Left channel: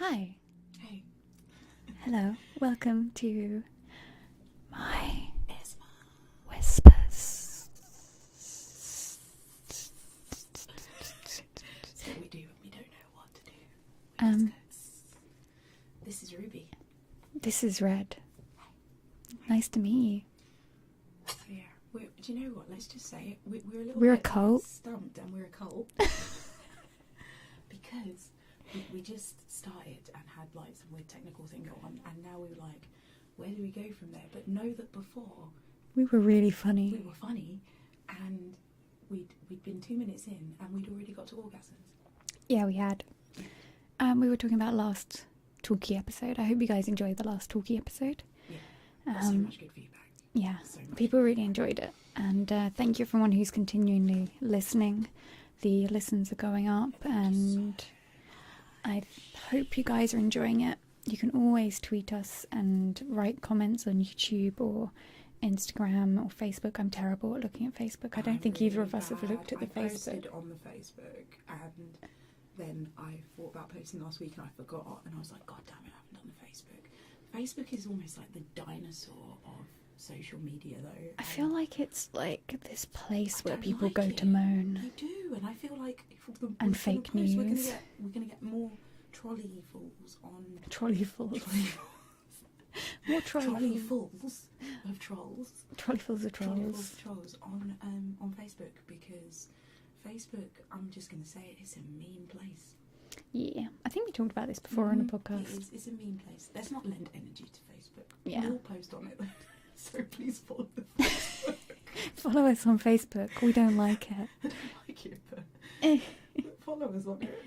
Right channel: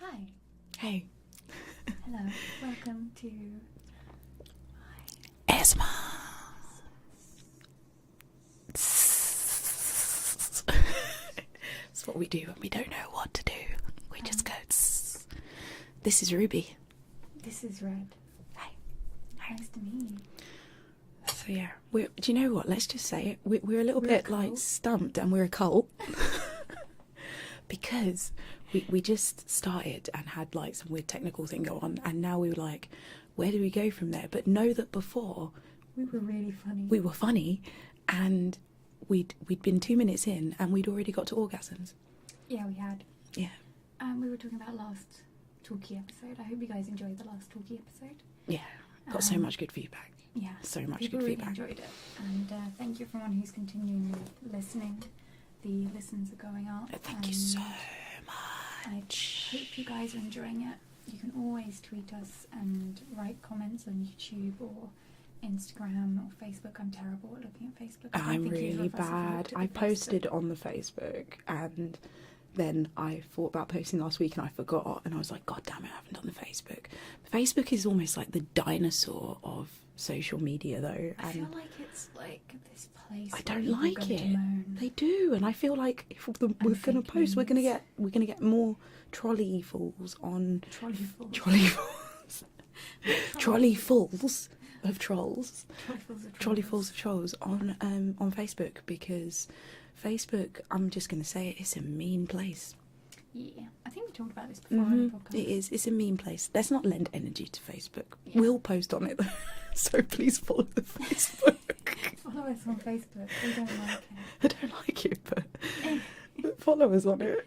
Hi. Hey. Hello. Welcome to my ASMR whispers. That's what we do when we don't know what to do. We just go. Tss. This is Ruby. This is Red. Hi. Nice to meet you. So yeah, do you know what? Let's just say it. We're a little We're a bit cult. like stumped, and we're a cult because we just started and had like some weird technical thing go on, and now we were like, where do we go from there? But know that before We were really funny. we were funny, and we'd been 2 minutes in, and we'd already got to orgasms. Yeah, we had. Yeah. We were talking about last talkie episode. I hope you guys enjoyed the last talkie episode. Yeah. Got so much good feedback. Yeah. So much. People good really feedback. enjoyed it. And thank you everyone who's continually listening. The listens are going up. Thank you so much. I hope you guys are enjoying it. You can always tweet us and write comments on YouTube or Instagram or Facebook. I'm terrible at looking at Facebook. I don't think really either of us have looked at I the posted Facebook. on the Facebook, and then I thought about posting last week and I forgot, and I was like, God damn it, I haven't done the Facebook. Facebook is almost like the dinosaur of social media, though. I feel like it's like this place I where don't people like go it. to moan. They do, and I feel like if we're And going to fake post, we're news. gonna get more trolley fulls on Trolley fulls. trolley fulls. What Trolley fulls of trolls. Trolley fulls of Trolley trolls. fulls of trolls on Facebook, because Facebook, I'm just going to say it, it's a mean place. Yeah, I think we talked about this before on the podcast. It is. It's a mean place. Let's not lend energy to Facebook. Yeah. We'll post on it though. So please follow the Facebook. Follow us on Facebook. We don't like it. I don't like it, but follow us on it.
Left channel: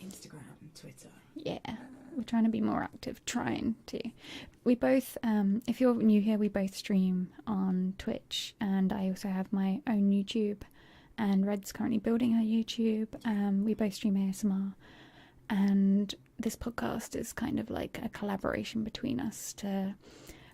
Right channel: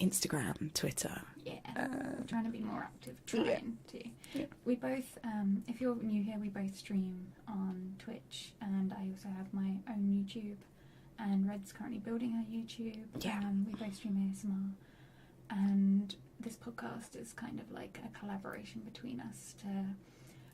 Instagram, Twitter. Yeah, we're trying to be more active. Trying to. We both, if you're new here, we both stream on Twitch, and I also have my own YouTube. And Red's currently building her YouTube. Yeah. We both stream ASMR, and this podcast is kind of like a collaboration between us.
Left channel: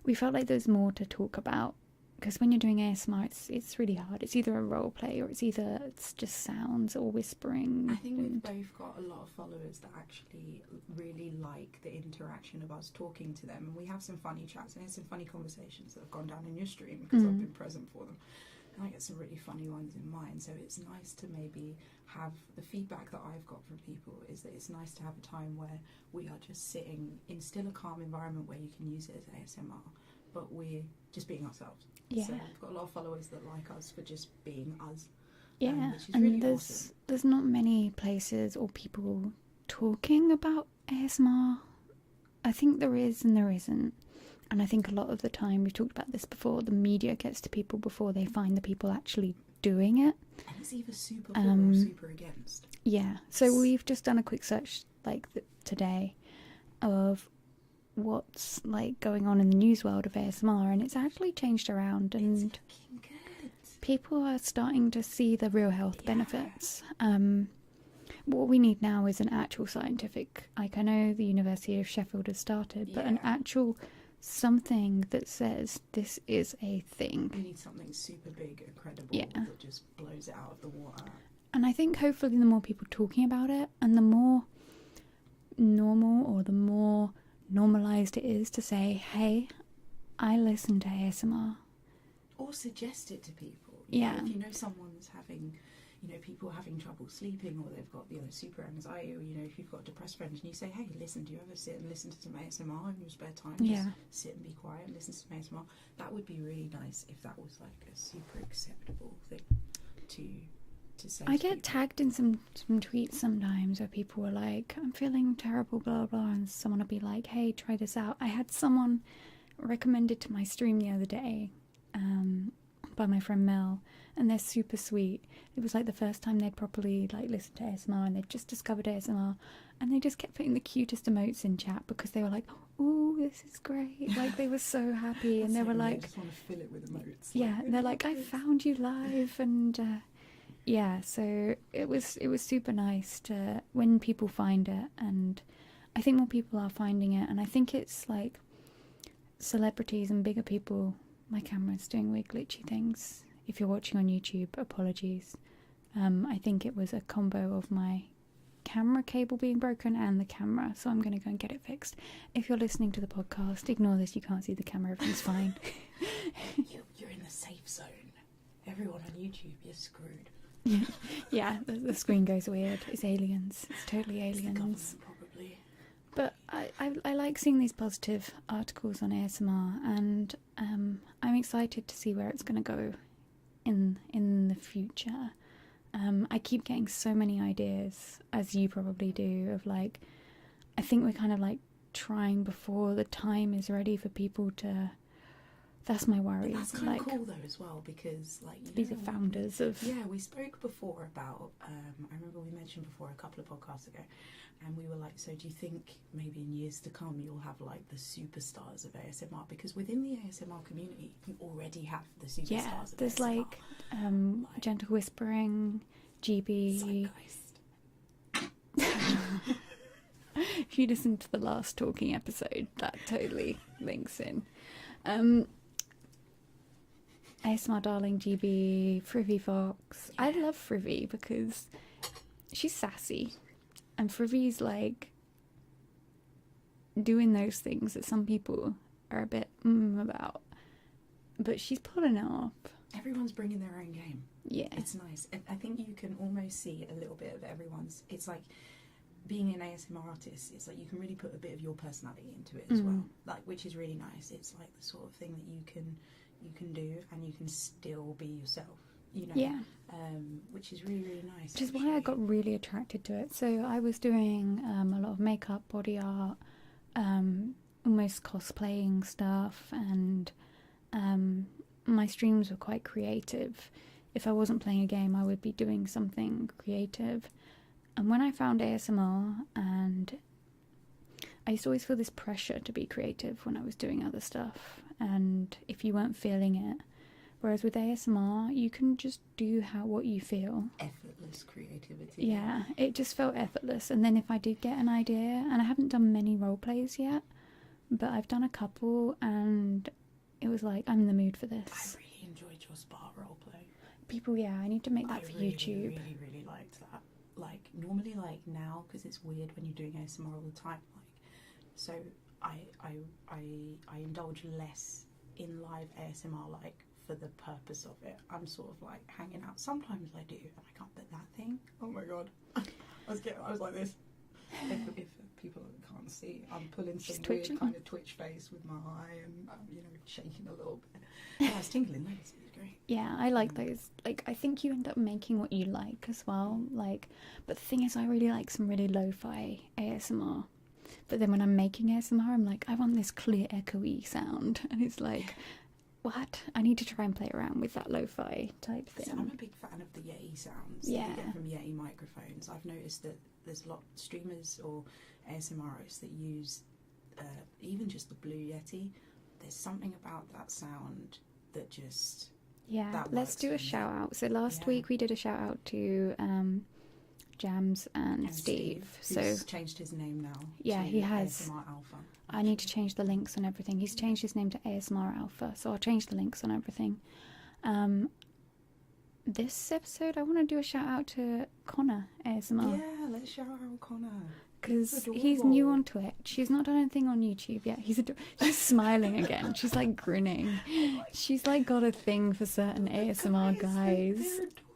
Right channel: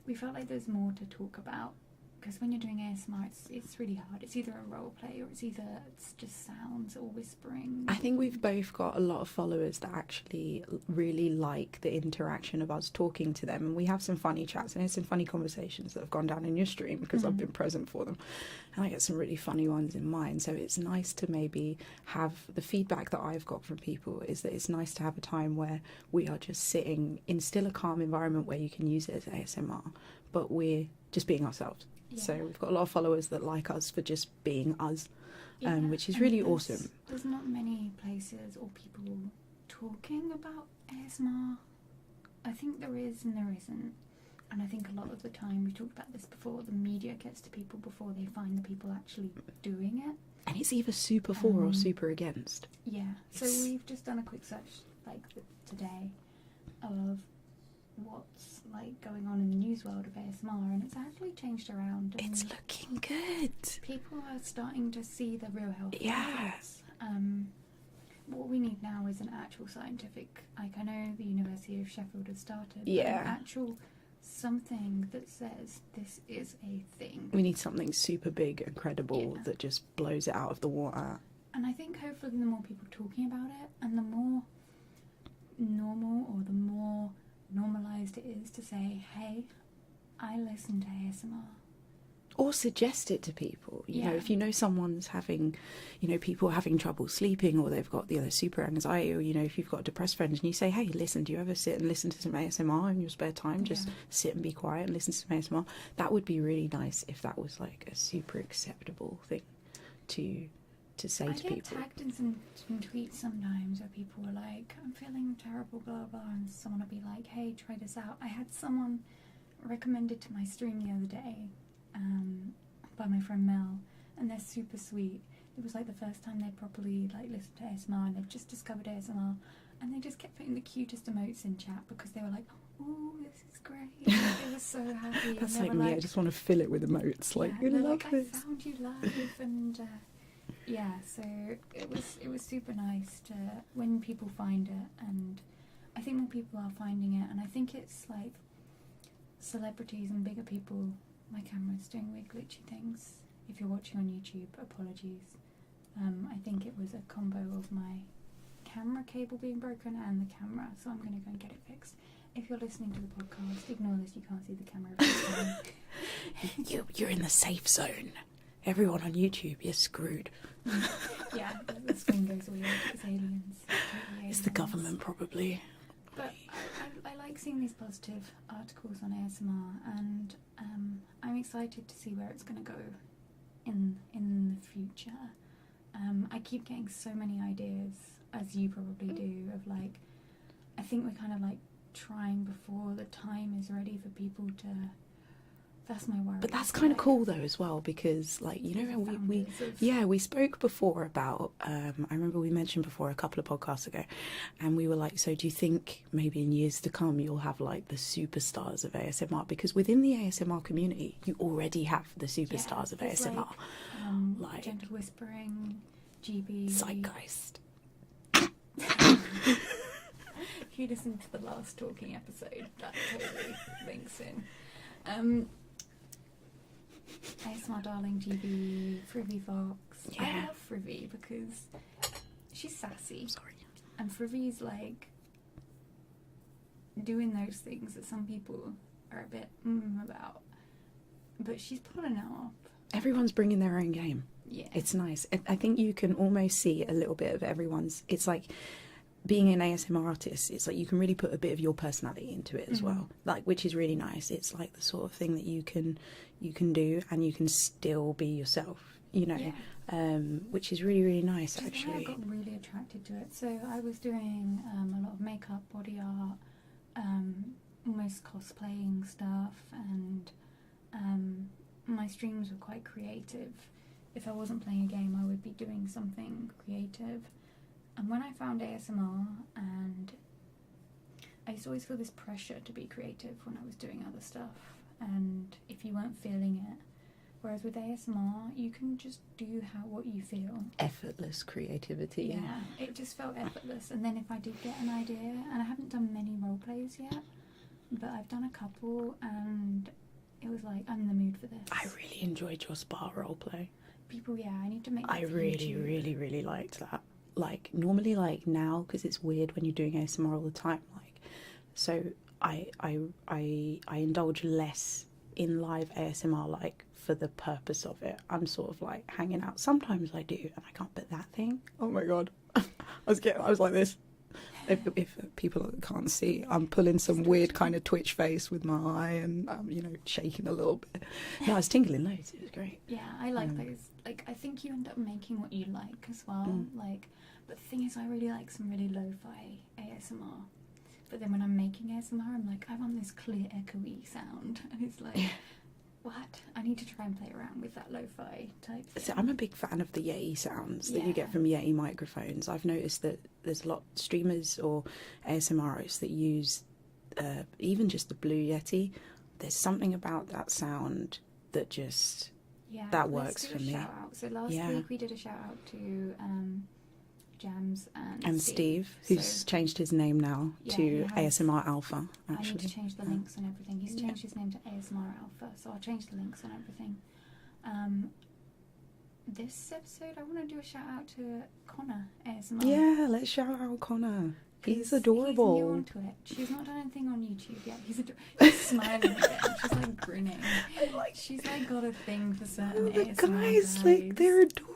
We felt like there's more to talk about, because when you're doing ASMR, it's really hard. It's either a role play or it's just sounds or whispering. I think we've both got a lot of followers that actually really like the interaction of us talking to them, and we have some funny chats and some funny conversations that have gone down in your stream because I've been present for them, and I get some really funny ones in mine. So it's nice to maybe have the feedback that I've got from people is that it's nice to have a time where we are just sitting in still a calm environment where you can use it as ASMR, but we're just being ourselves. Yeah. So we've got a lot of followers that like us for just being us, Yeah, which is and really there's- awesome. There's not many places or people talking about ASMR. I think there is and there isn't. And I think a lot of the time, we've talked about this before, the media gets to people before they find the people actually doing it. And it's either super for or super against. Yeah, so we've just done a quick search today of what's like going on in the news world of ASMR, and it's actually changed around, and It's looking good. people are starting to see the real health Yeah. benefits. What we need now is an actual scientific, like I know the University of Sheffield has started, but an Yeah. actual something that says this is a thing. We need something super big and credible Yeah. that just blows it out of the water. And I think hopefully the more people talking about it, and the more normal or the more normalised it is to say, hey, I listen to ASMR. Or suggest it to people. You know, Yeah. if you know someone's having, people having trouble sleeping, or they've got super anxiety, or if you've got depressed friends and you say, hey, listen, do you ever sit and listen to some ASMR in your spare time? Just Yeah. sit and be quiet and listen to some ASMR. That would be really nice if that was like a super acceptable thing to say I to get people. tagged in some tweets sometimes where people are like, I'm feeling terrible, blah, blah, and someone will be like, hey, try this out. I had someone recommended to my stream the other day by my friend Mel, and they're super sweet. It was like the first time they'd properly listened to ASMR, and they'd just discovered ASMR, and they just kept putting the cutest emotes in chat because they were like, ooh, this is great. Like, they were so happy. That's And they like were me, I like, just want to fill it with emotes. yeah, I they're love like, I this. found you live, and yeah, so it was super nice to when people find it, and I think more people are finding it, and I think it's like celebrities and bigger people. My camera's doing weird glitchy things. If you're watching on YouTube, apologies. I think it was a combo of my camera cable being broken and the camera, so I'm going to go and get it fixed. If you're listening to the podcast, ignore this, you can't see the camera, everything's fine. You're in the safe zone. Everyone on YouTube, you're screwed. Yeah, the screen goes weird. It's aliens. It's totally aliens. It's the government, probably. But I like seeing these positive articles on ASMR, and I'm excited to see where it's going to go in the future. I keep getting so many ideas, as you probably do, of like, I think we're kind of like trying before the time is ready for people to. That's my worry. But that's kind of cool though as well, because like, you know, we spoke before about I remember we mentioned before a couple of podcasts ago, and we were like, so do you think maybe in years to come you'll have like the superstars of ASMR? Because within the ASMR community you already have the superstars of ASMR, like gentle whispering, GB, Zeitgeist. If you listen to the last talking episode, that totally links in. ASMR Darling, GB, Frivy Fox. Yeah. I love Frivy because she's sassy. Sorry. And Frivy's like doing those things that some people are a bit about. But she's pulling it off. Everyone's bringing their own game. Yeah. It's nice. I think you can almost see a little bit of everyone's. It's like being an ASMR artist, it's like you can really put a bit of your personality into it as well, like, which is really nice. It's like the sort of thing that you can do and you can still be yourself, you know. Which is really, really nice. Which is why I got really attracted to it. So I was doing a lot of makeup, body art, almost cosplaying stuff, and my streams were quite creative. If I wasn't playing a game, I would be doing something creative. And when I found ASMR, and I used to always feel this pressure to be creative when I was doing other stuff, and if you weren't feeling it, whereas with ASMR, you can just do what you feel. Effortless creativity. Yeah, it just felt effortless. And then if I did get an idea, and I haven't done many role plays yet, but I've done a couple, and it was like, I'm in the mood for this. I really enjoyed your spa role play. I need to make that for YouTube. really, really liked that. Like, normally, like, now, because it's weird when you're doing ASMR all the time, like, so I indulge less in live ASMR, like, for the purpose of it. I'm sort of, like, hanging out. Sometimes I do, and I can't, but that thing, oh my god. I was like this. If people can't see, I'm pulling some weird kind of twitch face with my eye, and I'm, you know, shaking a little bit. No, I was tingling loads. It was great. Yeah, I like those. Like, I think you end up making what you like as well. Like, but the thing is, I really like some really lo-fi ASMR. But then when I'm making ASMR, I'm like, I want this clear, echoey sound, and it's like, what? I need to try and play around with that lo-fi type thing. So I'm a big fan of the Yeti sounds that you get from Yeti microphones. I've noticed that there's a lot of streamers or ASMRists that use even just the Blue Yeti. There's something about that sound that just that works. Let's do a shout out. So last week we did a shout out to Jams and Steve, who's changed his name now to ASMR Alpha. Actually. I need to change the links and everything. He's changed his name to ASMR Alpha, so I'll change the links and everything. This episode, I want to do a shout out to Connor ASMR. Yeah, let's shout out Connor. He's adorable. He's new on Twitch. She's not done anything on YouTube yet. She's smiling again. She's like grinning. She's like got a thing for certain ASMR guys. Like, they're adorable.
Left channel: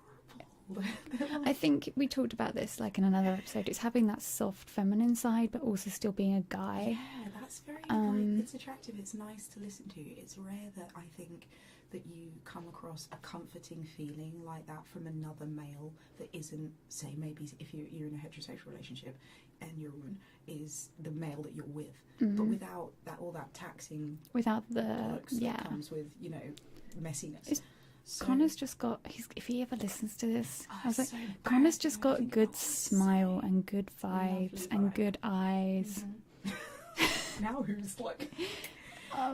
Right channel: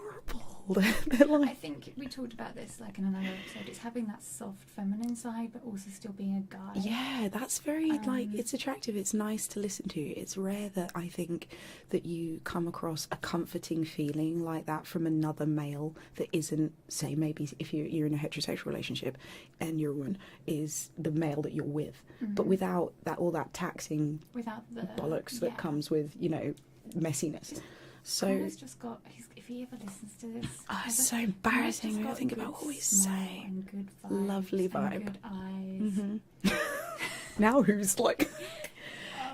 I think we talked about this like in another episode. It's having that soft feminine side, but also still being a guy. Yeah, that's very like, it's attractive. It's nice to listen to. It's rare that I think that you come across a comforting feeling like that from another male that isn't, say, maybe if you're in a heterosexual relationship and your one is the male that you're with, but without that all that taxing, without the bollocks that comes with, you know, messiness. So Connor's just got, if he ever listens to this, it's so embarrassing. Connor's just got a good smile and good vibes and good eyes. Now who's like,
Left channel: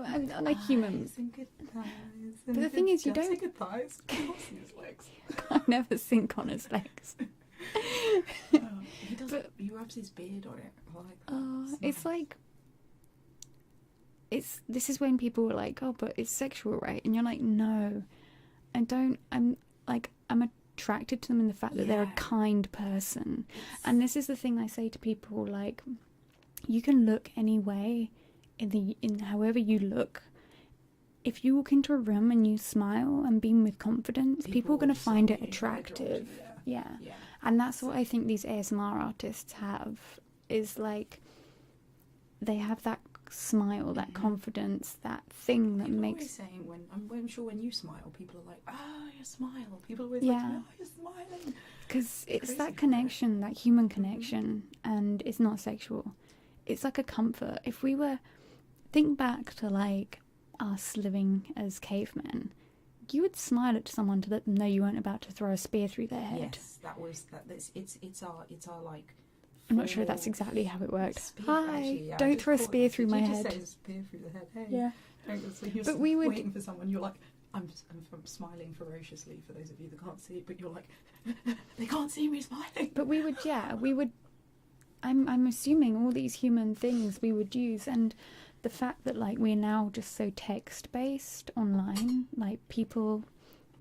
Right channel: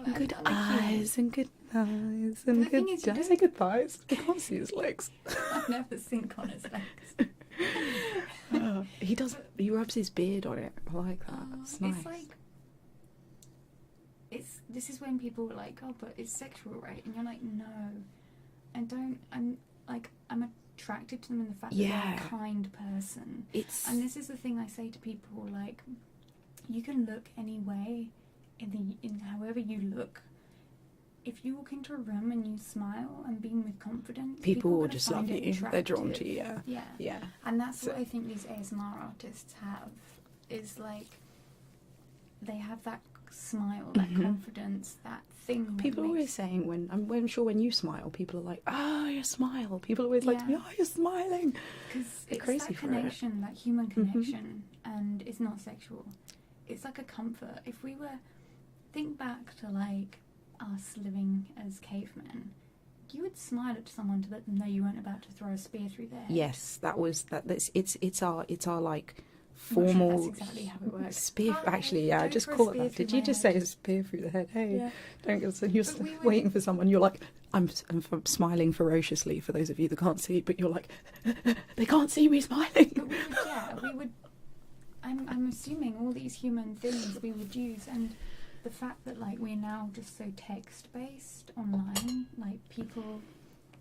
good eyes and good eyes and the thing is, you don't say good thighs. I can't see his legs. I've never seen Connor's legs. He does. He rubs his beard on it. I like that. It's nice. It's like, this is when people are like, oh, but it's sexual, right? And you're like, no. And I'm attracted to them in the fact that they're Yeah. a kind person. It's And this is the thing I say to people, like, you can look any way in however you look. If you walk into a room and you smile and beam with confidence, people are will going to just find love it you. attractive. They're drawn to you, yeah. Yeah. Yeah. And that's what So- I think these ASMR artists have, is like, they have that smile, that Mhm. confidence, that thing that People are makes... always saying, I'm sure when you smile, people are like, oh, you smile. People always like to be, Yeah. oh, you're smiling. Because They're it's crazy that for it. connection, that human connection, and it's not sexual. It's like a comfort. If we were... Think back to, like, us living as cavemen. You would smile at someone to let them know you weren't about to throw a spear through their head. Yes, it's our like I'm not formal sure that's exactly how it works. spear. Hi, Actually, yeah, I don't just throw a caught spear that. through Did my you just head. say a spear through the head? Hey, Yeah. don't go. So you're But we would- waiting for someone. You're like, I'm smiling ferociously for those of you that can't see, but you're like, they can't see me smiling. But we would. I'm assuming all these human things we would use, and the fact that like we're now just so text based online, like people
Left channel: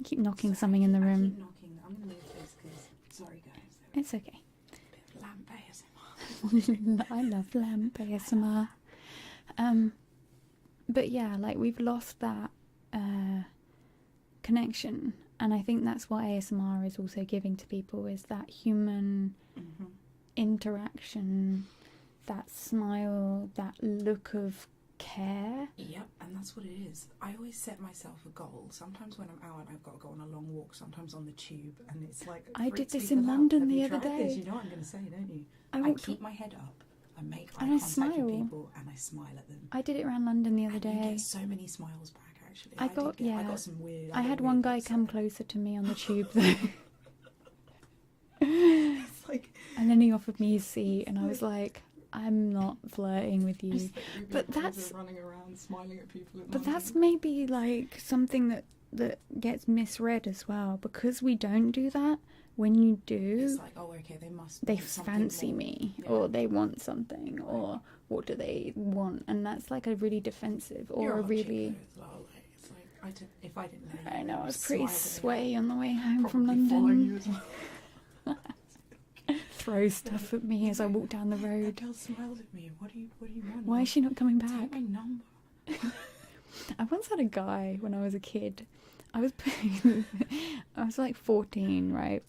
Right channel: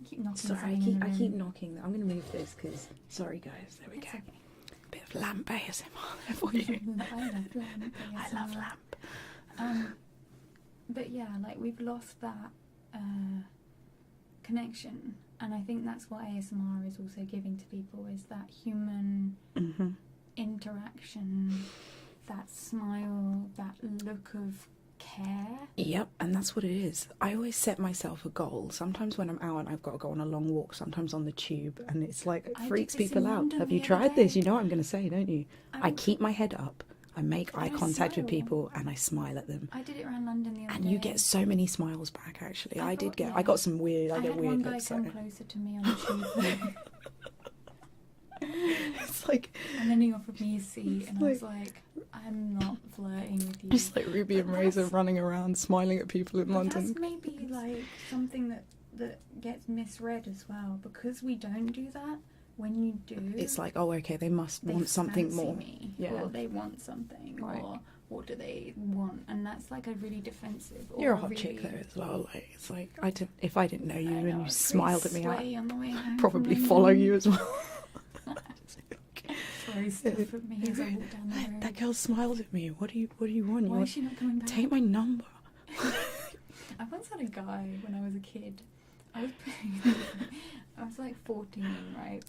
keep knocking something in the room. I keep knocking. I'm going to move this because, sorry guys, there we It's go. okay. Bit of lamp ASMR for you. I love lamp ASMR. I love lamp. But yeah, like we've lost that connection, and I think that's what ASMR is also giving to people, is that human Mm-hmm. interaction, that smile, that look of care. Yep, and that's what it is. I always set myself a goal. Sometimes when I'm out and I've got to go on a long walk, sometimes on the tube, and it's like it I did freaks this in people out. London Have the you other tried this? day. You know what I'm going to say, don't you? I walked- keep my head up, I make eye And I contact with smile. people, and I smile at them. I did it around London the other And day. you get so many smiles back. Actually, I I got- did get. yeah. I got some weird. I got had weird one guy looks come at it. closer to me on the tube, It's like and then he offered me his seat, It's and I was like, "I'm not flirting with you." just like Ruby But and Rosa that's- running around smiling at people in But London. that's maybe like something that gets misread as well, because we don't do that. When you do, It's like, oh, okay, they must they want something fancy more. me, Yeah. or they want something, Right. or what do they want? And that's like a really defensive, or You're a a hot really. chick though as well. Like it's like if I didn't know you I and know, I you was smiled pretty at me, sweaty on the way home I'd from probably London. follow you as well. Throw stuff at me as I walk down the road. That girl smiled at me. What do you want? Why You is she not coming back? take my number. I once had a guy when I was a kid. I was like 14, right?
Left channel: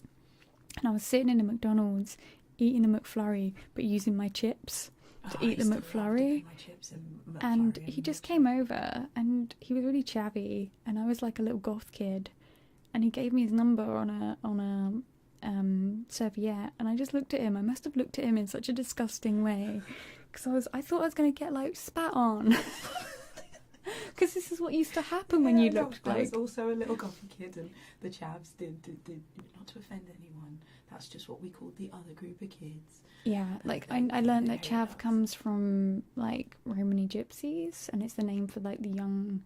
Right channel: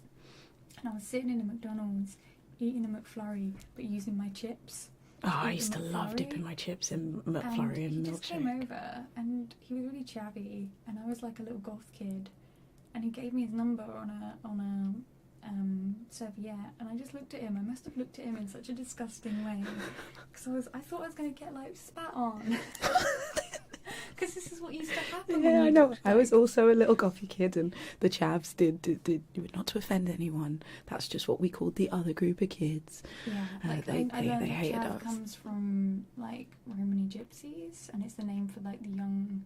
And I was sitting in a McDonald's eating a McFlurry, but using my chips. Oh, eat I used the to love McFlurry. dipping my chips in And McFlurry and he just milkshake. came over, and he was really chavvy, and I was like a little goth kid, and he gave me his number on a serviette, and I just looked at him. I must have looked at him in such a disgusting way, because I thought I was going to get like spat on. Because this is what used to happen when you looked I was like- also a little gothy kid, and the chavs did not to offend anyone. That's just what we called the other group of kids. Yeah, And like they- I they learned that hated chav us. comes from like Romani gypsies, and it's the name for like the young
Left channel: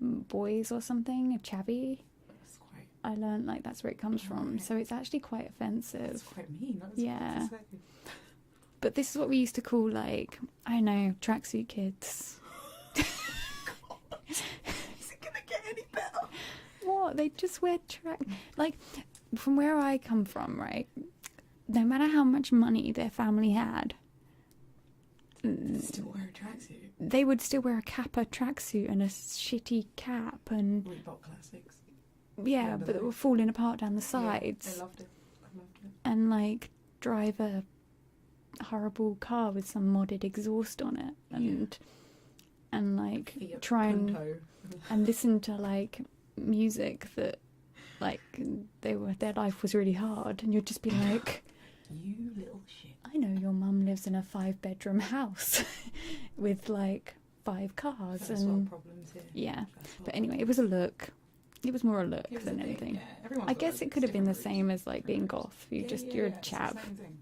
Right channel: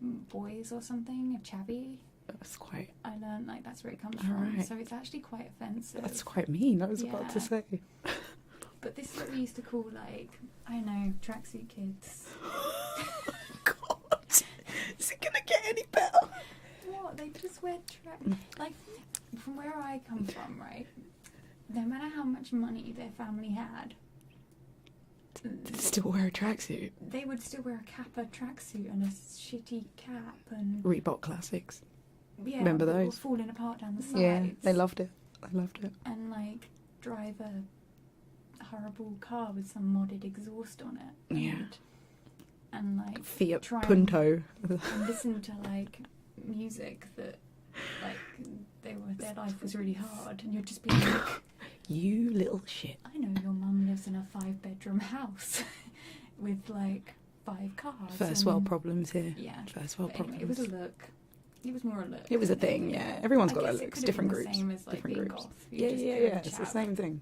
boys or something, a chavvy. That's quite. I learned like that's where it comes from, Alright. so it's actually quite offensive. That's quite mean. I was about to Yeah. say. But this is what we used to call like, I know, tracksuit kids. God, is it gonna get any better? What? They just wear like, from where I come from, right? No matter how much money their family had, Still wear a tracksuit. they would still wear a Kappa tracksuit and a shitty cap, and Reebok classics. yeah, Remember that were those? falling apart down the Yeah, sides. they loved it. I loved it. And like drive a horrible car with some modded exhaust on it, and like Fiat try Punto. and listen to like music that like their life was really hard, and you'd just be like, You little shit. I know your mum lives in a 5-bedroom house with like 5 cars. First world problems here. Yeah. First world But anyway, it was a look. It was more a look. It was a than thing, anything. yeah. Everyone's I got guess their it looks, could have been different the groups, same as like different being groups. goth. Yeah, You're a it's the chap. same thing.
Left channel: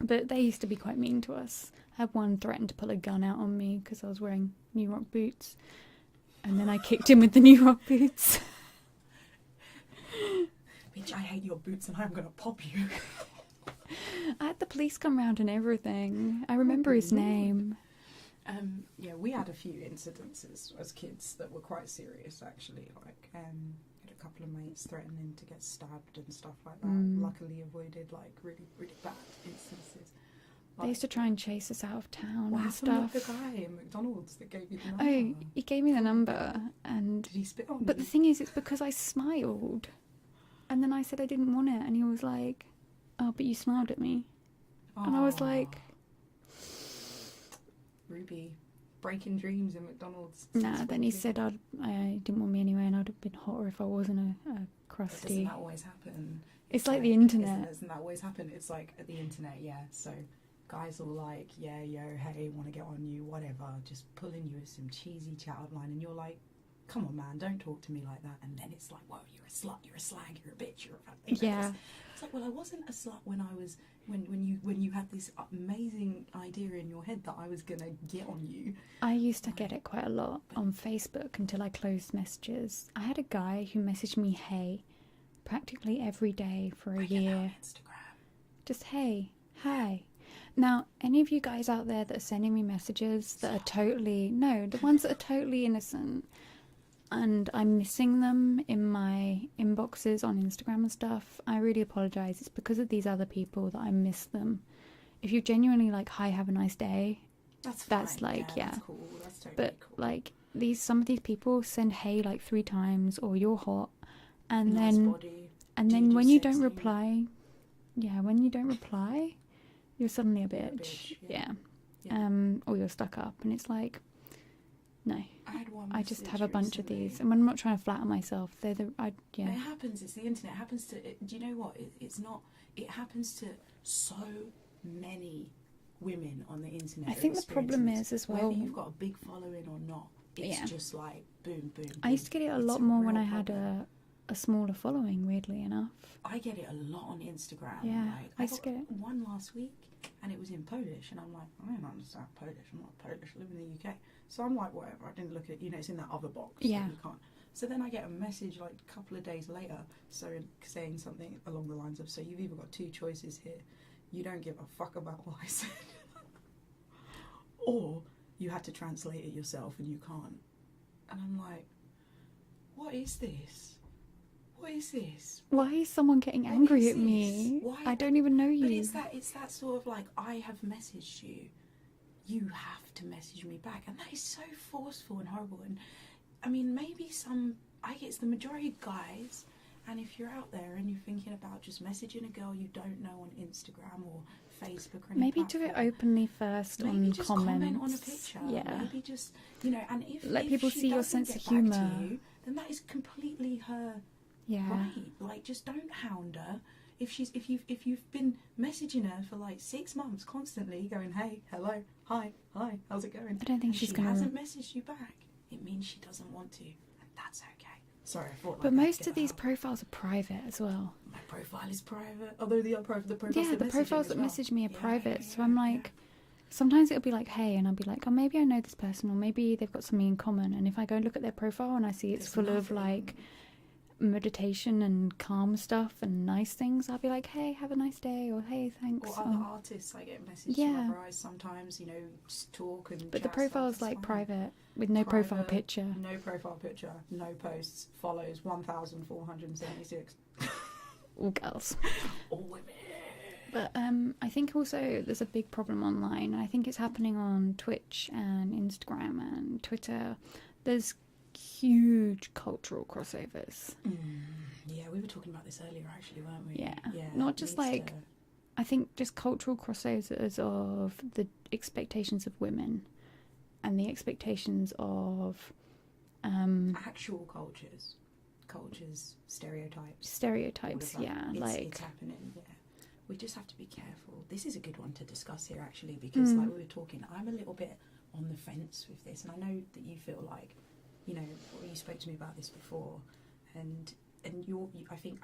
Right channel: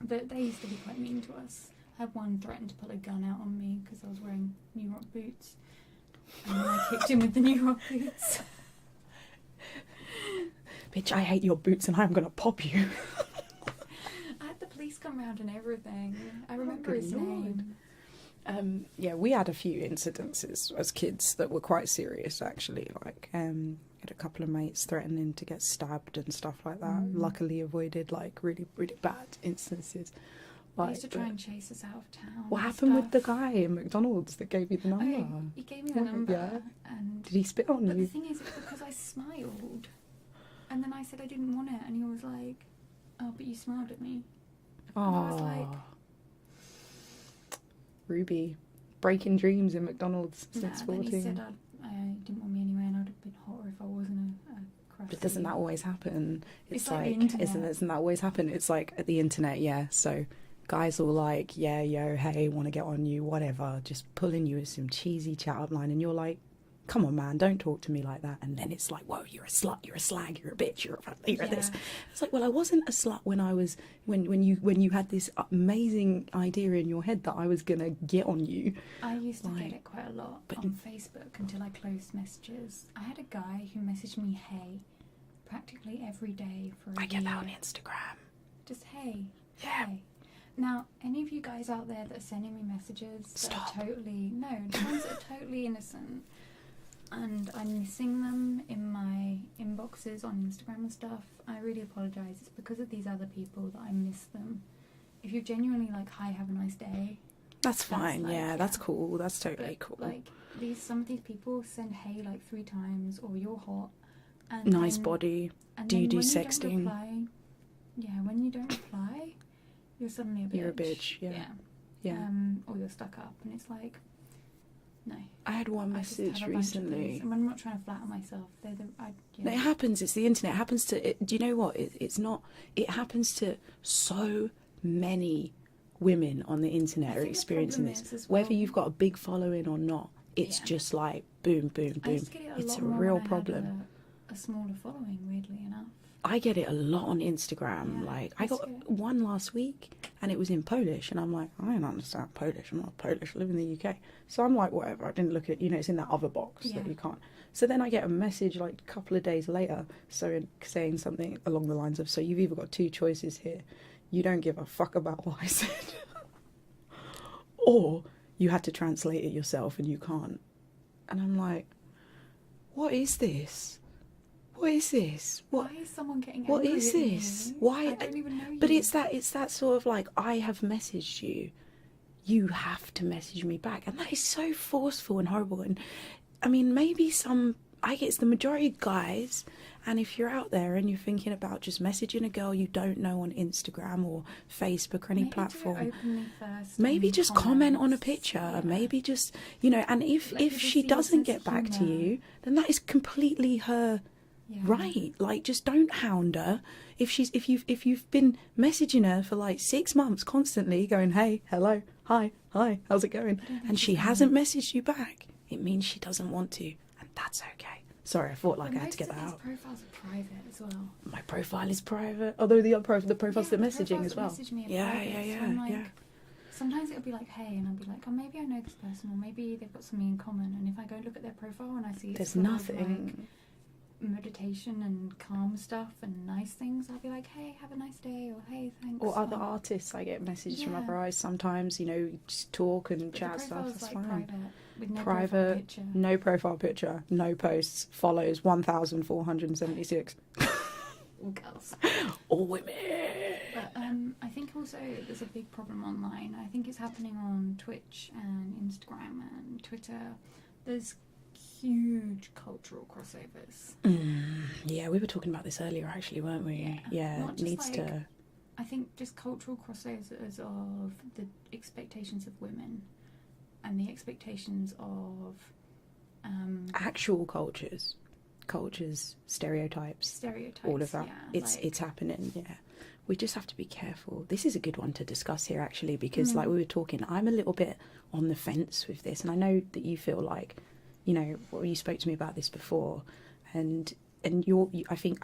But they used to be quite mean to us. I had one threaten to pull a gun out on me because I was wearing New Rock boots, and then I kicked him with the New Rock boots. Bitch, I hate your boots and I'm gonna pop you. I had the police come round and everything. I remember good his lord. name. Yeah, we had a few incidences as kids that were quite serious, actually. Like, had a couple of mates threatening to get stabbed and stuff like that. Mm. Luckily avoided like really, really bad instances. They used to try and chase us out of town. What and happened with the stuff. guy in McDonald's that gave you the number? Oh, he gave me the Oh, number, yeah. and Did he spit on but you? the thing is, it's because I smiled, and then I said I didn't want it, and he was like, "Oh, but you smiled at me," and I was like, Ruby, breaking dreams in McDonald's. "Nah." Since Then he 14. said I didn't want me anyway, and I'd have been hotter if I wasn't a crusty. But doesn't that always happen? It's like the internet. Doesn't that always happen? It's like at the internet, yeah. So guys will like, yeah, yo, hey, want to get on you, whatever, just pulling you with some cheesy chat up line, and you're like, come on, man, don't talk to me like that. And then it's like, whoa, you're a slut, you're a slag, you're a bitch, you're this. It's like, well, I wasn't a slut when I was when you had this amazing idea in your head that I was gonna get on you. I used to get it quite a lot on Facebook until I closed messages. I had a guy who messaged me "hey" practically every day for a year. I get that on Instagram. Just hey. Now, any of you guys out there that are sending me messages that are totally the ones that are totally innocent, and I'm missing them in my inboxes on Instagram and stuff, I really apologise. It's because of these other people that I miss them. If you genuinely like, hi, have a nice day, that's fine. Like, that's cool. That's totally cool. Like some of these people send hey like 3 times, or you're hot, and nice then, body. and do then you when do you sexting? don't reply, when you don't reply, you're suddenly a bitch. You're a bitch. Yeah. Or you're stuck up, and it's like, no. I had one I message just have a bunch of recently. these, and I'm not trying to flatter myself. It happens. It's the internet. It happens to. Do you know what? It's not. It happens to so many women on the internet. I are think experiencing the problem this. is as well, whether you've got a big following or not. It's just like boom, boom, boom. I used to get it a it's lot a more real when I problem. had a smaller following. Weirdly enough, I get it a lot on Instagram. Yeah, like I got one last week, and it was in Polish, and I'm like, I don't understand Polish. I'm not Polish. I live in the UK, so I'm like, whatever. I didn't look at, it's in that other box that you can't. So then I get a message like a couple of days later, saying something along the lines of, so you've either got 2 choices here. You don't give a fuck about what I said, or you had to translate it yourself and you can't. And I'm like, what is this? What is this? Why is someone getting what angry is at this? me? Why? I don't even know you. But it's that sort of like, I have messaged you, you have to message me back, and that is so forceful and horrible. And I mean, maybe it's the majority of guys. And if you're out there and you're thinking about just messaging a girl you don't know on Instagram or Facebook or any platform, do it openly first. maybe just comment on a comments. picture. Yeah. Maybe just, and if she see your doesn't sense get of back to humour. you, then that is completely her right. Like, just don't hound her. If you've been messaging her for like 6 months constantly, going, hey, hello, hi, how's it going, and she hasn't messaged you back, it means she doesn't want to, and that's okay. Sorry, I thought But I had to get most of that these out. profiles are private as well. My profile is private, although the profiles that messaging as well. Message me are private. So I'm like, sometimes it'll be like, hey, and I'll be like, oh, maybe I know this person, or maybe they've got something in common. And if I go look at their profile and I see it's full of like meditation and calm stuff and nice things, I'll be like, hey, have a nice day, or hey, thanks. Or other artists, I get messages from other artists sometimes, just talk and but chat. The profile's like fine. private, with no profile picture. No profile picture, no posts, follows 1,476. All girls. All women. But I think also there's a big problem online. I think it's happening on Twitch and Instagram and Twitter. There's huge cultural crossovers. Yeah, we were talking about this earlier, actually, weren't we? Yeah. Not just I think just cultural crossovers of the expectations of women and the expectations of actual cultures, stereotypes, all of that. It's happening. Yeah, we just have to be careful. This is a good one to discuss here, actually, because like we were talking, I'm a little bit on the fence with this, and I know that you feel like, you spoke to me about this before, and I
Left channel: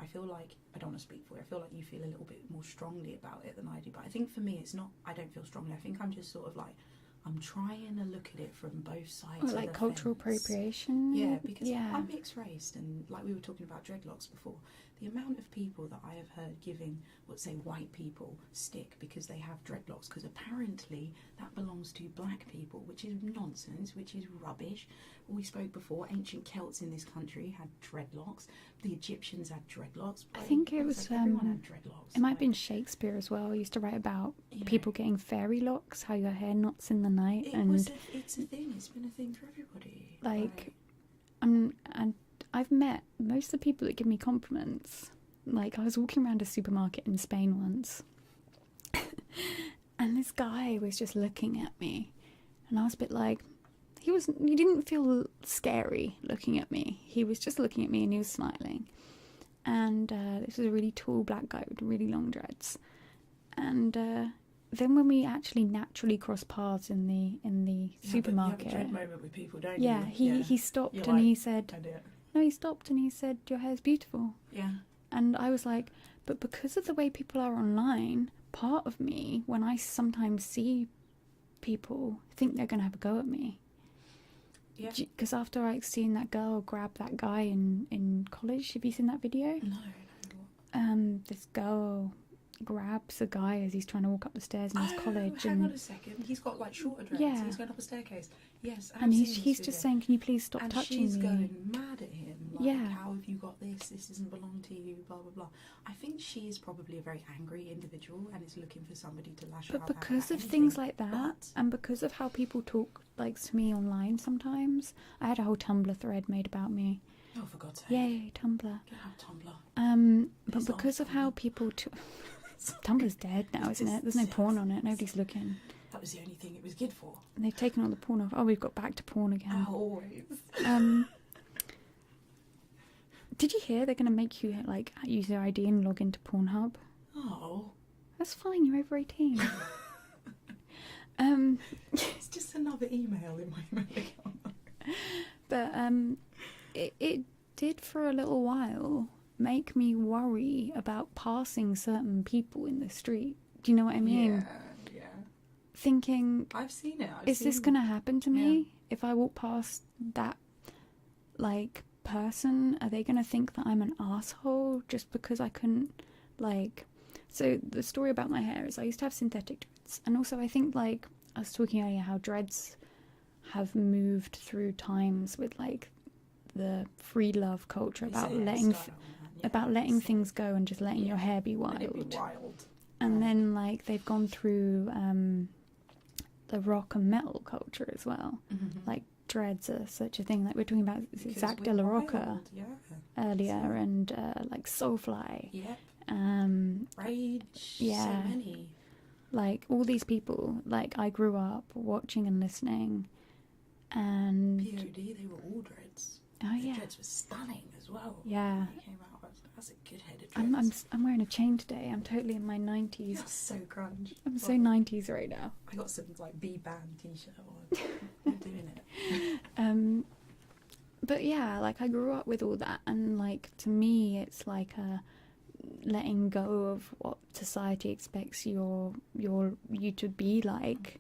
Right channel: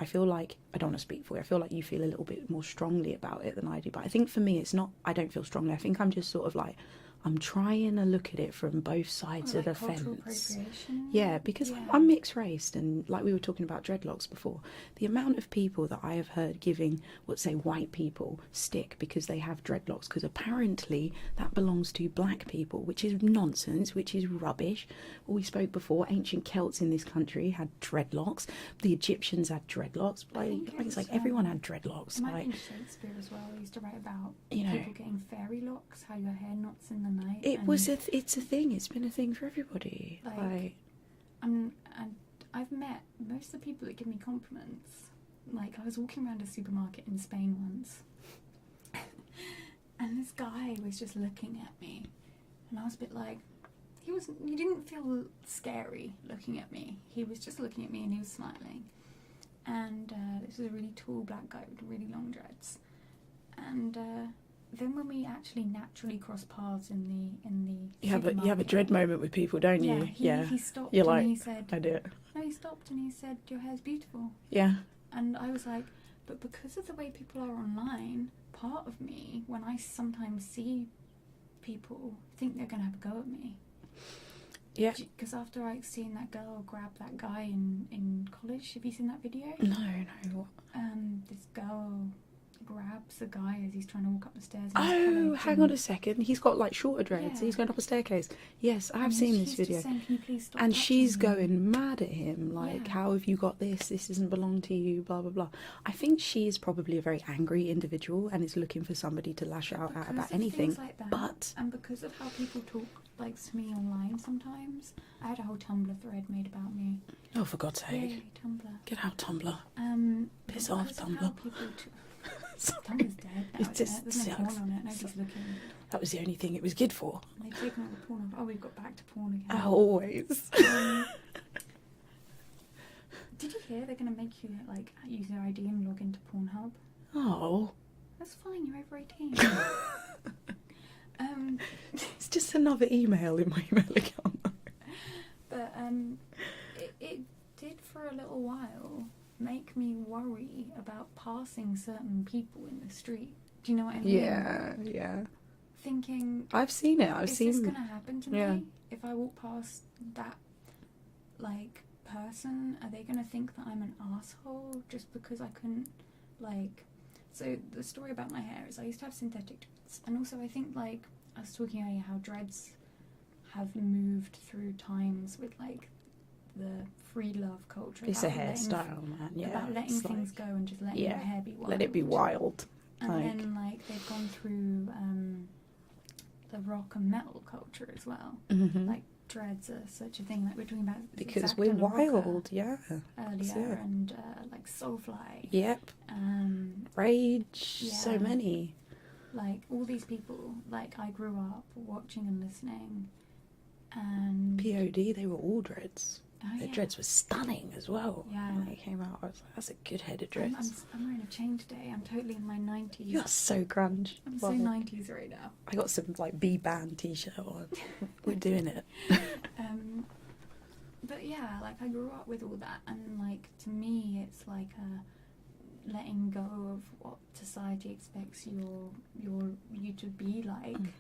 feel like, I don't want to speak for you, I feel like you feel a little bit more strongly about it than I do, but I think for me it's not, I don't feel strongly, I think I'm just sort of like I'm trying to look at it from both sides of the cultural fence. appropriation. Yeah, because I'm mixed raced, and like we were talking about dreadlocks before, the amount of people that I have heard giving, let's say, white people stick because they have dreadlocks, because apparently that belongs to black people, which is nonsense, which is rubbish. We spoke before, ancient Celts in this country had dreadlocks. The Egyptians had dreadlocks. I think it was like everyone had dreadlocks. It might have been Shakespeare as well. He used to write about you people getting fairy locks, how your hair knots in the night. It's a thing. It's been a thing for everybody. And I've met most of the people that give me compliments. Like, I was walking around a supermarket in Spain once, and this guy was just looking at me, and I was a bit like, he didn't feel scary looking at me. He was just looking at me and he was smiling. And this was a really tall black guy with really long dreads. And then when we actually naturally crossed paths in the supermarket, you have a dread moment with people, don't you? He stopped. You're like, he said, I do it. No, he stopped and he said, your hair's beautiful. Yeah. And I was like, but because of the way people are online, part of me, when I sometimes see people, think they're going to have a go at me. Yeah. Because after seeing that girl grab that guy in college, have you seen that video? No. This girl grabs a guy as he's trying to walk up the stairs in his college. Oh, hang on a second. He's got like shorter dreads. Yeah. He's going up a staircase. Yes, I've seen this video. He's just saying, can you please stop and touching she's me? going mad at him, like, how have you got this? This doesn't belong to you, blah, blah, blah. I think she is probably a very angry individual and is looking for somebody to lash out at about anything. Things like that, and because of how people talk to me online sometimes, I had a whole Tumblr thread made about me. Oh, for God's sake. Yay, Tumblr. Get out, Tumblr. But because of how people... Tumblr's dead now, isn't it? There's no porn on it. Nobody's looking. That was the only thing it was good for. And they've taken all the porn off. Oh, we've got back to porn again. Always. Did you hear they're going to make you like use your ID and log into Pornhub? Oh. That's fine. You're over 18. It's just another email in my email account. But it did for a little while make me worry about passing certain people in the street. Do you know what I mean? Yeah. Thinking, I've seen it. Is this going to happen to me if I walk past that like person? Are they going to think that I'm an asshole just because I couldn't like? So the story about my hair is I used to have synthetic dreads, and also I think like I was talking earlier how dreads have moved through times with like the free love culture about letting things go and just letting your hair be wild. Let it be wild. And then like they've gone through the rock and metal culture as well. Mm-hmm. Like dreads are such a thing. Like we're talking about because we're wild, earlier, and like Soulfly. Yep. Rage. Yeah. So many. Like all these people. Like I grew up watching and listening, and POD. They were all dreads. Oh, the dreads were stunning as well. Yeah. When they came out, I was like, that's a good head of dreads. I'm wearing a chain today. I'm totally in my 90s. You're so grunge. I'm so 90s right now. I got some like B-band t-shirt on. We're doing it. But yeah, like I grew up with all that, and like to me it's like a letting go of what society expects you to be like.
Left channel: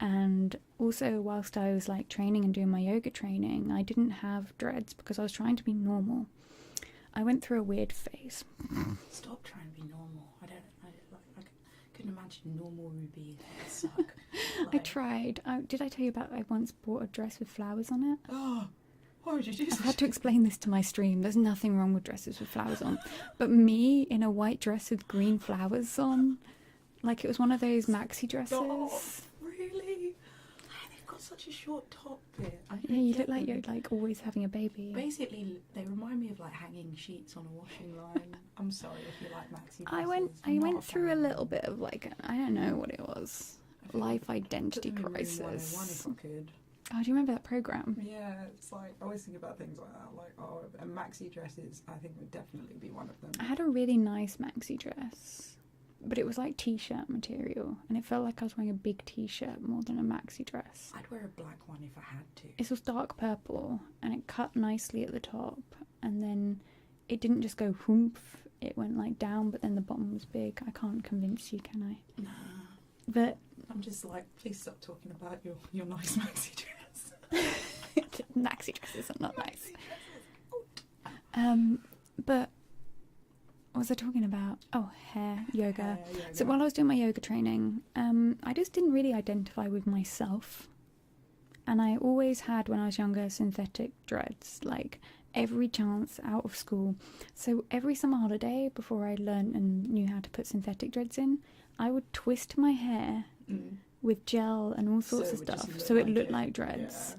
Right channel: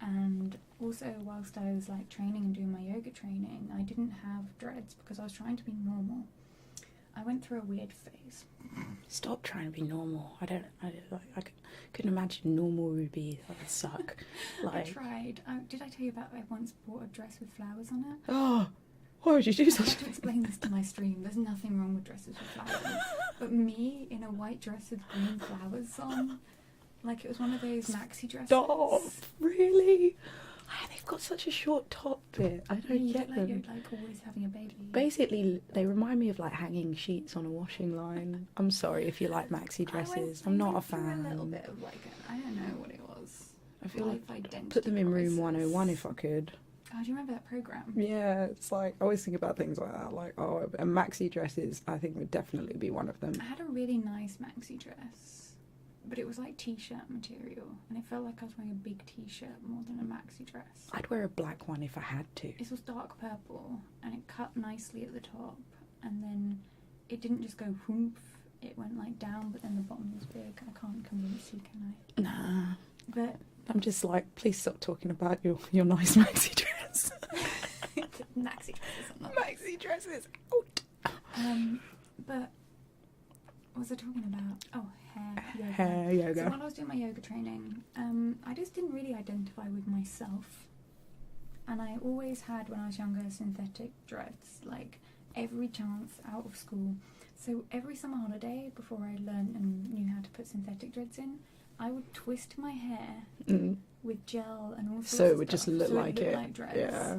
And also whilst I was like training and doing my yoga training, I didn't have dreads because I was trying to be normal. I went through a weird phase. Stop trying to be normal. I couldn't imagine normal would be that would suck. Like, I tried. Did I tell you about I once bought a dress with flowers on it? Oh, why would you do I had to explain this to my stream. There's nothing wrong with dresses with flowers on. But me in a white dress with green flowers on, like it was one of those maxi dresses. Stop! Really? They've got such a short top bit. I don't you get look like you're like always having a baby. Basically, they remind me of like hanging sheets on a washing line. I'm sorry if you like maxi dresses. I'm not a fan. I went through a little bit of like I don't know what it was. Life identity put them in crisis. room 101 if I could. Oh, do you remember that program? Yeah, it's like I always think about things like that. Like, and maxi dresses, I think would definitely be one of them. I had a really nice maxi dress, but it was like t-shirt material, and it felt like I was wearing a big t-shirt more than a maxi dress. I'd wear a black one if I had to. It was dark purple, and it cut nicely at the top, and then it didn't just go whoomph. It went like down, but then the bottom was big. I can't convince you, can I? Nah. But I'm just like, please stop talking about your nice maxi dress. Maxi dresses are not Maxi dresses. But what was I talking about? Oh, yoga. Hair yoga. So while I was doing my yoga training, I just didn't really identify with myself. And I always had, when I was younger, synthetic dreads, like every chance out of school. So every summer holiday, before I learned and knew how to put synthetic dreads in, I would twist my hair with gel and all sorts of stuff. Just look so like it looked like dreads. Yeah.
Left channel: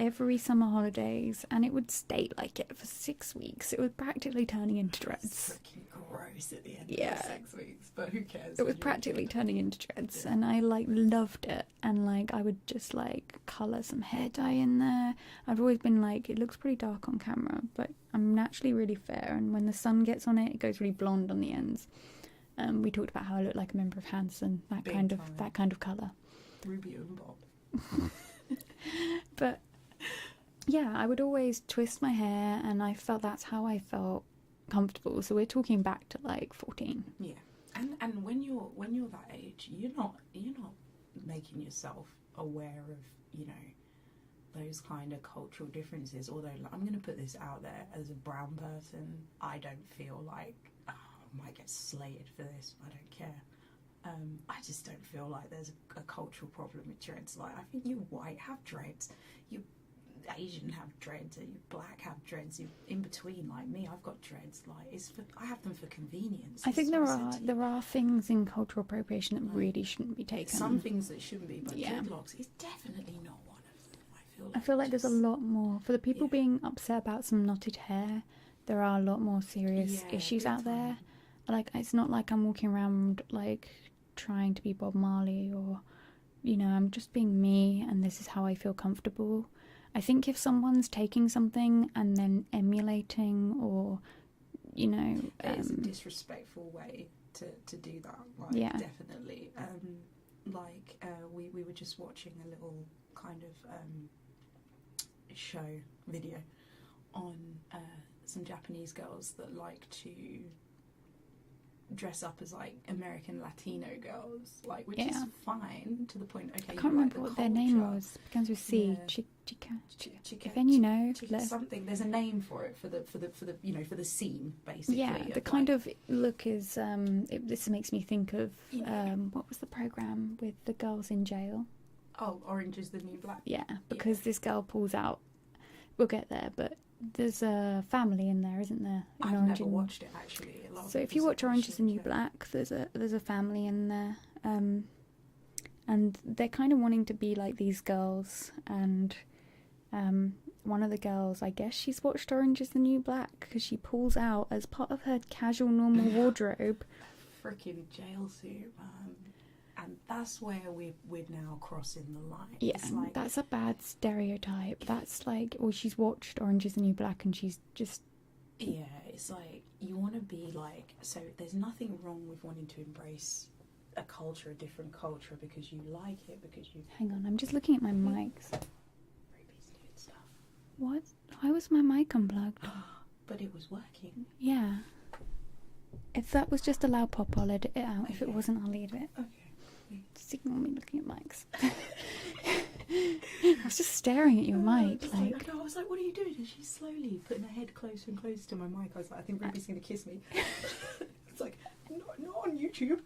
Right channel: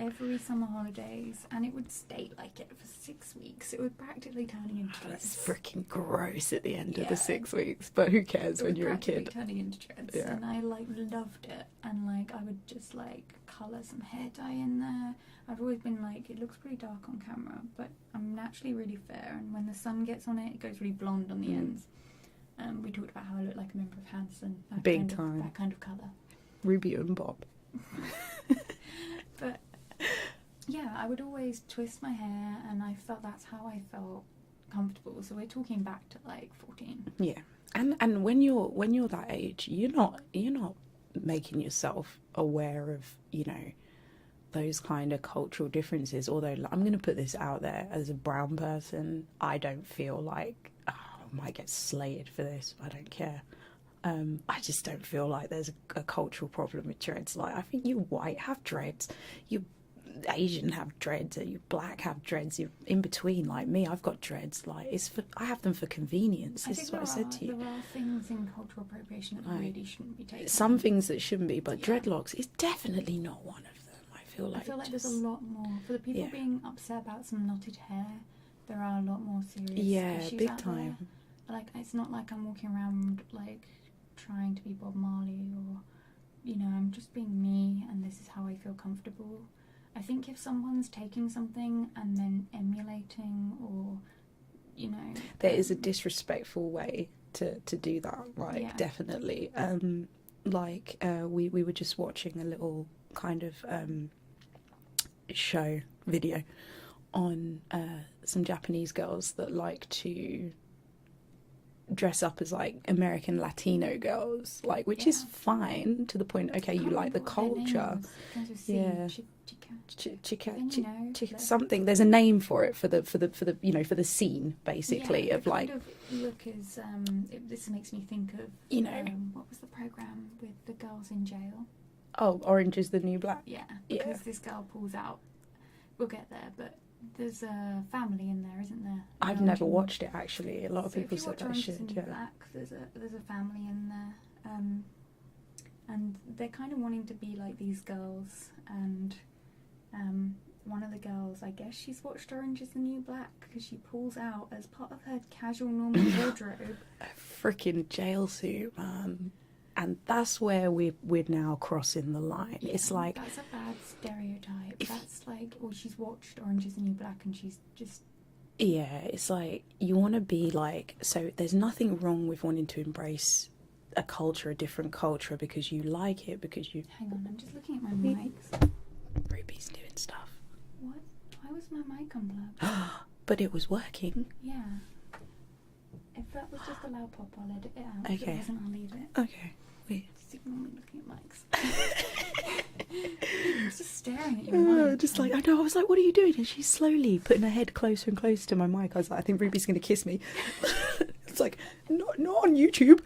Every summer holidays, and it would stay like it for 6 weeks. It was practically turning into dreads. It's freaking gross at the end of the 6 weeks, but who cares when you're a kid? It was practically turning into dreads, and I like loved it. And like I would just like colour some hair dye in there. I've always been like, it looks pretty dark on camera, but I'm naturally really fair, and when the sun gets on it, it goes really blonde on the ends. We talked about how I look like a member of Hanson, that kind of colour. Ruby and Bob. But yeah, I would always twist my hair, and I felt that's how I felt comfortable. So we're talking back to like 14. Yeah, and when you're that age, you're not making yourself aware of, you know, those kind of cultural differences. Although I'm going to put this out there, as a brown person, I don't feel like, oh, I might get slated for this. I don't care. I just don't feel like there's a cultural problem with dreads. Like, I think you white have dreads, you Asian have dreads, or you black have dreads. You in between, like me, I've got dreads. Like, I have them for convenience. I think there are things in cultural appropriation that really shouldn't be taken. Some things that shouldn't be, but dreadlocks is definitely not one of them. I feel like there's a lot more for the people being upset about some knotted hair. There are a lot more serious issues out there. Like, it's not like I'm walking around like trying to be Bob Marley, or, you know, I'm just being me, and this is how I feel comfortable. I think if someone's taking something and then emulating, or, you know, there is a disrespectful way to do that, like, definitely. We were just watching a little kind of show video on some Japanese girls that like to dress up as like American Latino girls, like, which is fine to the point. Okay, you like the culture. Begins with C. Then, you know, something. There's a name for it for the you know, for the scene, basically. The kind of look is this makes me think of, you know, what was the program with the girls in jail? Oh, Orange is the New Black. Yeah, because this girl pulls out. We'll get there, but there's a family in there, isn't there? I've never watched it, actually. A lot of so people if you watch Orange is the New yeah. Black, there's a family in there, and they're kind of wanting to be like these girls, and one of the girls, I guess she's watched Orange is the New Black because she pulls out, as part of her casual normal wardrobe, a freaking jail suit, man. And that's where we're now crossing the line. Yeah, it's like, that's a bad stereotype. That's like, well, she's watched Orange is the New Black and she's just... Yeah, it's like, you want to be like... So there's nothing wrong with wanting to embrace a culture, a different culture, because you like it, because you... Hang on, I'm just looking at my mics. Ruby's doing stuff. What? Why was my mic unplugged? But it was working. Yeah. If that was just a loud pop, I'll edit it out. Okay. If it wasn't, I'll leave it. Okay. Just ignore me looking at mics. I was just staring at your mic. Just like, I know, I was like, what are you doing? And she's slowly putting her head closer and closer to my mic. I was like, I think Ruby's going to kiss me. It's like, not on YouTube.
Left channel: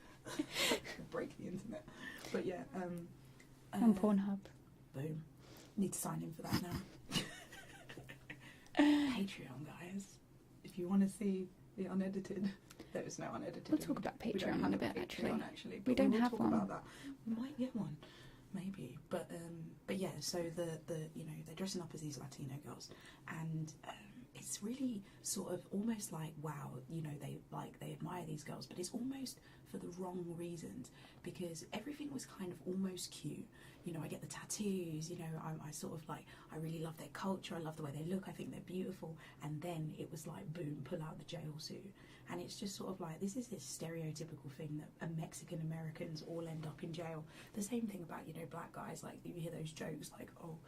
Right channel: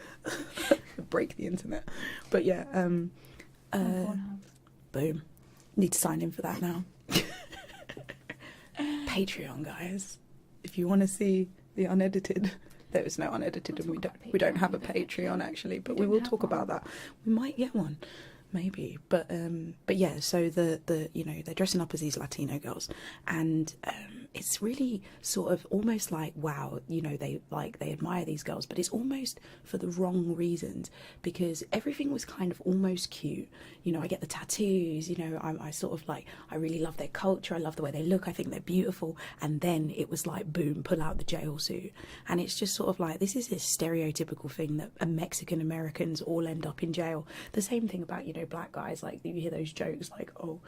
Break the internet. But yeah. On Pornhub. Boom. Need to sign in for that now. Patreon, guys. If you want to see the unedited... There is no unedited, and we don't have a Patreon actually, but we will talk about that. We might get one, maybe. But yeah. So the you know, they're dressing up as these Latino girls, and it's really sort of almost like, wow, you know, they admire these girls, but it's almost for the wrong reasons, because everything was kind of almost cute. You know, I get the tattoos, you know, I sort of like, I really love their culture, I love the way they look, I think they're beautiful, and then it was like, boom, pull out the jail suit. And it's just sort of like, this is this stereotypical thing that Mexican Americans all end up in jail. The same thing about, you know, black guys, like you hear those jokes like, oh,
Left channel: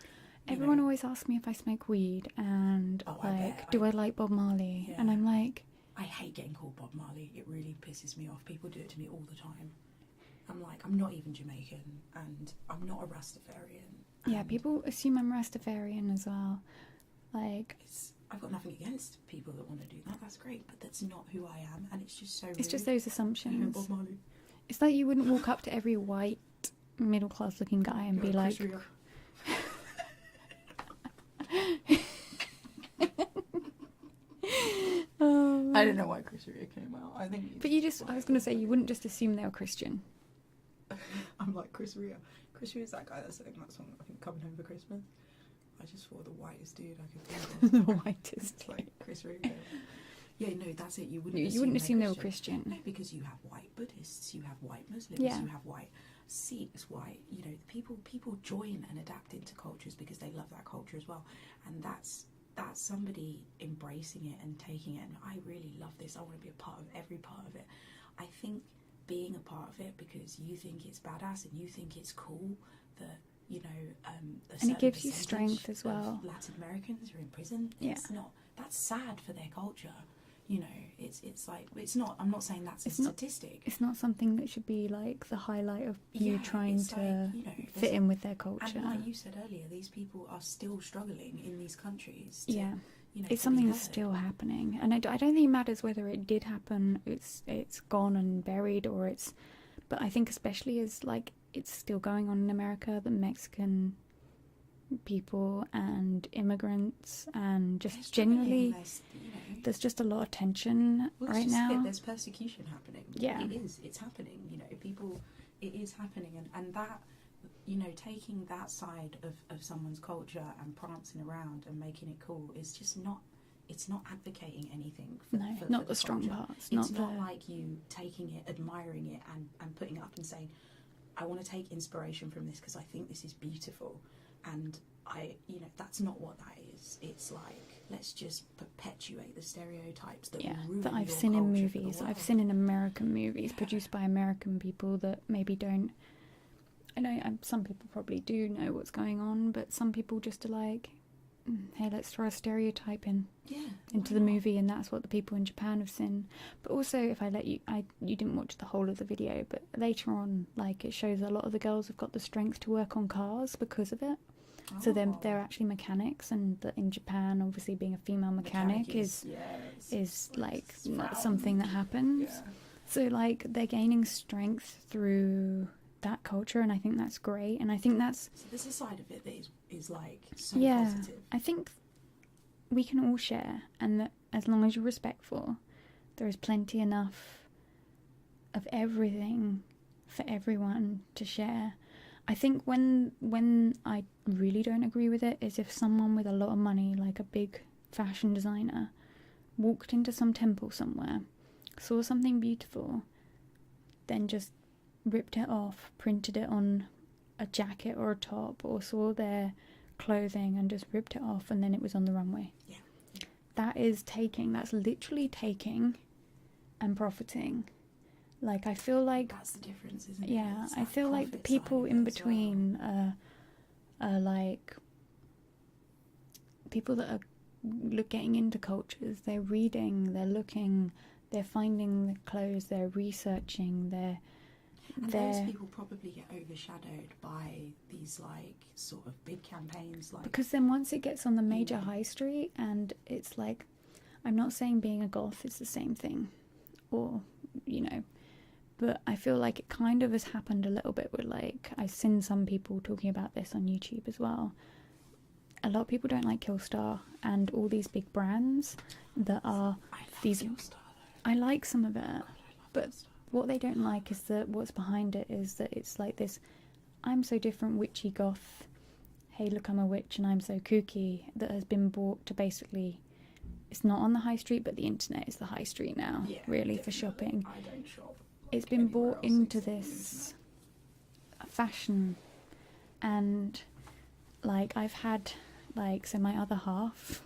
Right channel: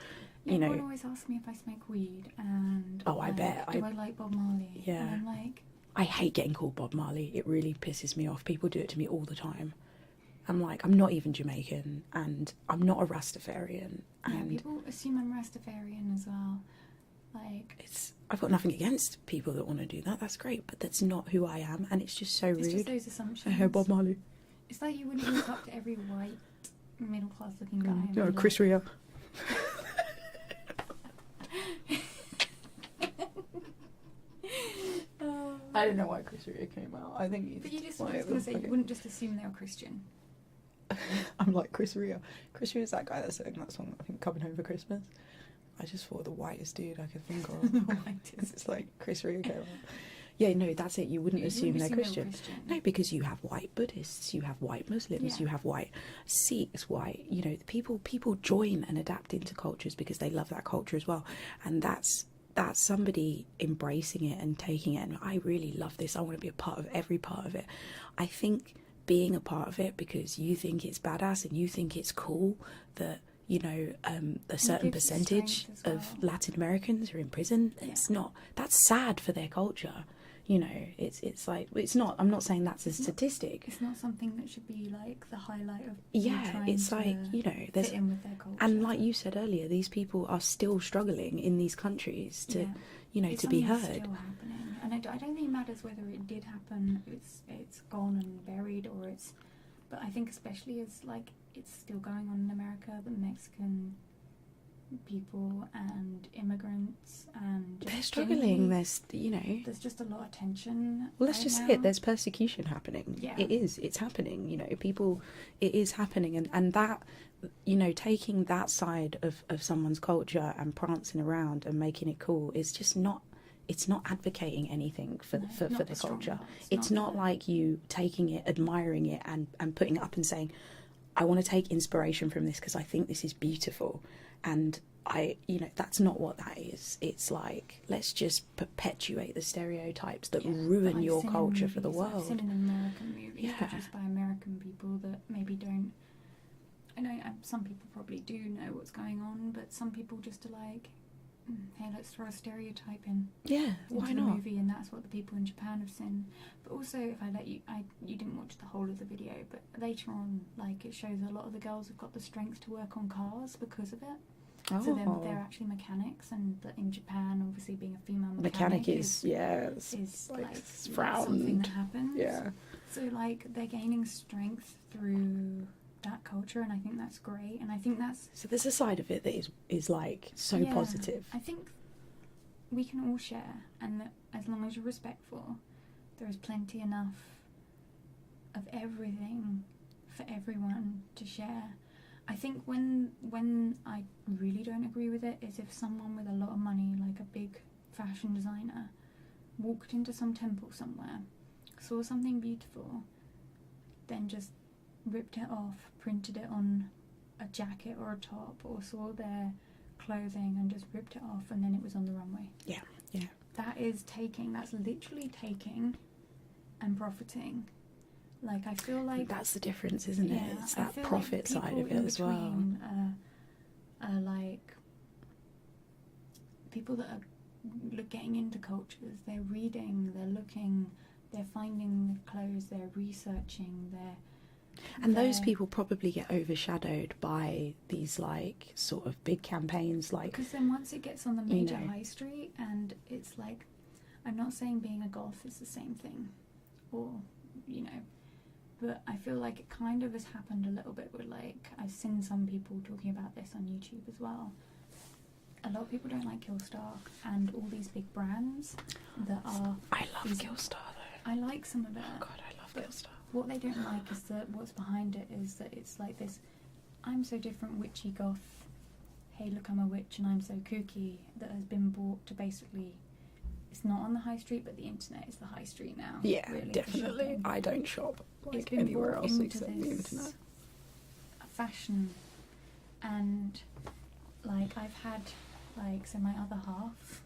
everyone always asks me if I smoke weed, and I bet. Do I like Bob Marley? Yeah. And I'm like, I hate getting called Bob Marley. It really pisses me off. People do it to me all the time. I'm like, I'm not even Jamaican, and I'm not a Rastafarian. Yeah, And people assume I'm Rastafarian as well. Like, I've got nothing against people that want to do that. That's great, but that's not who I am, and it's just so rude. it's just those assumptions. Hey, Bob Marley. It's like you wouldn't walk up to every white middle class looking guy and Yeah, be like, Chris Rea. I don't know why Chris Rea came out. I think. But you just, I was going to say, you wouldn't just assume they were Christian. I'm like Chris Rea. Chris Rea's that guy that sang that song, I think, Coming Home for Christmas. I just thought the whitest dude I could think of. The whitest. It's like Chris Rea came out. Yeah, no, that's it. You wouldn't assume they're they Christian. were Christian. No, because you have white Buddhists, you have white Muslims, Yeah. you have white Sikhs, white, you know, people join and adapt into cultures because they love that culture as well. And that's somebody embracing it and taking it, and I really love this. I want to be a part of every part of it. I think being a part of it because you think it's badass and you think it's cool that, you know, a certain percentage of Latin Americans are in prison. It's not, that's sad for their culture. You know, it's like, it's not, I'm not saying that's a statistic. It's not something that should be like the highlight of you trying it's to like, you know, fit in with their culture. And like you said earlier, these people are still struggling in these countries to, you know, it's to be heard. It's still happening. And I don't think it matters whether it did happen, it's gone and buried, or it's, but I think especially as like it's still going on in America, the Mexican people and immigrants and just they're struggling. There's just a lot of tension. Well, that's right just now. it. There's persecution happening. Yeah, it's happening. You know, it is happening, and that, you know, taking that side of someone's culture and prancing around and making it cool is just not. It's not advocating anything for the culture. It's not like you taking it, admiring it, and putting it up and saying, I want to take inspiration from this because I think this is beautiful. And you know, that's not what that is. It's like, let's just perpetuate the stereotypes that ruin your culture for the world. I've seen in American movies produced by American people that maybe don't. I know some people probably do know what's going on, but some people just are like, hey, let's throw a stereotype into the movie, and that's what the people in Japan have seen. But also, if I let you, you didn't watch the whole of the video, but later on, like, it shows a lot of the girls have got the strength to work on cars because of it. Oh. So they're actually mechanics, and in Japan, obviously being a female mechanic is like something that happens. Yeah. So like they're gaining strength through that culture, and I think that's great. And I think that's so there's a side of it that is like so positive. I think we can all share, and that as long as you're respectful, there is plenty enough of everything for everyone to share. I think when I really don't agree with it is if someone with a lot of money, like a big fashion designer, walked into some temple somewhere, saw something beautiful, then just ripped it off, printed it on a jacket or a top, or saw their clothing and just ripped it off, and then it was on the runway. Yeah. That's literally taking and profiting. Like, I feel like that's the difference, isn't it? Yeah, it's that I feel profit like side people of it in as between are like people that are getting into cultures. They're reading, they're looking, they're finding the clothes, they're researching, those people probably get overshadowed by these like sort of big campaigns, like, because then once it gets on the major high street, and it's like, I'm not saying being a goth is the same thing, or you know, but I feel like it kind of has happened a little bit with, like, I've seen some people talking about this on YouTube as well. A lot of people don't like Killstar and all these big brands that are. I love Killstar though. I like some of it. Oh God, I love Killstar. What they don't like is that what's behind it is that it's like this, I'm so different, witchy goth, hey look I'm a witch and I'm so kooky, that has been brought to basically, it's not on the high street, but the internet is the high street now. Yeah, really, definitely. For shopping. I don't shop. Like, it's been brought into this fashion, and like I've had, like, so my other half,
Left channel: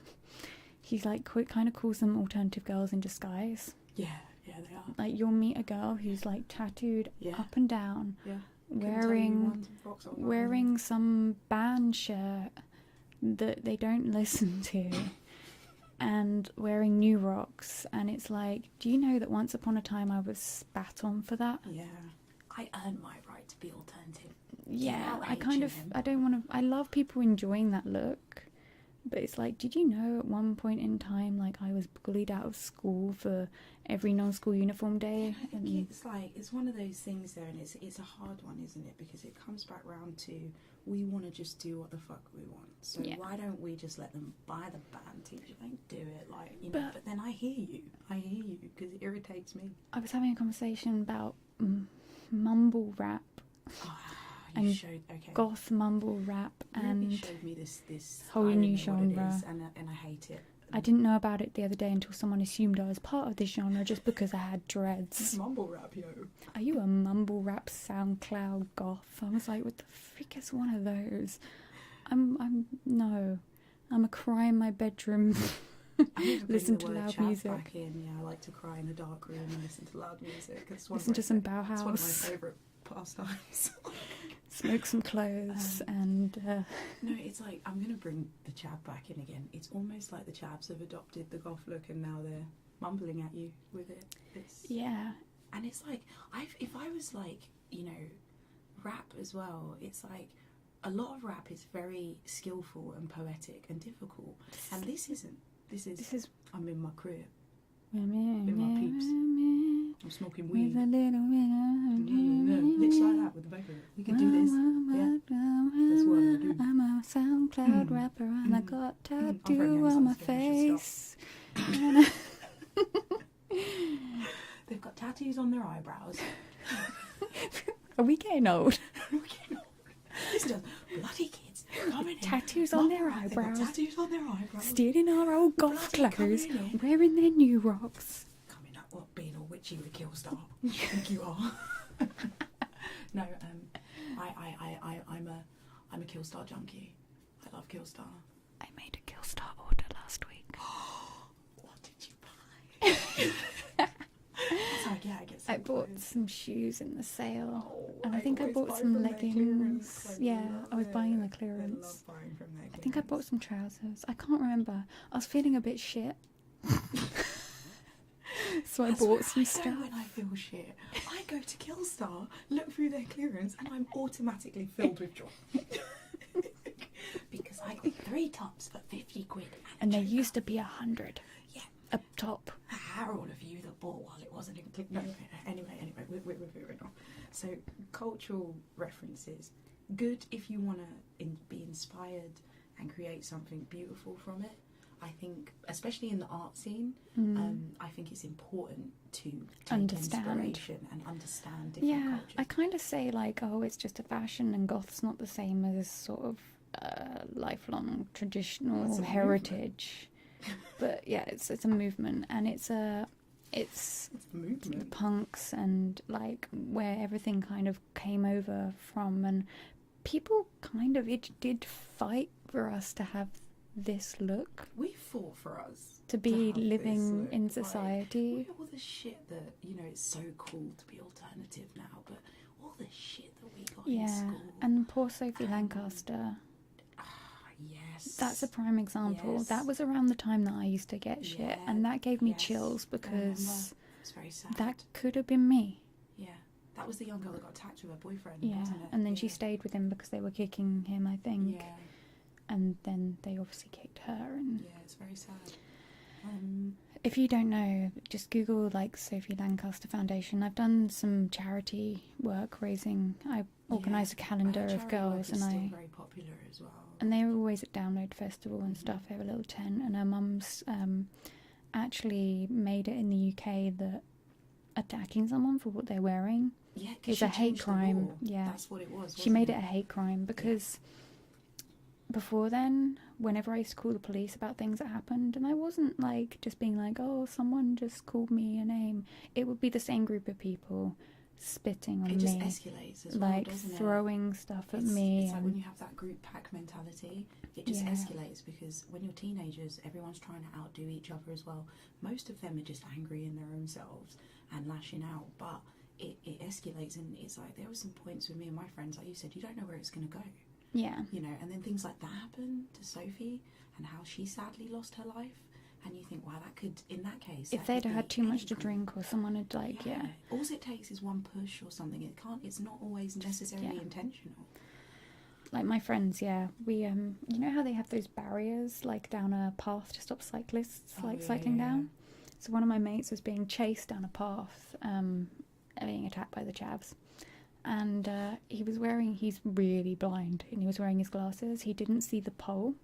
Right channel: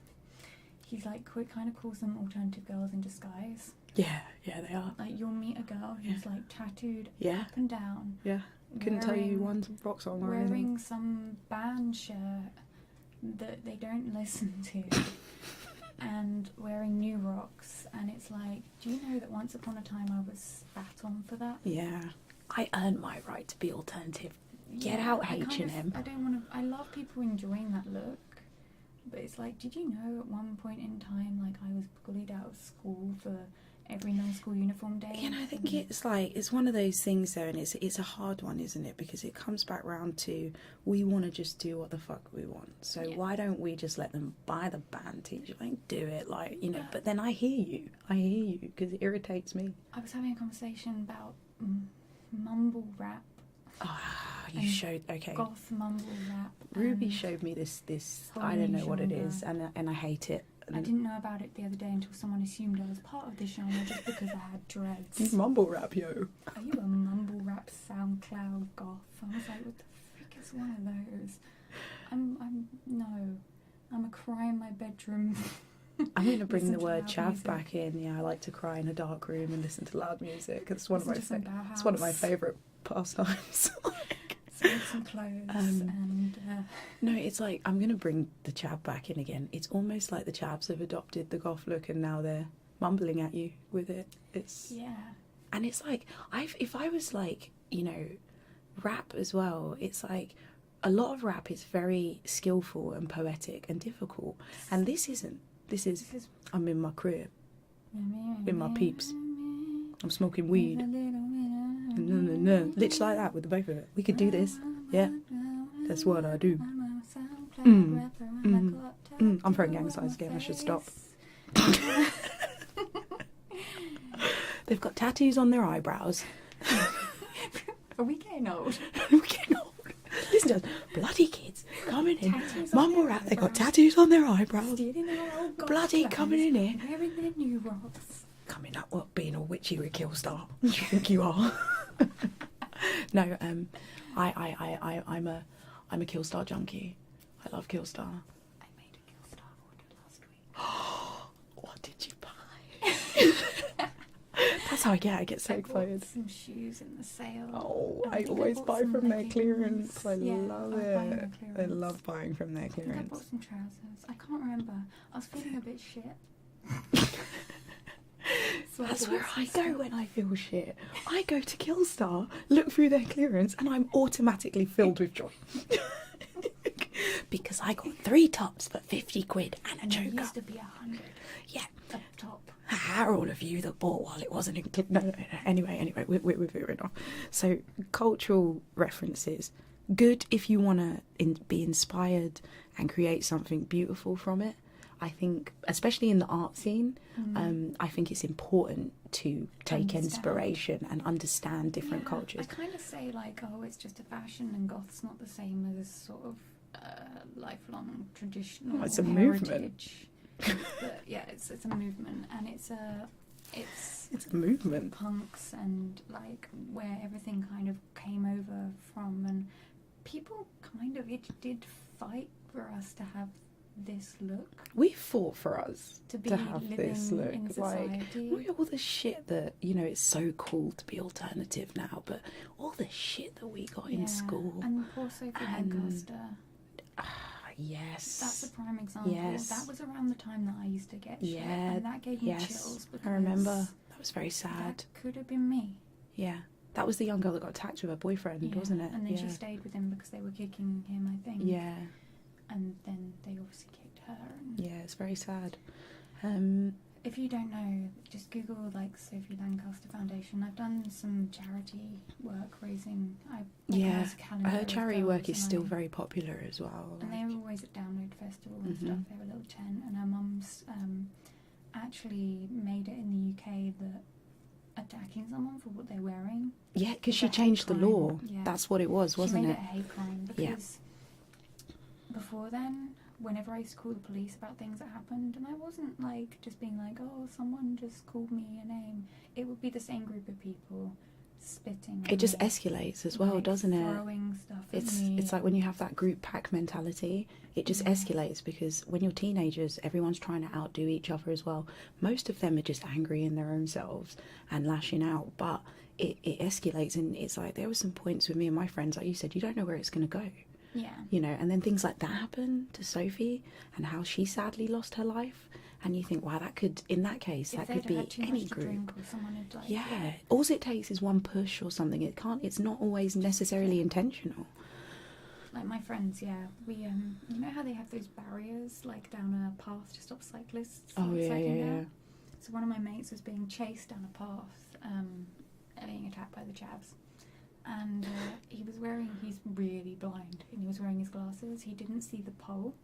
he's like kind of calls them alternative girls in disguise. Yeah, they are. Like, you'll meet a girl who's like tattooed up and down. Yeah. Wearing some band shirt that they don't listen to. And wearing New Rocks, and it's like, do you know that once upon a time I was spat on for that? Yeah. I earned my right to be alternative. Get Yeah, out, I H&M. I don't want to. I love people enjoying that look, but it's like, did you know at one point in time, like I was bullied out of school for every non-school uniform day? And I think it's like, it's one of those things though, and it's a hard one, isn't it? Because it comes back round to, we want to just do what the fuck we want. So why don't we just let them buy the band t-shirt? Like, do it, like, you know. But then I hear you, because it irritates me. I was having a conversation about mumble rap. You showed, okay. Goth mumble rap. Ruby showed me this whole I don't know what it genre. is, and I hate it. I didn't know about it the other day until someone assumed I was part of this genre just because I had dreads. Mumble rap, yo. Are you a mumble rap SoundCloud goth? I was like, what the frick is one of those? I'm a cry in my bedroom. I'm going to bring Listen the to word loud chav music. back in. Yeah, I like to cry in a dark room and listen to loud music. It's Listen to some Bauhaus. It's one of my favourite pastimes. Smoke some clothes and... No, it's like, I'm going to bring the chav back in again. It's almost like the chavs have adopted the goth look and now they're mumbling at you with it. Yeah. And it's like, if I was like, you know, rap as well, it's like, a lot of rap is very skillful and poetic and difficult. And this isn't. This is I'm in my crib, with my peeps. I'm smoking weed. Literally like that with the both of it. We could do this. Yeah. That's what I do. I'm a SoundCloud rapper and I got I'm throwing gang tattoo on signs my again. I should face. stop. They've got tattoos on their eyebrows. Are we getting old? We're getting old. Listen to us, bloody kids coming in. Tattoos on Mumble their rap. They've got eyebrows. tattoos on their eyebrows. Stealing our old goth Bloody clothes, coming in here. wearing their new rocks. Coming up, what, being all witchy with Killstar? Do you think you are? No, I'm a Killstar junkie. I love Killstar. I made a Killstar order last week. What did you buy? That's how I get so I bought clothes. some shoes in the sale. Oh, And I think always bought buy some from their leggings. clearance. I Yeah, love I was it. buying their clearance. I love buying from their I clearance. think I bought some trousers. I can't remember. I was feeling a bit shit. So That's I where bought I some go stuff. when I feel shit. I go to Killstar, look through their clearance, and I'm automatically filled with joy. Because I got 3 tops for 50 quid and a And there choker. used to be 100 Yeah. up top. Are all of you that bought while it wasn't included? No. Anyway, we're moving on. So, cultural references. Good if you want to be inspired and create something beautiful from it. I think, especially in the art scene, I think it's important to take Understand. inspiration and understand different Yeah, cultures. I kind of say like, oh, it's just a fashion, and goth's not the same as sort of lifelong traditional Well, it's a heritage. But yeah, it's a movement, and it's a movement. punks and like where everything kind of came over from, and people kind of did fight for us to have this look, We fought for us to be have this living look, in like, society. all the shit that, you know, it's so cool to be alternative now, but all the shit that we got in school. And poor Sophie And- Lancaster. Yes. That's a prime example. Yes. That was around the time that I used to get shit, Yeah, and that gave me yes. chills because I remember. That was very sad. that could have been me. Yeah. That was the young girl that got attacked with her boyfriend, Yeah. wasn't it? And then yeah. she stayed with him because they were kicking him, I think. Yeah. And then they obviously kicked her. And Yeah, it's very sad. if you don't know, just Google like Sophie Lancaster Foundation. I've done some charity work raising. I organised a calendar her charity of girls, work is and still very popular as well. And they were always at Download Festival and Mhm. stuff. They have a little tent, and her mum's actually made it in the UK that attacking someone for what they're wearing. Yeah, because is she a hate changed the crime. law. Yeah. That's what it was, She wasn't made it? it a hate crime because before then, whenever I used to call the police about things that happened, and I wasn't like just being like, oh, someone just called me a name. It would be the same group of people spitting on It just me, escalates as well, like, doesn't it? throwing stuff at me. It's like when you have that group pack mentality, it just Yeah. escalates because when you're teenagers, everyone's trying to outdo each other as well. Most of them are just angry in their own selves and lashing out, but it escalates, and it's like there were some points with me and my friends, like you said, you don't know where it's going to go, Yeah. you know, and then things like that happen to Sophie and how she sadly lost her life, And you think, wow, that could, in that case, If that could they'd be had too any much to group. drink, or someone had like Yeah. All it takes is one push or something. It's not always necessarily intentional. Like my friends, we you know how they have those barriers like down a path to stop cyclists cycling down. So one of my mates was being chased down a path, being attacked by the chavs, and he's really blind, and he was wearing his glasses. He didn't see the pole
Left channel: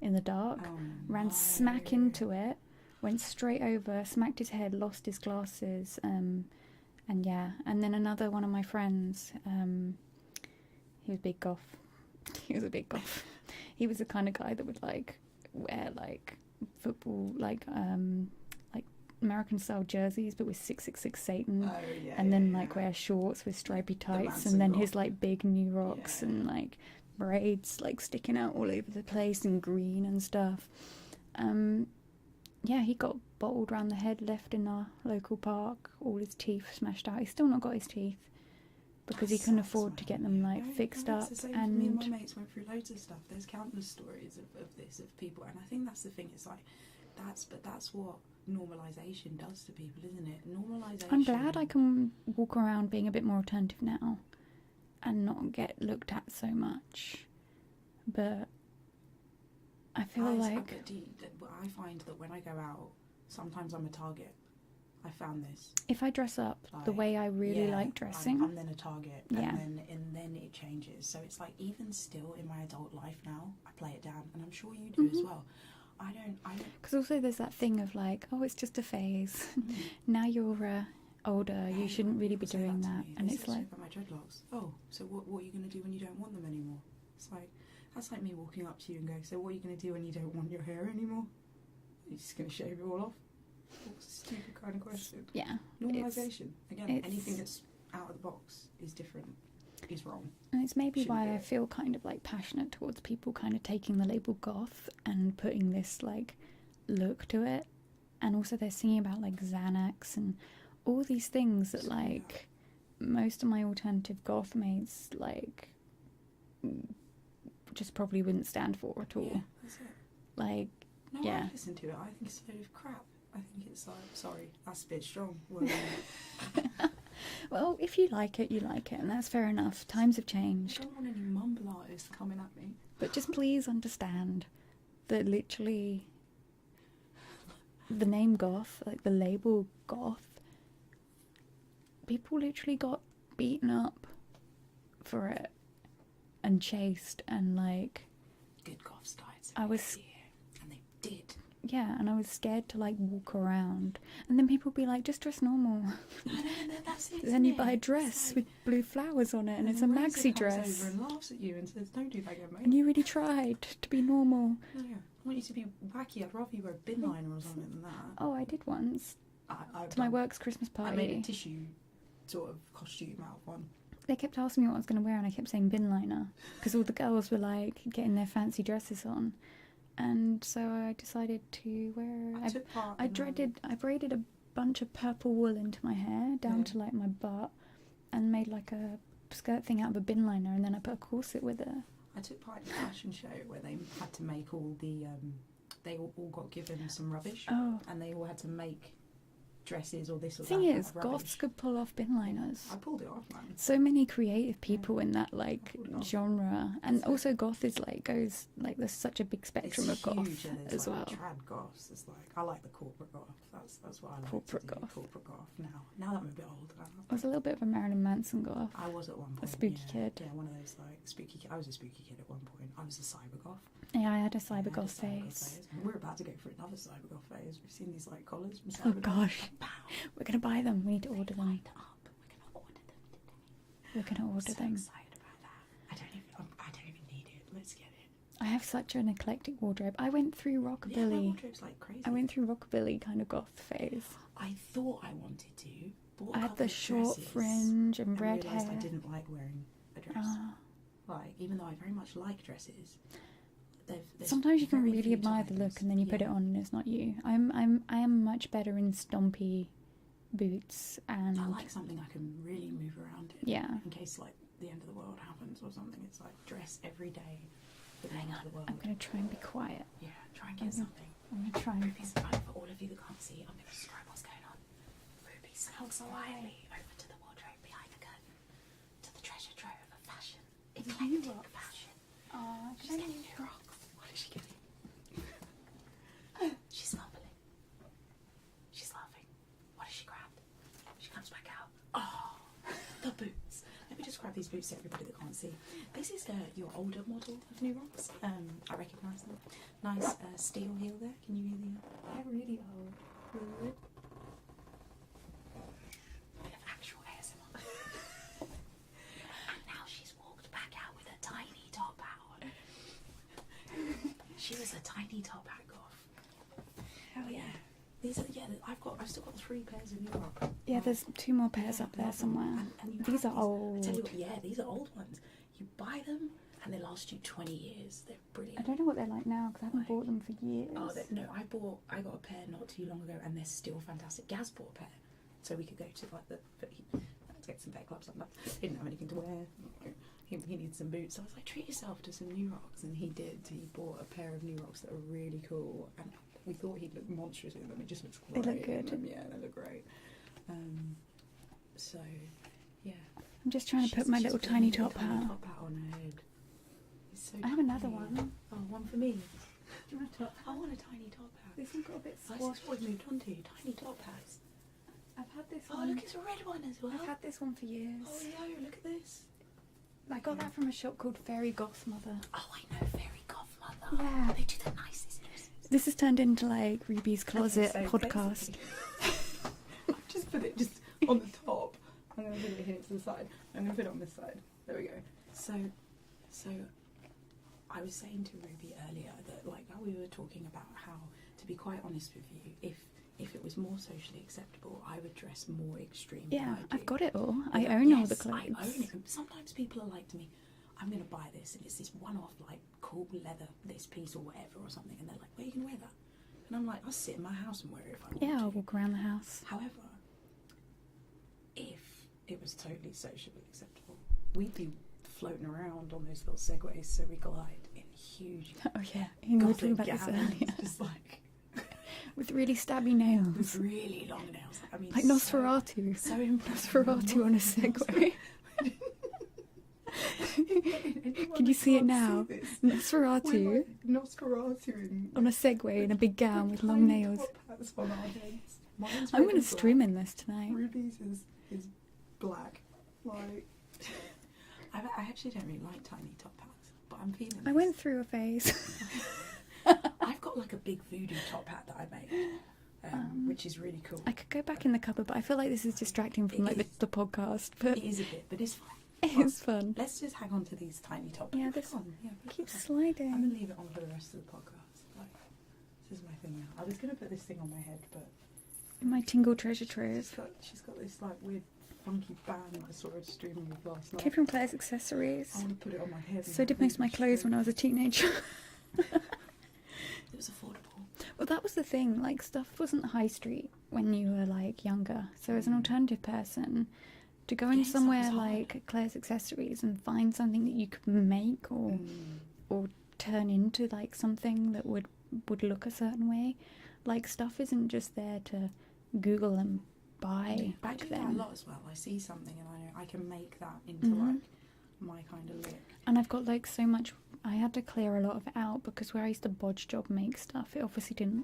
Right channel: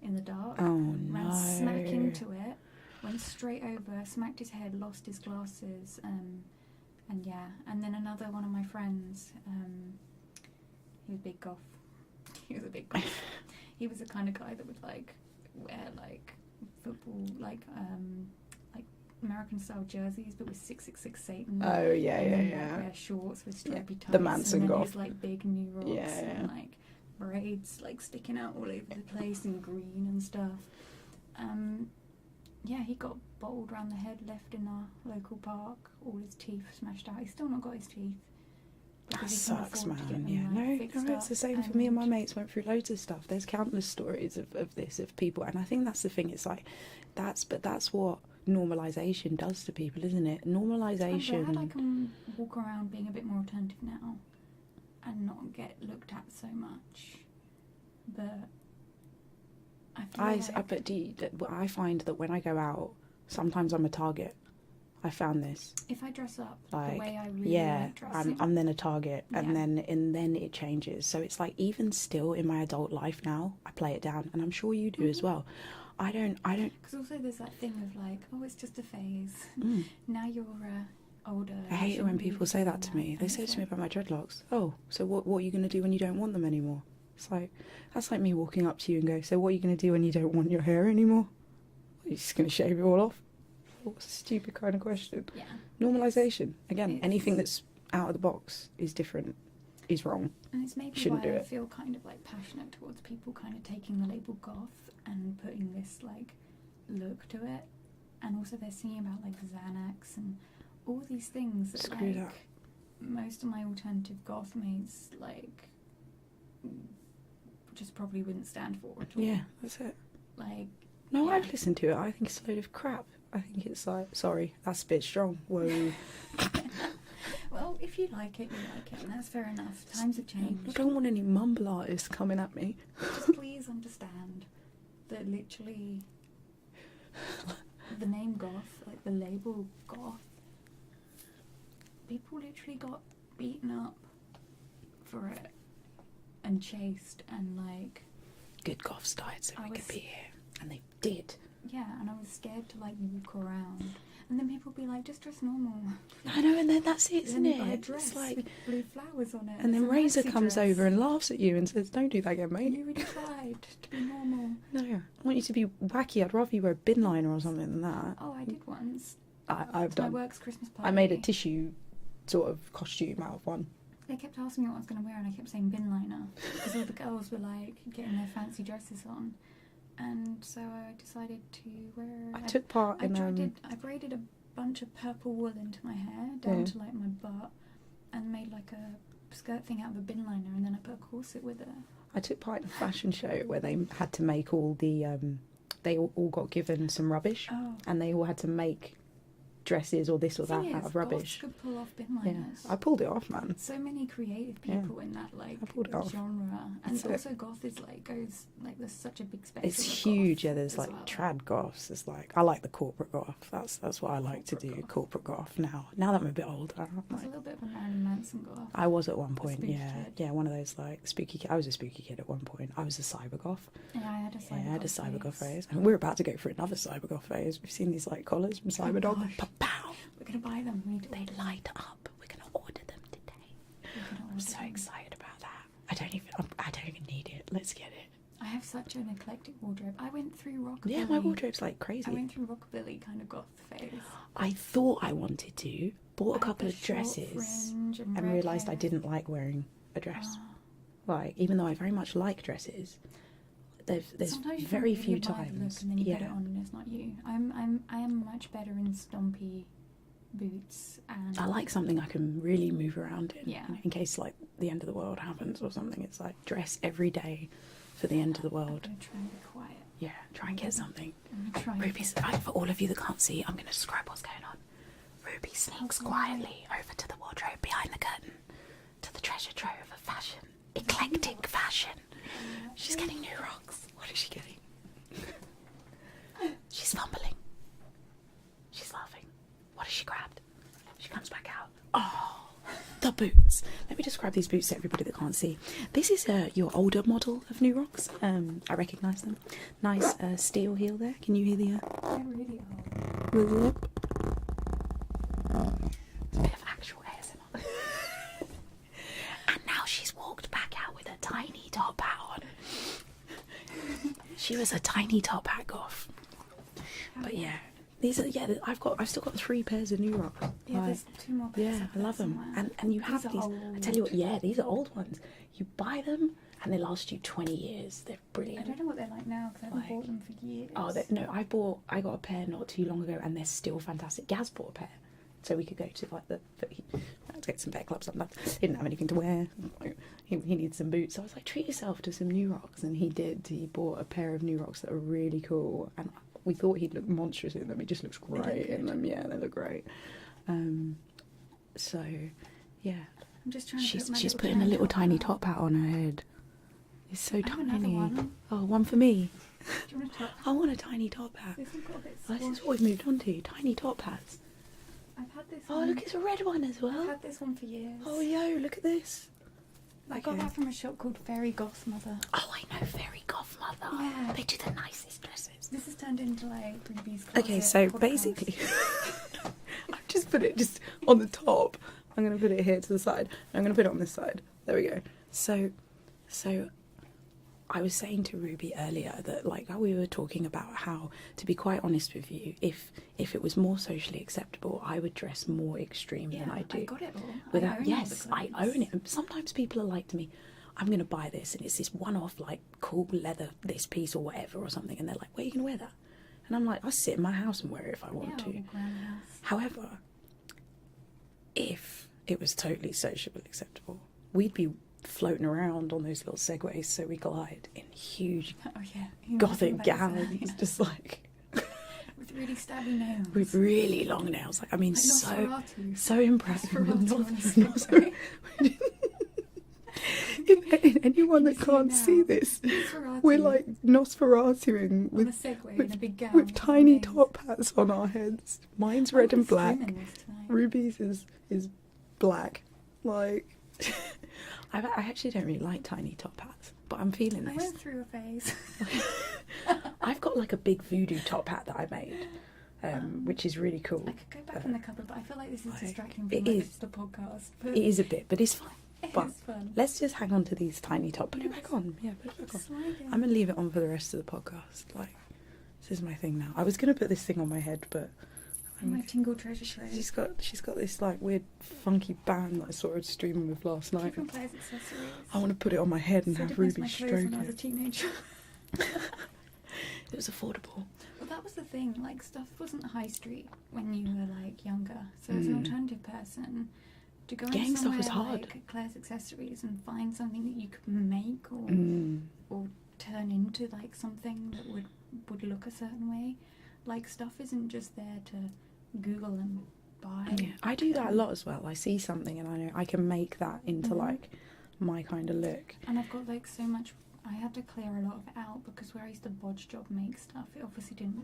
in the dark, ran smack into it, went straight over, smacked his head, lost his glasses, and then another one of my friends, he was big goth. He was a big goth. He was the kind of guy that would like wear like football like American style jerseys but with 666 Satan. And then like wear shorts with stripy tights, and then his like big new rocks and like braids like sticking out all over the place and green and stuff. He got bottled round the head, left in our local park, all his teeth smashed out. He's still not got his teeth because he couldn't afford to get them fixed up. It's the same for me, and my mates went through loads of stuff. There's countless stories of this, of people, and I think that's the thing. It's like that's what normalisation does to people, isn't it? Normalisation. I'm glad I can walk around being a bit more attentive now and not get looked at so much, but I feel I find that when I go out, sometimes I'm a target. I found this. If I dress up the way I really like dressing, I'm then a target, and then it changes. So it's like, even still in my adult life now, I play it down, and I'm sure you do as well. I don't. Because also there's that thing of like, oh, it's just a phase. Now you're older. I hate it when people say that to me. They say to me about my dreadlocks. Oh, so what are you going to do when you don't want them anymore? It's like, that's like me walking up to you and go, so what are you going to do when you don't want your hair anymore? You're just going to shave it all off? What's a stupid kind of question? Yeah. Normalisation. Again, anything that's out of the box is different, is wrong. And it's maybe why I feel kind of like passionate towards people kind of taking the label goth and putting this like look to it. And also they're singing about like Xanax and all these things that most of my alternative goth mates like just probably wouldn't stand for at all. Yeah, that's it. Like, no, I'd listen to it. I think it's a load of crap. I think it's like, sorry, that's a bit strong. Well, well, if you like it, you like it, and that's fair enough. Times have changed. I don't want any mumble artists coming at me. But just please understand that literally the name goth, like the label goth, people literally got beaten up for it and chased, and like good goths died so we could be here, and they did. Yeah, and I was scared to like walk around, and then people would be like, just dress normal. I know, and then that's it, then you buy a dress with blue flowers on it, and then Razor comes over and laughs at you and says, don't do that again, mate. And you really tried to be normal. No, I want you to be wacky. I'd rather you wear a bin liner or something than that. Oh, I did once. I've done. My work's Christmas party. I made a tissue sort of costume out of one. They kept asking me what I was going to wear, and I kept saying bin liner because all the girls were like getting their fancy dresses on, and so I decided to wear. I took part. I braided a bunch of purple wool into my hair down to like my butt, and made like a skirt thing out of a bin liner, and then I put a corset with it. I took part in a fashion show where they had to make all the. They all got given some rubbish, and they all had to make dresses or this or that out of rubbish. Goths could pull off bin liners. I pulled it off, man. So many creative people in that like genre, and so, also goth is like goes like there's such a big spectrum. It's of huge. Goth Yeah, there's like trad goths. There's like, I like the corporate goth. That's what I like to do. Goth. Corporate goth. Now that I'm a bit older, I was a little bit of a Marilyn Manson goth. I was at one point. Spooky kid. Yeah, one of those like spooky. I was a spooky kid at one point. I was a cyber goth. Yeah, I had a cyber goth phase. And we're about to go for another cyber goth phase. We've seen these like collars from Cyberdog. We're gonna buy them. We need to order them. Light up. We're gonna order them today. We're gonna order them. I'm so excited about that. I don't even need it. Let's get it. I have such an eclectic wardrobe. I went through rockabilly. Yeah, my wardrobe's like crazy. I went through rockabilly kind of goth phase. I thought I wanted to. Bought a couple of dresses fringe and realised I didn't like wearing a dress. Like, even though I very much like dresses, there's sometimes you very really few admire times. the look and then you put it on and it's not you. I am much better in stompy boots, and I like something I can really move around in. Yeah. In case like the end of the world happens or something. It's like dress every day for the end of the I'm world. going to try and be quiet. Yeah, try and get something. I'm going to try and... Ruby's, for all of you that can't see, I'm going to describe what's going on. Ruby sneaks quietly over to the wardrobe behind the curtain, to the treasure trove of fashion, eclectic fashion. She's getting new rocks. What is she getting? She's fumbling. She's laughing. What has she grabbed? She comes back out. Oh, the boots. Let me describe these boots to everybody that can't see. This is your older model of new rocks. I recognise them. Nice steel heel there. Can you hear the... They're really old. the lip? It's a bit of actual ASMR. And now she's walked back out with a tiny top hat on. She was a tiny top hat goth. But yeah, these are I've still got 3 pairs of new rocks. Yeah, there's 2 more pairs up I there love them. somewhere. And you have These are these. I tell you what, old. these are old ones. You buy them and they last you 20 years. They're brilliant. I don't know what they're like now because I haven't bought them for years. Oh no, I got a pair not too long ago and they're still fantastic. Gaz bought a pair, so we could go to like to get some bear clubs sometimes. He didn't have anything to wear. He needed some boots. So I was like, treat yourself to some new rocks, and he did. He bought a pair of new rocks that are really cool, and we thought he'd look monstrous in them. He just looks great in them. Yeah, they look great. So yeah, I'm just trying to put she's my putting a little tiny top hat on her head. It's so I have tiny. another one. Oh, one for me. Do you want a top? I want a tiny top hat. This has got a bit This is what we've moved on to. Tiny top hats. I've had this Oh, one. look, it's a red one as well. I've had this one for years. Oh, yo, look at this. I got that from a shop called Fairy Goth Mother. Oh, I know, Fairy Goth Mother. Yeah. They do the nicest dresses. This has turned into like Ruby's Closet Okay, so podcast. basically, I've just put it just on the top. I'm going to put it here to the side. I'm going to put it on this side. There we go. So I was saying to Ruby earlier that like we were talking about how, to be quite honest with you, if it was more socially acceptable, I would dress more extreme than I do. I got it all. But I own all the yes, clothes. I own it. And sometimes people are like to me, I'm going to buy this, and it's this one-off, like, cool leather, this piece or whatever or something, and they're like, where are you going to wear that? And I'm like, I'll sit in my house and wear it if I want Yeah, to. I'll walk around the house. However, if it was totally socially acceptable, we'd be floating around on those little segways, so we glide in huge Oh yeah, gothic gowns, just like with really stabby nails. with really long nails. Like, I mean, like so Nosferatu. so impressive. Nosferatu on a Segway. Anyone Can you that see it can't now? see this, Nosferatu we're like Nosferatu on a Segway in a big gown with long tiny nails. top hats on our heads. Mine's I red and would've black. stream in this tonight. Ruby's is black. Like, I actually don't really like tiny top hats, but I'm feeling this. I went through a phase. I've got like a big voodoo top hat that I made, which is really cool. I could go back in the cupboard, but I feel like this is Like, distracting it from is. the podcast. But It is a bit, but it's fine. But it's fun. let's just hang on to these tiny top. Put Yeah, it back let's on. Yeah, put it Keep back on. sliding. I'm gonna leave it on for the rest of the podcast. Like, this is my thing now. I was gonna put this thing on my head, but My tingle treasure trove. she's got this like weird funky band that I saw her streaming with last night. Keep from Claire's accessories. I want to put it on my head and So have did most of my Ruby clothes when I was a stroke teenager. it. It was affordable. Well, that was the thing. Like, stuff wasn't high street when you were like younger. So as an alternative person, to go in Getting stuff somewhere was hard. like Claire's accessories and find something that you could make or turn into like something that would look a certain way. Like, stuff isn't just there to Google and buy. Yeah, I do that a lot as well. I see something and I know I can make that into like my kind of look. And I've got like so much. I had to clear a lot of it out because where I used to bodge job make stuff, it obviously didn't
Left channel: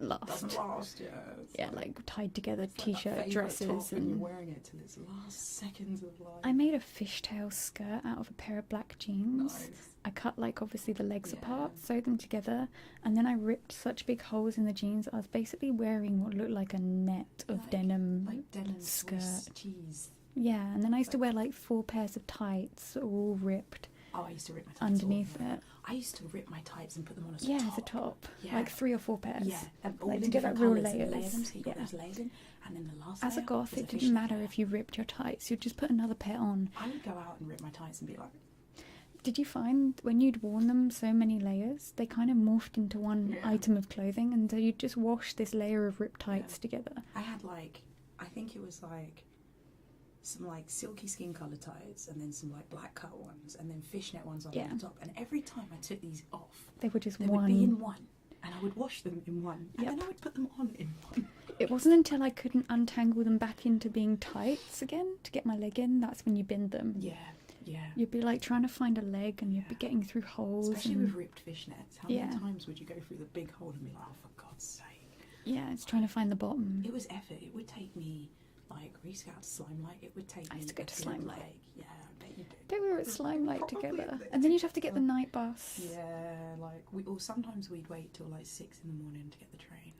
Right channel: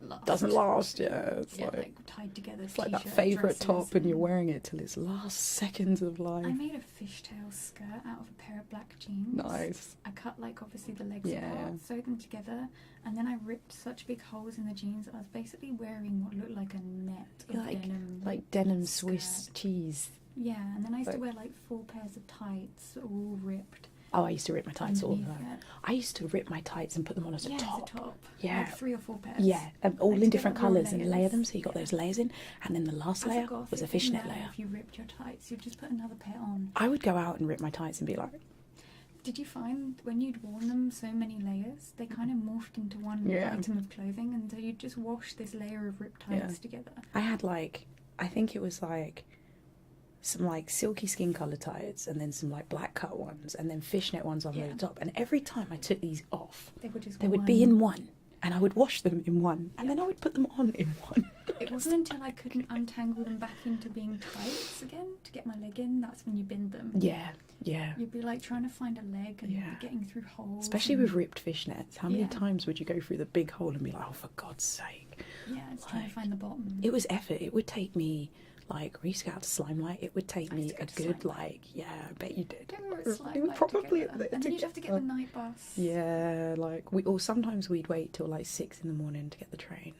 last. Doesn't last, yeah. It's like tied together it's t-shirt like that favourite dresses top and you're wearing it till its last seconds of life. I made a fishtail skirt out of a pair of black jeans. Nice. I cut like obviously the legs Yeah. apart, sewed them together, and then I ripped such big holes in the jeans. I was basically wearing what looked like a net of denim. Like denim skirt. Swiss cheese. Yeah, and then I used to Like- wear like 4 pairs of tights, all ripped Oh, I used to rip my tights all the underneath time. it. I used to rip my tights and put them on as a Yeah, top. as a top. Yeah. Like 3 or 4 pairs. Yeah, and all Like, in to get different like real colours and layer layers. them, so you got Yeah. those layers in, and then the last As a layer goth, was a it didn't fishnet matter layer. if you ripped your tights. You'd just put another pair on. I would go out and rip my tights and be like, Did you find when you'd worn them so many layers, they kind of morphed into one Yeah. item of clothing, and so you'd just wash this layer of ripped tights Yeah. together. I had like, I think it was like some like silky skin colour tights, and then some like black cut ones, and then fishnet ones on Yeah. the top. And every time I took these off, They were just they would be in one, and I would wash them in one, and Yep. then I would put them on in one. It wasn't until I couldn't untangle them back into being tights again to get my leg in, that's when you binned them. Yeah. You'd be like trying to find a leg and you'd Yeah. be getting through holes. Especially and, with ripped fishnets. How many Yeah. times would you go through the big hole and be like, oh, for God's sake? Yeah, it's trying to Like, find the bottom. It was effort. It would take me, like, we used to go out to Slimelight. It would take I me used to go a to good, Slimelight. like, yeah, I bet you did. They were at It Slime was Light probably together. there And then you'd have to get the together. night bus. Yeah, like, or sometimes we'd wait till, like, 6 in the morning to get the train.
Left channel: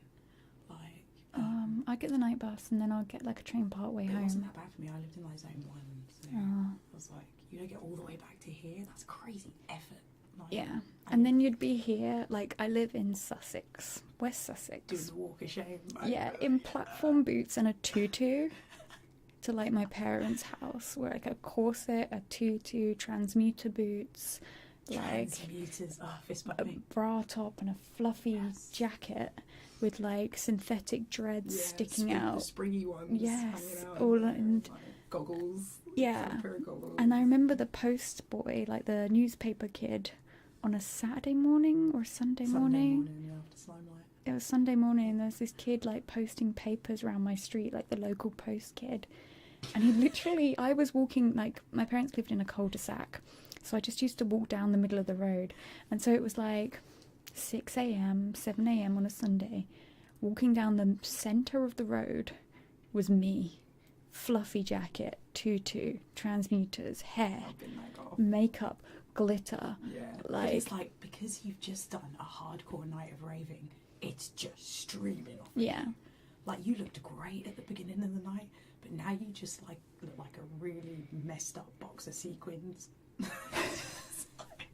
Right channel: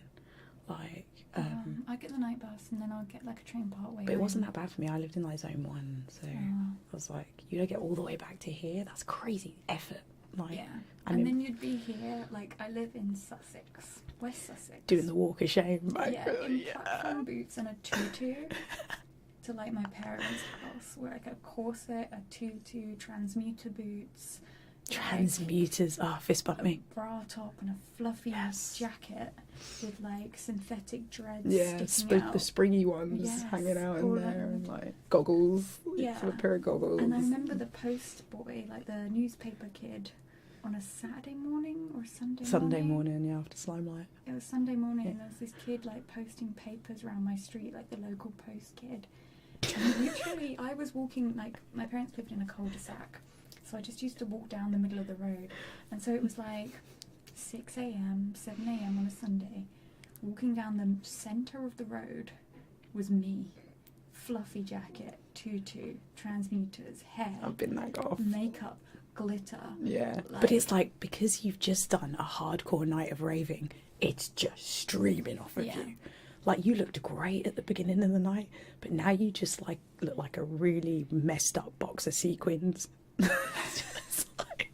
Like, I'd get the night bus and then I'd get like a train part way but it home. wasn't that bad for me. I lived in, like, zone 1, so Oh, I was like, you don't get all the way back to here? That's crazy effort. Like, yeah. I And mean- then you'd be here, like I live in Sussex, West Sussex. doing the walk of shame. Like, Yeah, in platform boots and a tutu to like my parents' house, where like a corset, a tutu, transmuter boots, like, Transmuters. Fist bump me. bra top and a fluffy Yes. jacket with like synthetic dreads Yeah, sticking out. the springy ones Yes, hanging out all in there, and, like goggles. Yeah. a pair of goggles. And I remember the post boy, like the newspaper kid, on a Saturday morning or Sunday morning, yeah, after Slimelight. It was Sunday morning, Yeah. and there was this kid like posting papers around my street, like the local post kid. And literally, I was walking, like my parents lived in a cul-de-sac, so I just used to walk down the middle of the road. And so it was like 6 a.m., 7 a.m. on a Sunday. Walking down the centre of the road was me. Fluffy jacket, tutu, transmuters, hair, I've been that goth. makeup, glitter. Yeah, but Like- it's like because you've just done a hardcore night of raving, it's just streaming off of Yeah. you. Like you looked great at the beginning of the night, but now you just like look like a really messed up box of sequins. It's like,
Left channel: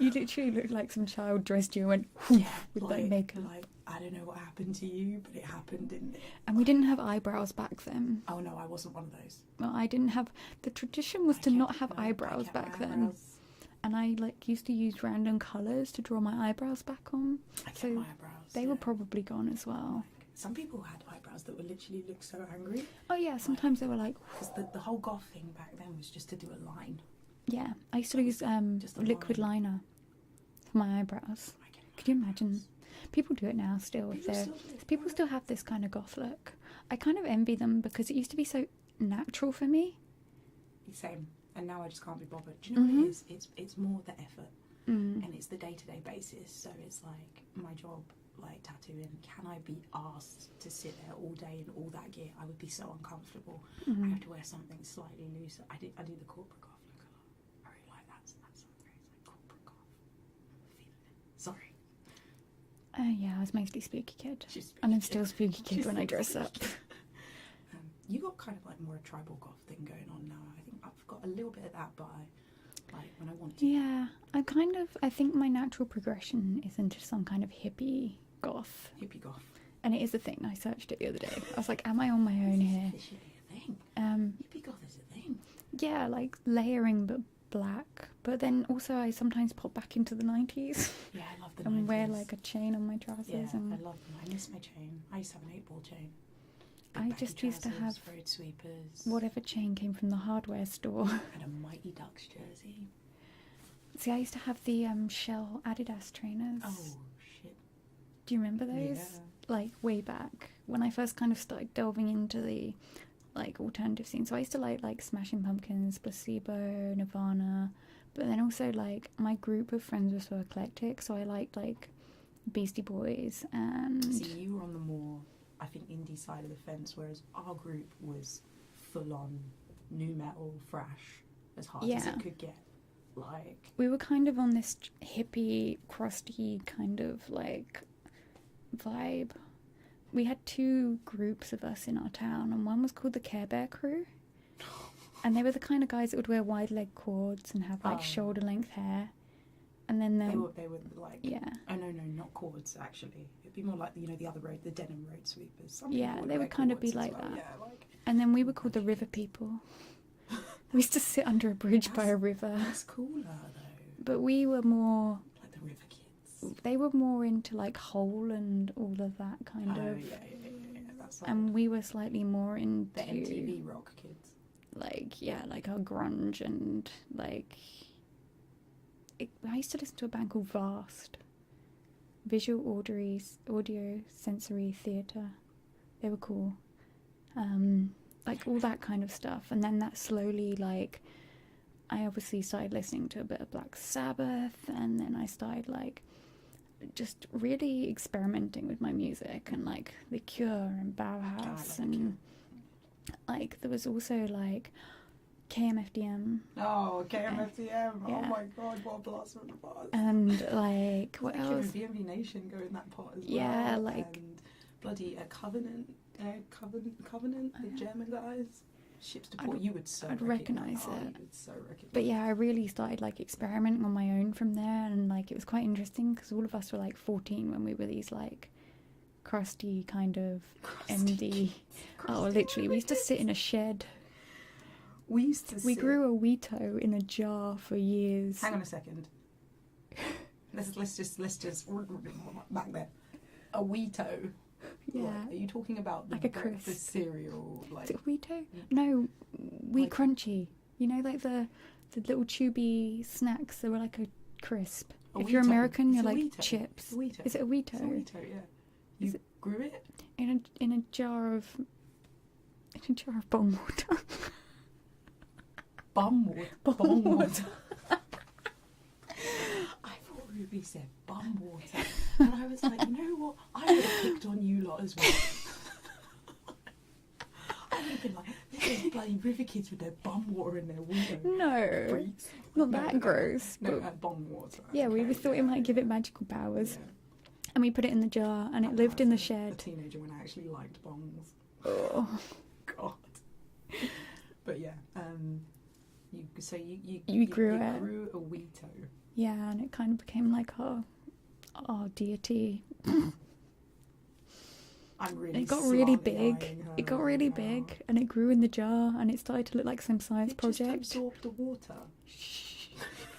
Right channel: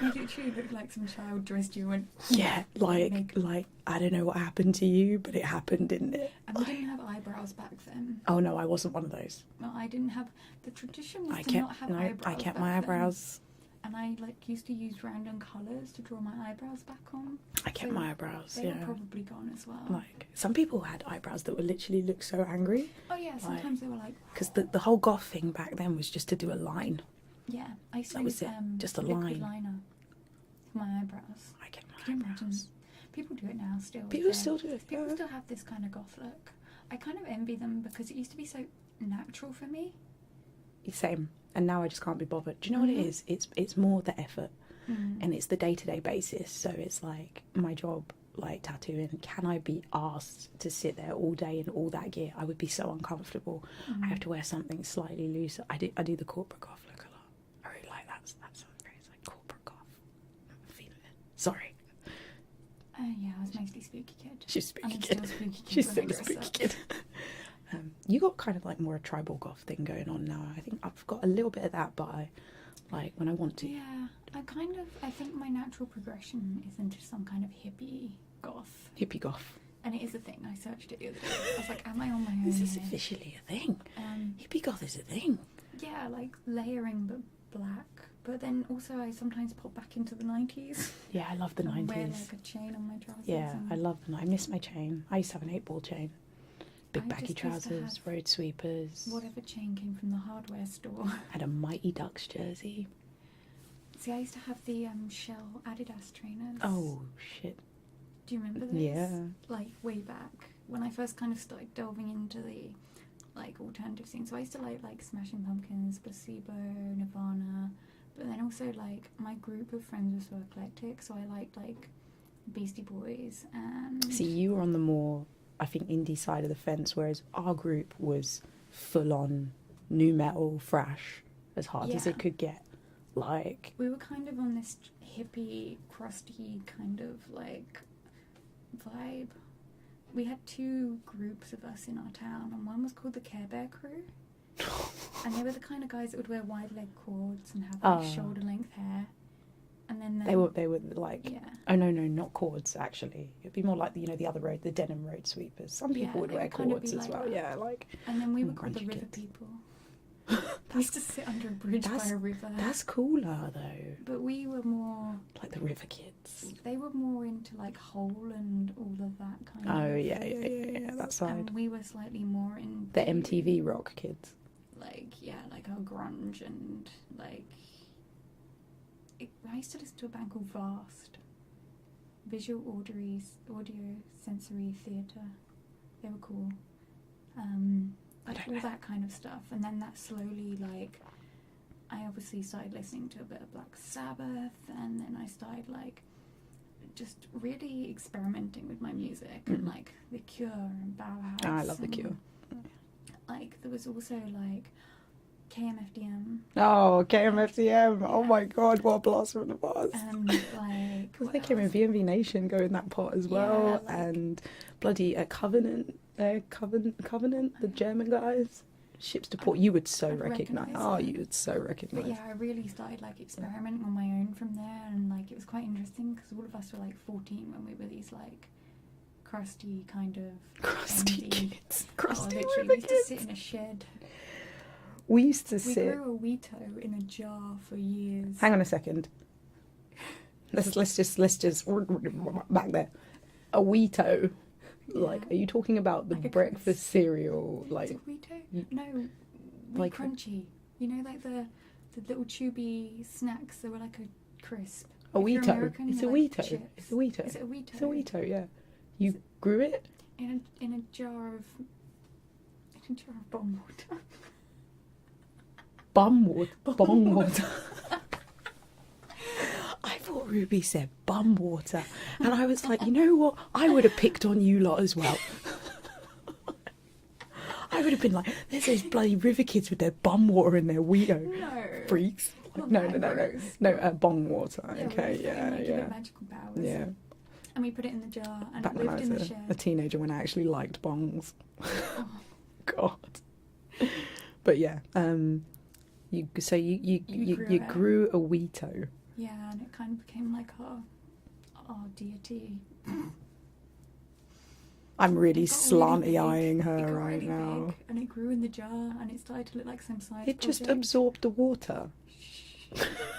You literally look like some child dressed you and went, yeah, Like like I don't know what happened to you, but it happened, didn't it? and we didn't have eyebrows back then. Oh no, I wasn't one of those. Well, I didn't have. The tradition was I to kept- not have no, eyebrows. I kept back my then. eyebrows. And I like used to use random colours to draw my eyebrows back on. I kept So my eyebrows. They yeah. were probably gone as well. Like some people had eyebrows that would literally look so angry Oh yeah, sometimes they were like, because the whole goth thing back then was just to do a line. yeah. I used to That use was it, just a liquid line. liner for my eyebrows. I kept my Could you imagine? eyebrows. People do it now still. with People their- still do it. People yeah. still have this kind of goth look. I kind of envy them because it used to be so natural for me. Same. And now I just can't be bothered. Do you know what Mhm. it is? It's more the effort Mm. and it's the day-to-day basis. So it's like my job, like tattooing. Can I be asked to sit there all day in all that gear? I would be so uncomfortable. Mm. I have to wear something slightly looser. I do the corporate goth look a lot. I really like that phrase, like corporate goth. I'm feeling it. Sorry. Yeah, I was mostly spooky kid. She's a spooky And I'm kid. still spooky kid She's when still I a dress spooky up. kid. You got kind of like more a tribal goth thing going on now. I think I've got a little bit of that, but I like when I want to. Yeah, I think my natural progression is into some kind of hippie goth. Hippie goth. And it is a thing. I searched it the other day. I was like, am I on my own This is here? officially a thing. Um, Hippie goth is a thing. yeah, like layering but black. But then also I sometimes pop back into the 90s Yeah, I love the and 90s. wear like a chain on my trousers. Yeah, and I love them. I miss my chain. I used to have an 8-ball chain. Big I baggy just used to trousers, have road sweepers. whatever chain came from the hardware store. Had a Mighty Ducks jersey. See, I used to have the Shell Adidas trainers. Oh, shit. Do you remember those? Yeah. Like way back when I first kind of started delving into the like alternative scene. So I used to like Smashing Pumpkins, Placebo, Nirvana, but then also like my group of friends was so eclectic. So I liked like Beastie Boys and See, you were on the more, I think, indie side of the fence, whereas our group was full on new metal, thrash, as hard as Yeah. it could get. Like, we were kind of on this hippie, crusty kind of like vibe. We had two groups of us in our town, and one was called the Care Bear Crew. And they were the kind of guys that would wear wide leg cords and have like Oh. shoulder length hair. And then they were like, yeah, oh no, not cords actually. It'd be more like the other road, the denim road sweepers. Some Yeah, people would they wear would kind of cords be as like well. that. Yeah, like and then we were called the Grungy River kids. People. We used to sit under a bridge by That's- a river. that's cooler though. But we were more Like the river kids. They were more into like Hole and all of that kind of. Oh yeah, that side. And we were slightly more into The MTV rock kids. Like our grunge and like. I used to listen to a band called Vast. Visual audio sensory theatre. They were cool. Like all that kind of stuff, and then that slowly like. I obviously started listening to a bit of Black Sabbath, and then I started like just really experimenting with my music and like The Cure and Bauhaus. Oh, I love The Cure. Like there was also like KMFDM. Oh, KMFDM! Yeah. Oh my God, what a blast from the past! And like what there else? came a VMV Nation go in that pot as well, Yeah, like, and bloody Covenant, the German guys. Ships to Port, you would so recognise. Oh, you would so recognise. But yeah, I really started like experimenting on my own from there, and like it was quite interesting because all of us were like 14 when we were these like crusty kind of Crusty indie. kids. Literally, we used to sit in a shed. We grew a Weeto in a jar for years. Hang on a second. Let's just back there. A Weeto. Yeah. Like, are you talking about the Like a breakfast crisp. cereal? Like, Is it Weeto? No, Wheat like- Crunchy. You know, like the little chewy snacks that were like a crisp. a If Weeto. you're American, It's you're a like Weeto. chips. It's a Weeto. Is it a Weeto? It's a Weeto. Yeah. You grew it. In a jar of bong water. Bum water. Bong water. I thought Ruby said bum water, and I was like, you know what? I would have picked on you lot as well. I would have been like, there's those bloody river kids with their bum water in their Weedo. No. Freaks. Not No, that no, gross. No, bong water. Yeah, okay, we thought it might give it magical powers. Yeah. And we put it in the jar, and Back it when lived I in the was a shed. teenager when I actually liked bongs. God. But yeah, you grew a Weeto. Yeah, and it kind of became like our deity. I'm really It got slanty really eyeing big. her. It got right really now. big, and it grew in the jar, and it started to look like some science It project. just absorbed the water.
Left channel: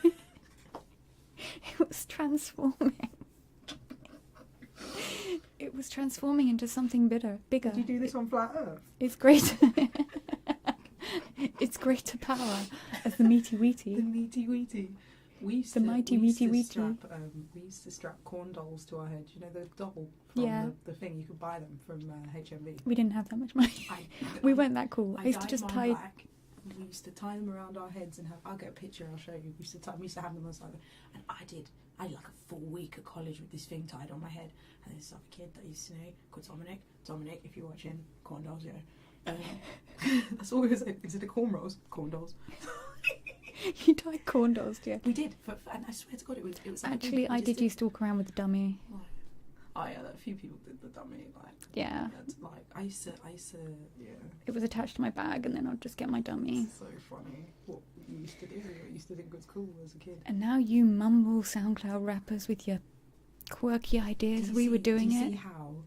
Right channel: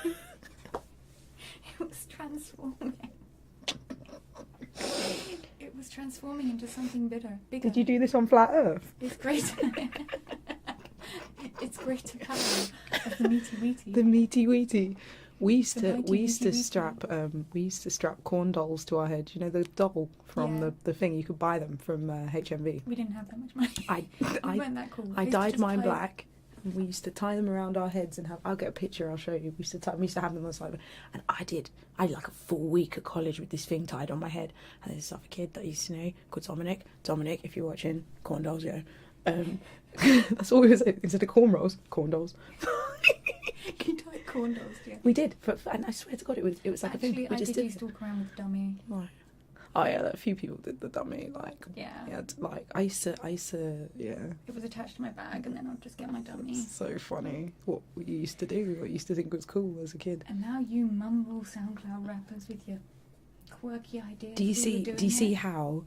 It was transforming. It was transforming into something bigger. Did you do this on flat Earth? It's greater. It's greater power as the meaty weety. The meaty weety. We used The mighty to meaty strap corn dolls to our head. You know the doll from Yeah. the thing. You could buy them from HMV. We didn't have that much money. We weren't that cool. I used to dyed just mine tie- black. We used to tie them around our heads and have. I'll get a picture. I'll show you. We used to have them on the side. And I had like a full week at college with this thing tied on my head. And there's this other kid that I used to know called Dominic. Dominic, if you're watching, corn dolls, yeah. That's all we was. Instead of cornrows, corn dolls. You tied corn dolls, yeah. We did, and I swear to God, it was like Actually, I did used to walk around with a dummy. Like, oh yeah, a few people did the dummy. Like, Yeah. like I used to, yeah. It was attached to my bag, and then I'd just get my dummy. It's so funny what you used to do, what you used to think was cool as a kid. And now you mumble SoundCloud rappers with your quirky ideas. Do you see it. how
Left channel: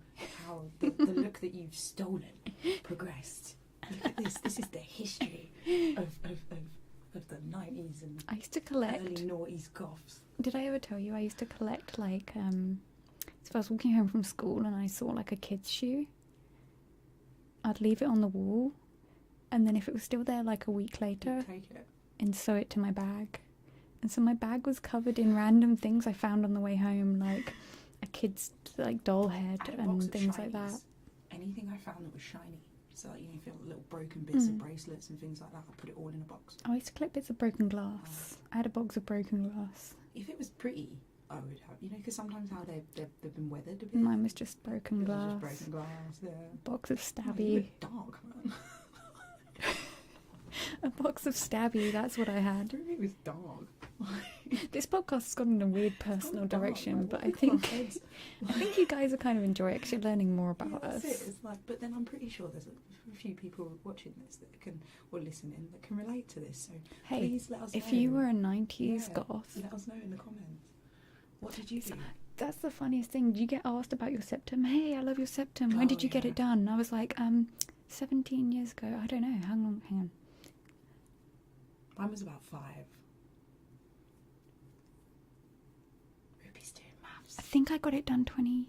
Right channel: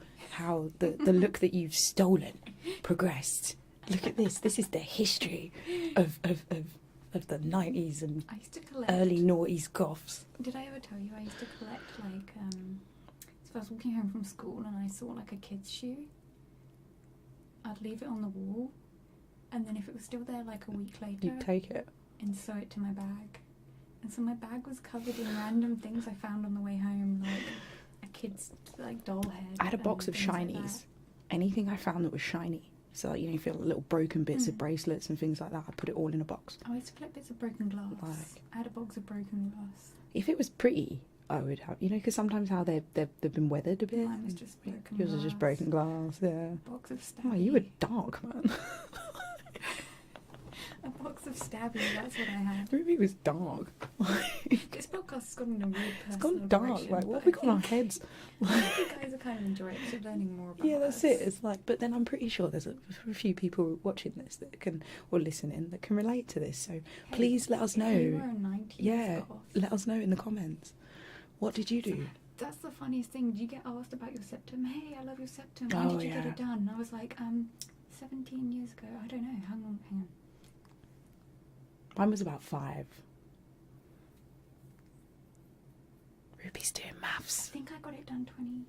the look that you've stolen progressed? Look at this. This is the history of the 90s and I used to collect. early noughties goths. Did I ever tell you I used to collect like so I was walking home from school and I saw like a kid's shoe. I'd leave it on the wall, and then if it was still there like a week later, You'd take it. and sew it to my bag. And so my bag was covered in random things I found on the way home, like a kid's like doll head. I had a box and of things like shinies. Anything I found that was shiny. So like, you feel little broken bits of bracelets and things like that. I put it all in a box. I used to collect bits of broken glass. I had a box of broken glass. If it was pretty, I would have, because sometimes how they've been weathered a bit. Mine was just broken Yours glass. was just broken glass, yeah. Box of stabby. Oh, you were dark, man. A box of stabby, that's what I had. Ruby was dark. This podcast has gone in a weird It's personal gone dark, direction, like, but what I we call our think, heads. I think you guys are kind of enjoy it because you're learning more about Yeah, us. that's it. It's like, but then I'm pretty sure there's a few people watching this that can, or listening, that can relate to this. So Hey, please let us know. If you were a 90s Yeah, goth, let us know in the comments. What did you do? that's the funniest thing. You get asked about your septum. Hey, I love your septum. When Oh, did you get yeah. it done? And I was like, 17 years ago. I don't know. Hang on. Mine was about 5. Ruby's doing Maths. I think I got it done 20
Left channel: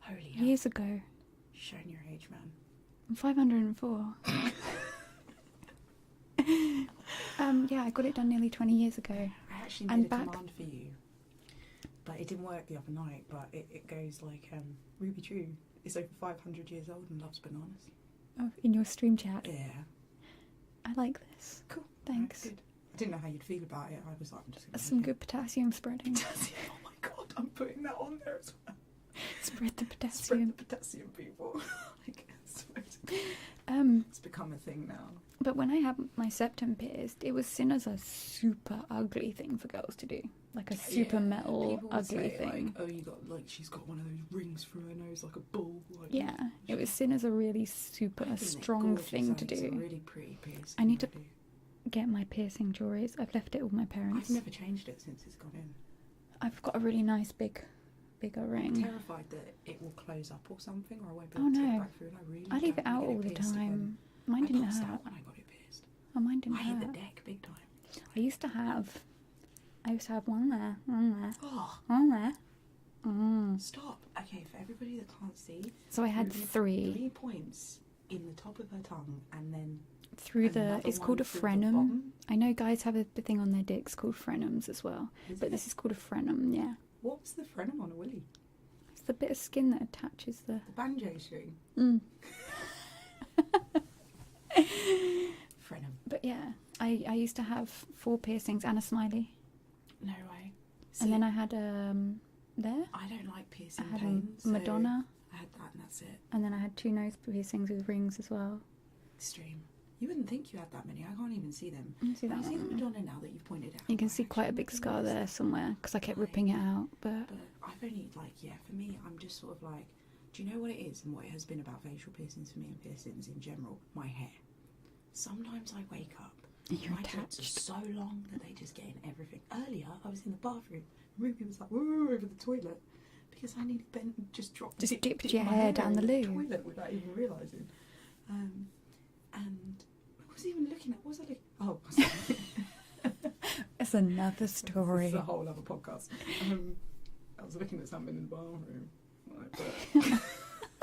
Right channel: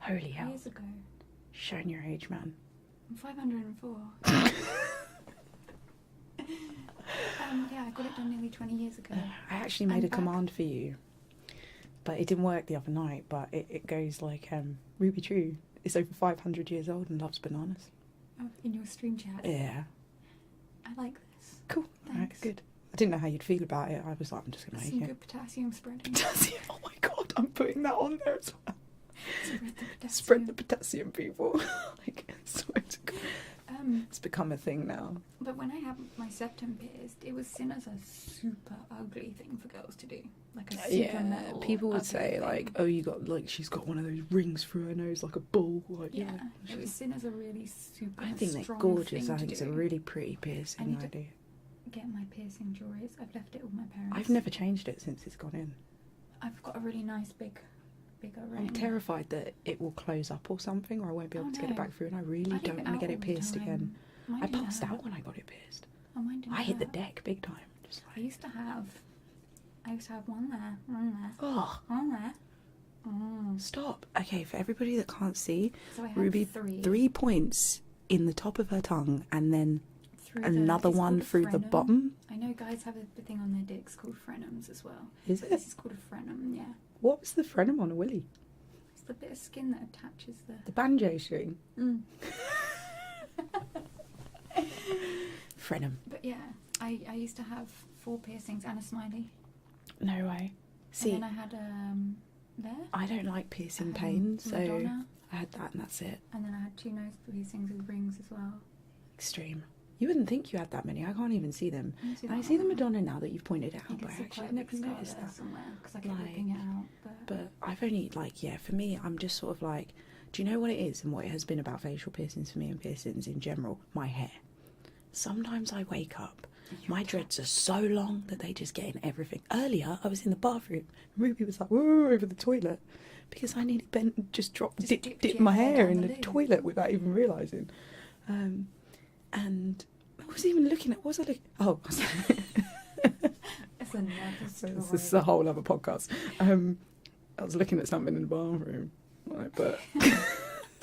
Holy hell. years ago. Showing your age, man. I'm 504. Yeah, I got it done nearly 20 years ago. I actually made a command for you, but it didn't work the other night. But it goes like, Ruby True is over 500 years old and loves bananas. Oh, in your stream chat. Yeah. I like this. Cool. Thanks. Right, good. I didn't know how you'd feel about it. I was like, I'm just going to That's make some it. good potassium spreading. Potassium. Oh my god, I'm putting that on there as well. Spread the potassium. Spread the potassium, people. Like, I swear to God. It's become a thing now. But when I had my septum pierced, it was seen as a super ugly thing for girls to do. Like a super metal. People would ugly say, thing. like, oh, you got, like, she's got one of those rings through her nose like a bull. Like, Yeah, it was seen as a really super I think strong they're gorgeous. thing I to think do. it's a really pretty piercing. I need to idea. get my piercing jewelry. I've left it with my parents. I've never changed it since it's gone in. I've got a really nice bigger ring. I'm terrified that it will close up or something, or I won't be able Oh, to get it no. back through, and I really I leave don't it want out to get all it the pierced time. again. Mine I didn't passed hurt. out when I got it pierced. Oh, mine didn't I hit the hurt. deck big time. Just I like, used to have one there, oh, one there. stop. Okay, for everybody that can't see, So I had Ruby, three 3 points in the top of her tongue, and then through another it's one called a through the frenum. bottom. I know guys have a thing on their dicks called frenums as well, Is but it? this is called a frenum. Yeah, What was the frenum on a willy? it's the bit of skin that attaches the. The banjo string. Frenum. But yeah, I used to have 4 piercings and a smiley, No way. See, and then I had there. I don't like piercing I had pain, a so Madonna, I had that and that's it. and then I had 2 nose piercings with rings as well. Extreme. You wouldn't think you had that many. I can't even see them. Let me see I that see the one. Madonna now that you've pointed out. You can but I see quite a actually big never scar noticed there that. somewhere because I kept Like- ripping it out. But But I've only, like, yeah, for me, I'm just sort of like, do you know what it is and what it has been about facial piercings for me and piercings in general? My hair. Sometimes I wake up, my dreads are so long that they just get in everything. Earlier, I was in the bathroom, Ruby was like, whoa, over the toilet, because I nearly dipped your my hair hair down in the the loo. toilet without even realising. And I was even looking at, what was I looking? Oh, it's another this story. is a whole other podcast. I was looking at something in the bathroom, like, but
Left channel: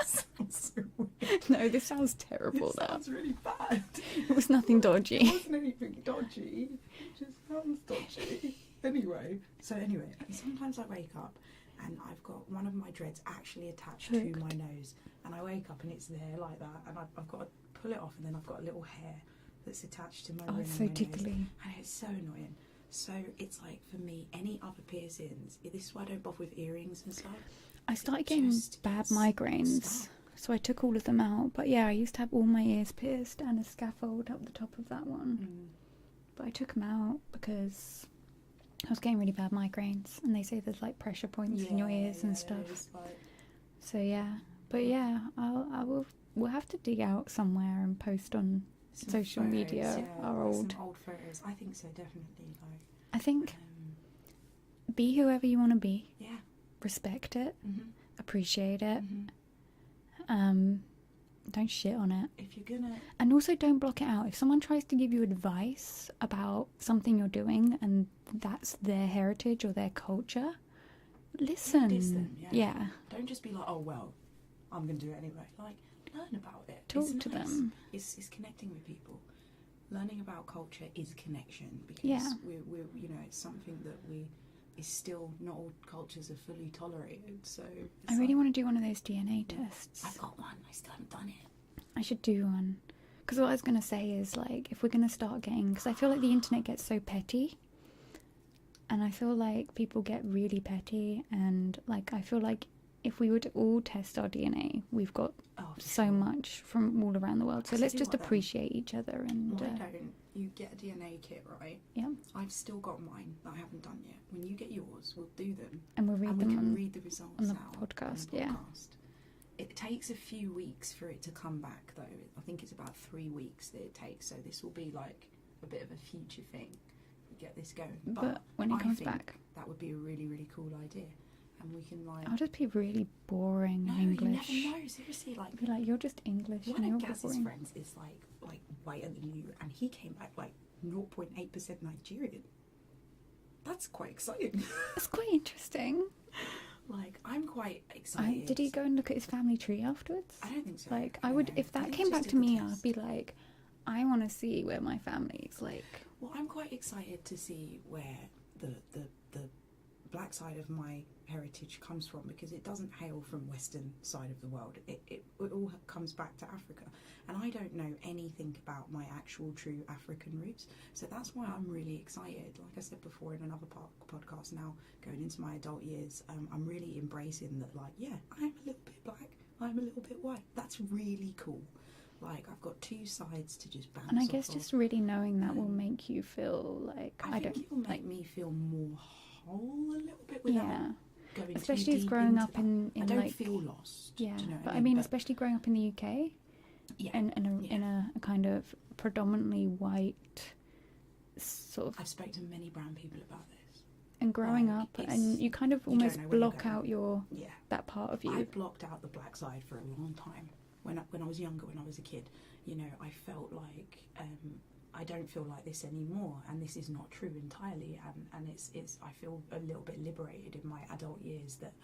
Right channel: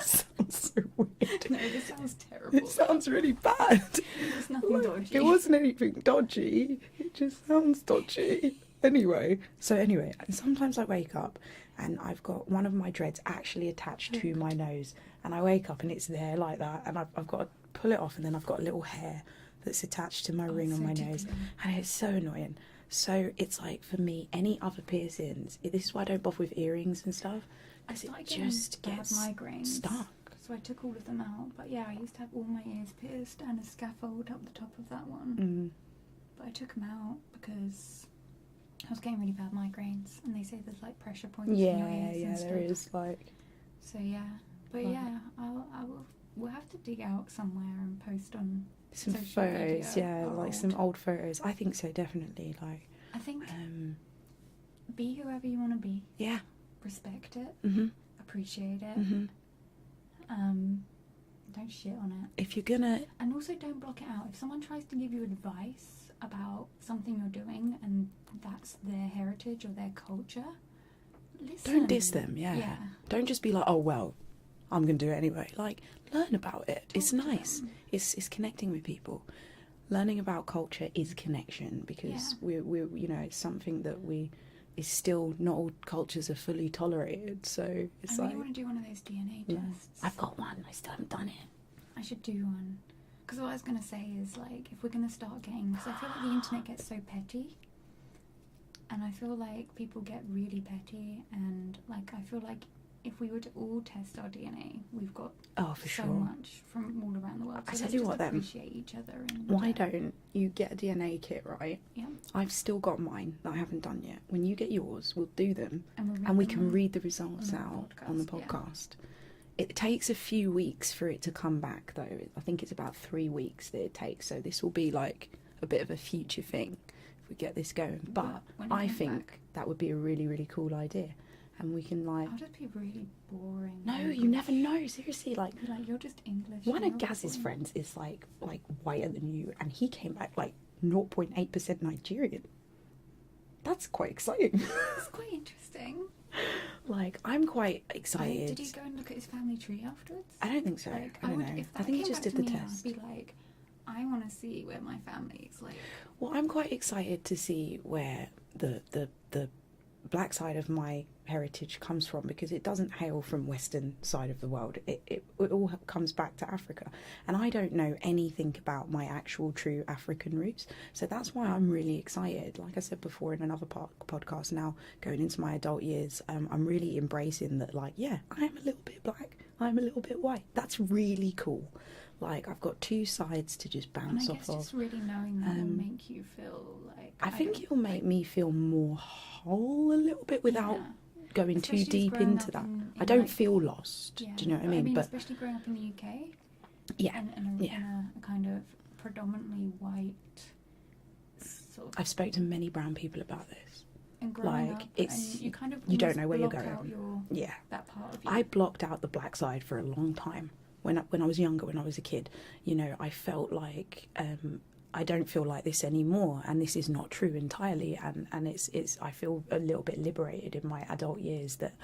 sounds so weird. No, this sounds terrible. It sounds really bad. It was nothing dodgy. It wasn't anything dodgy. It just sounds dodgy. Anyway, and sometimes I wake up and I've got one of my dreads actually attached to my nose, and I wake up and it's there like that, and I've got to pull it off, and then I've got a little hair that's attached to my ring on so my nose, tickly. and it's so annoying. So it's like, for me, any other piercings, this is why I don't bother with earrings and stuff. I started it getting just bad gets migraines, stuck. so I took all of them out. But yeah, I used to have all my ears pierced and a scaffold up the top of that one. But I took them out because I was getting really bad migraines, and they say there's like pressure points in your ears and stuff. There is, like, So yeah, but yeah, we'll have to dig out somewhere and post on some social photos, media. yeah, are like some old. old photos. I think so, definitely. Like, I think be whoever you want to be. yeah, Respect it, mm-hmm. appreciate it. Mm-hmm. Don't shit on it. If you're gonna, And also don't block it out. If someone tries to give you advice about something you're doing and that's their heritage or their culture, listen. don't diss them. Yeah, Yeah. Don't just be like, oh well, I'm gonna do it anyway. Like, learn about it. It's Talk to nice. them. It's connecting with people. Learning about culture is connection, because Yeah. we're you know, it's something that is still, not all cultures are fully tolerated. So it's I really like, want to do one of those DNA yeah. tests. I've got one. I still haven't done it. I should do one. Because what I was going to say is, like, if we're going to start getting... Because I feel like the internet gets so petty. And I feel like people get really petty. And, like, I feel like if we were to all test our DNA, we've got Oh, for so sure. much from all around the world. I So tell let's you just what then. appreciate each other. And Why don't you get a DNA kit, right? Yeah. I've still got mine that I haven't done yet. When you get yours, we'll do them, And we can read the results the out on the podcast, yeah. podcast. It takes a few weeks for it to come back, though. I think it's about 3 weeks that it takes. So this will be like a bit of a future thing if we get this going. But when it I comes think back, that would be a really, really cool idea. And we can, like... I'll just be really boring. No, English. you never know. Seriously, like... Be like, you're just English. One and of you're Gaz's boring. friends is like whiter than you, and he came back like 0.8% Nigerian. that's quite exciting. It's quite interesting. Like, I'm quite excited. Did he go and look at his family tree afterwards? I don't think so. Like, I would, know. if I that think he came just back to did the me, test. I'd be like, I want to see where my family's like. Well, I'm quite excited to see where the black side of my heritage comes from, because it doesn't hail from western side of the world. It all comes back to Africa, and I don't know anything about my actual true African roots, so that's why I'm really excited. Like I said before in another podcast, now going into my adult years, I'm really embracing that, like, yeah, I am a little bit black, I'm a little bit white. That's really cool. Like, I've got two sides to just bounce off of. And I guess just really knowing that will make you feel like... I think it'll make me feel more whole a little bit without going especially too deep into that. I don't feel lost. Yeah. Do you know what I mean? I mean, especially growing up in the UK. Yeah. And in a kind of predominantly white sort of... I've spoken to many brown people about this. And growing up, and you kind of almost don't know where block you're going. out that part of you. I blocked out the black side for a long time. When I was younger, when I was a kid, you know, I felt like I don't feel like this anymore, and this is not true entirely. And it's I feel a little bit liberated in my adult years that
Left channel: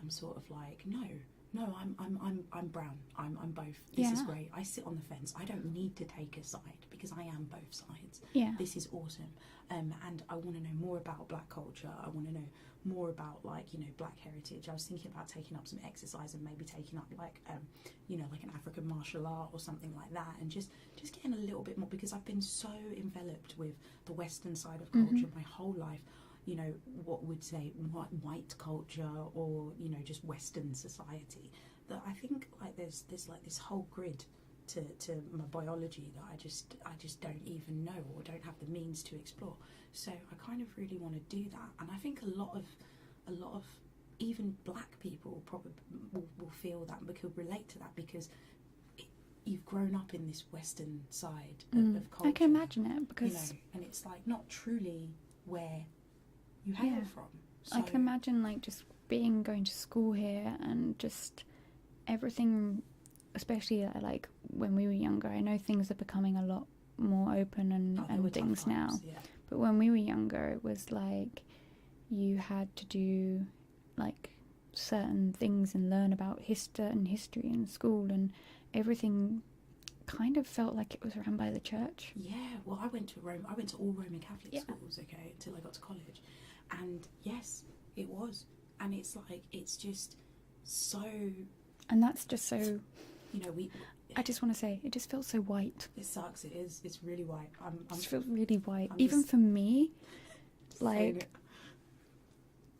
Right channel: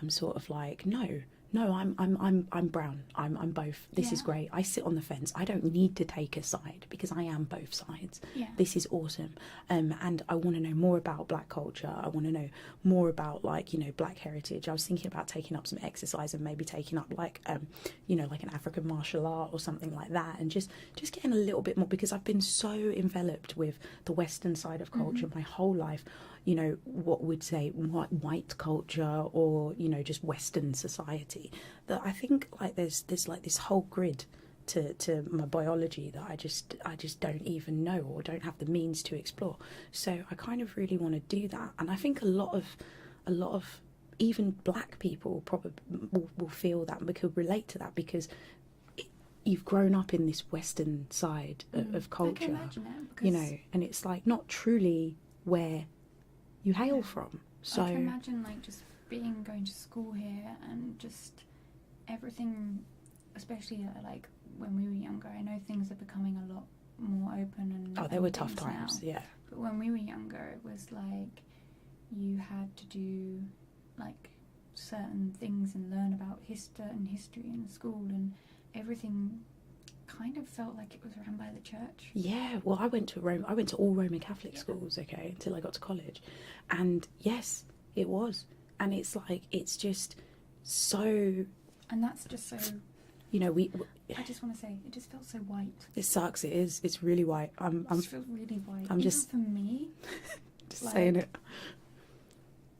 I'm sort of like, no, I'm brown. I'm both. This is great. I sit on the fence. I don't need to take a side because I am both sides. Yeah. This is awesome. And I want to know more about black culture. I want to know more about, like, you know, black heritage. I was thinking about taking up some exercise and maybe taking up like you know, like an African martial art or something like that, and just getting a little bit more, because I've been so enveloped with the Western side of culture my whole life. You know, what would say white culture, or, you know, just Western society, that I think, like, there's like this whole grid to my biology that I just don't even know, or don't have the means to explore. So I kind of really want to do that, and I think a lot of even black people probably will feel that and could relate to that, because you've grown up in this Western side of culture. I can imagine it, because, you know, and it's like not truly where you hail from. So I can imagine, like, just going to school here and just everything, especially like when we were younger. I know things are becoming a lot more open and there were tough times now. Yeah, but when we were younger, it was like you had to do like certain things and learn about history in school, and everything kind of felt like it was run by the church. Yeah, well, I went to all Roman Catholic schools, okay, until I got to college, and yes, it was, and it's like, it's just so, and that's just so, you know, I just want to say, it just feels so white. It sucks. It's really white. It just feels really white. I'm even just, for me, just like, saying it.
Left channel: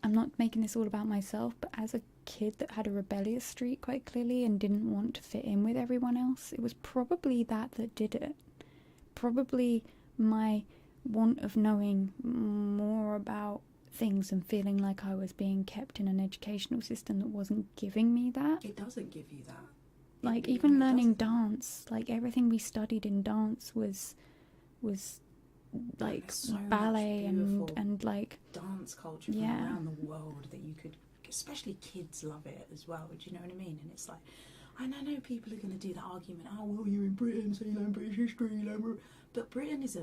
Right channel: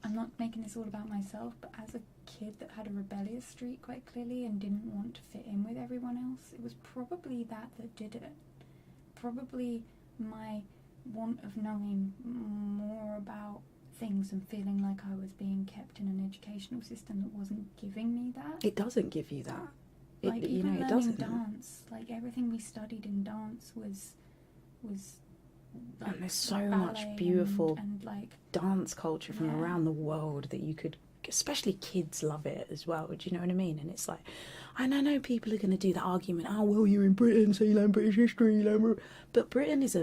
I'm not making this all about myself, but as a kid that had a rebellious streak quite clearly and didn't want to fit in with everyone else, it was probably that did it. Probably my want of knowing more about things and feeling like I was being kept in an educational system that wasn't giving me that. It doesn't give you that. Like, even learning dance, like everything we studied in dance was like so ballet much beautiful and like dance culture from around the world that you could, especially kids love it as well. Do you know what I mean? And it's like, and I know people are going to do the argument, oh well, you're in Britain, so you learn British history, but Britain is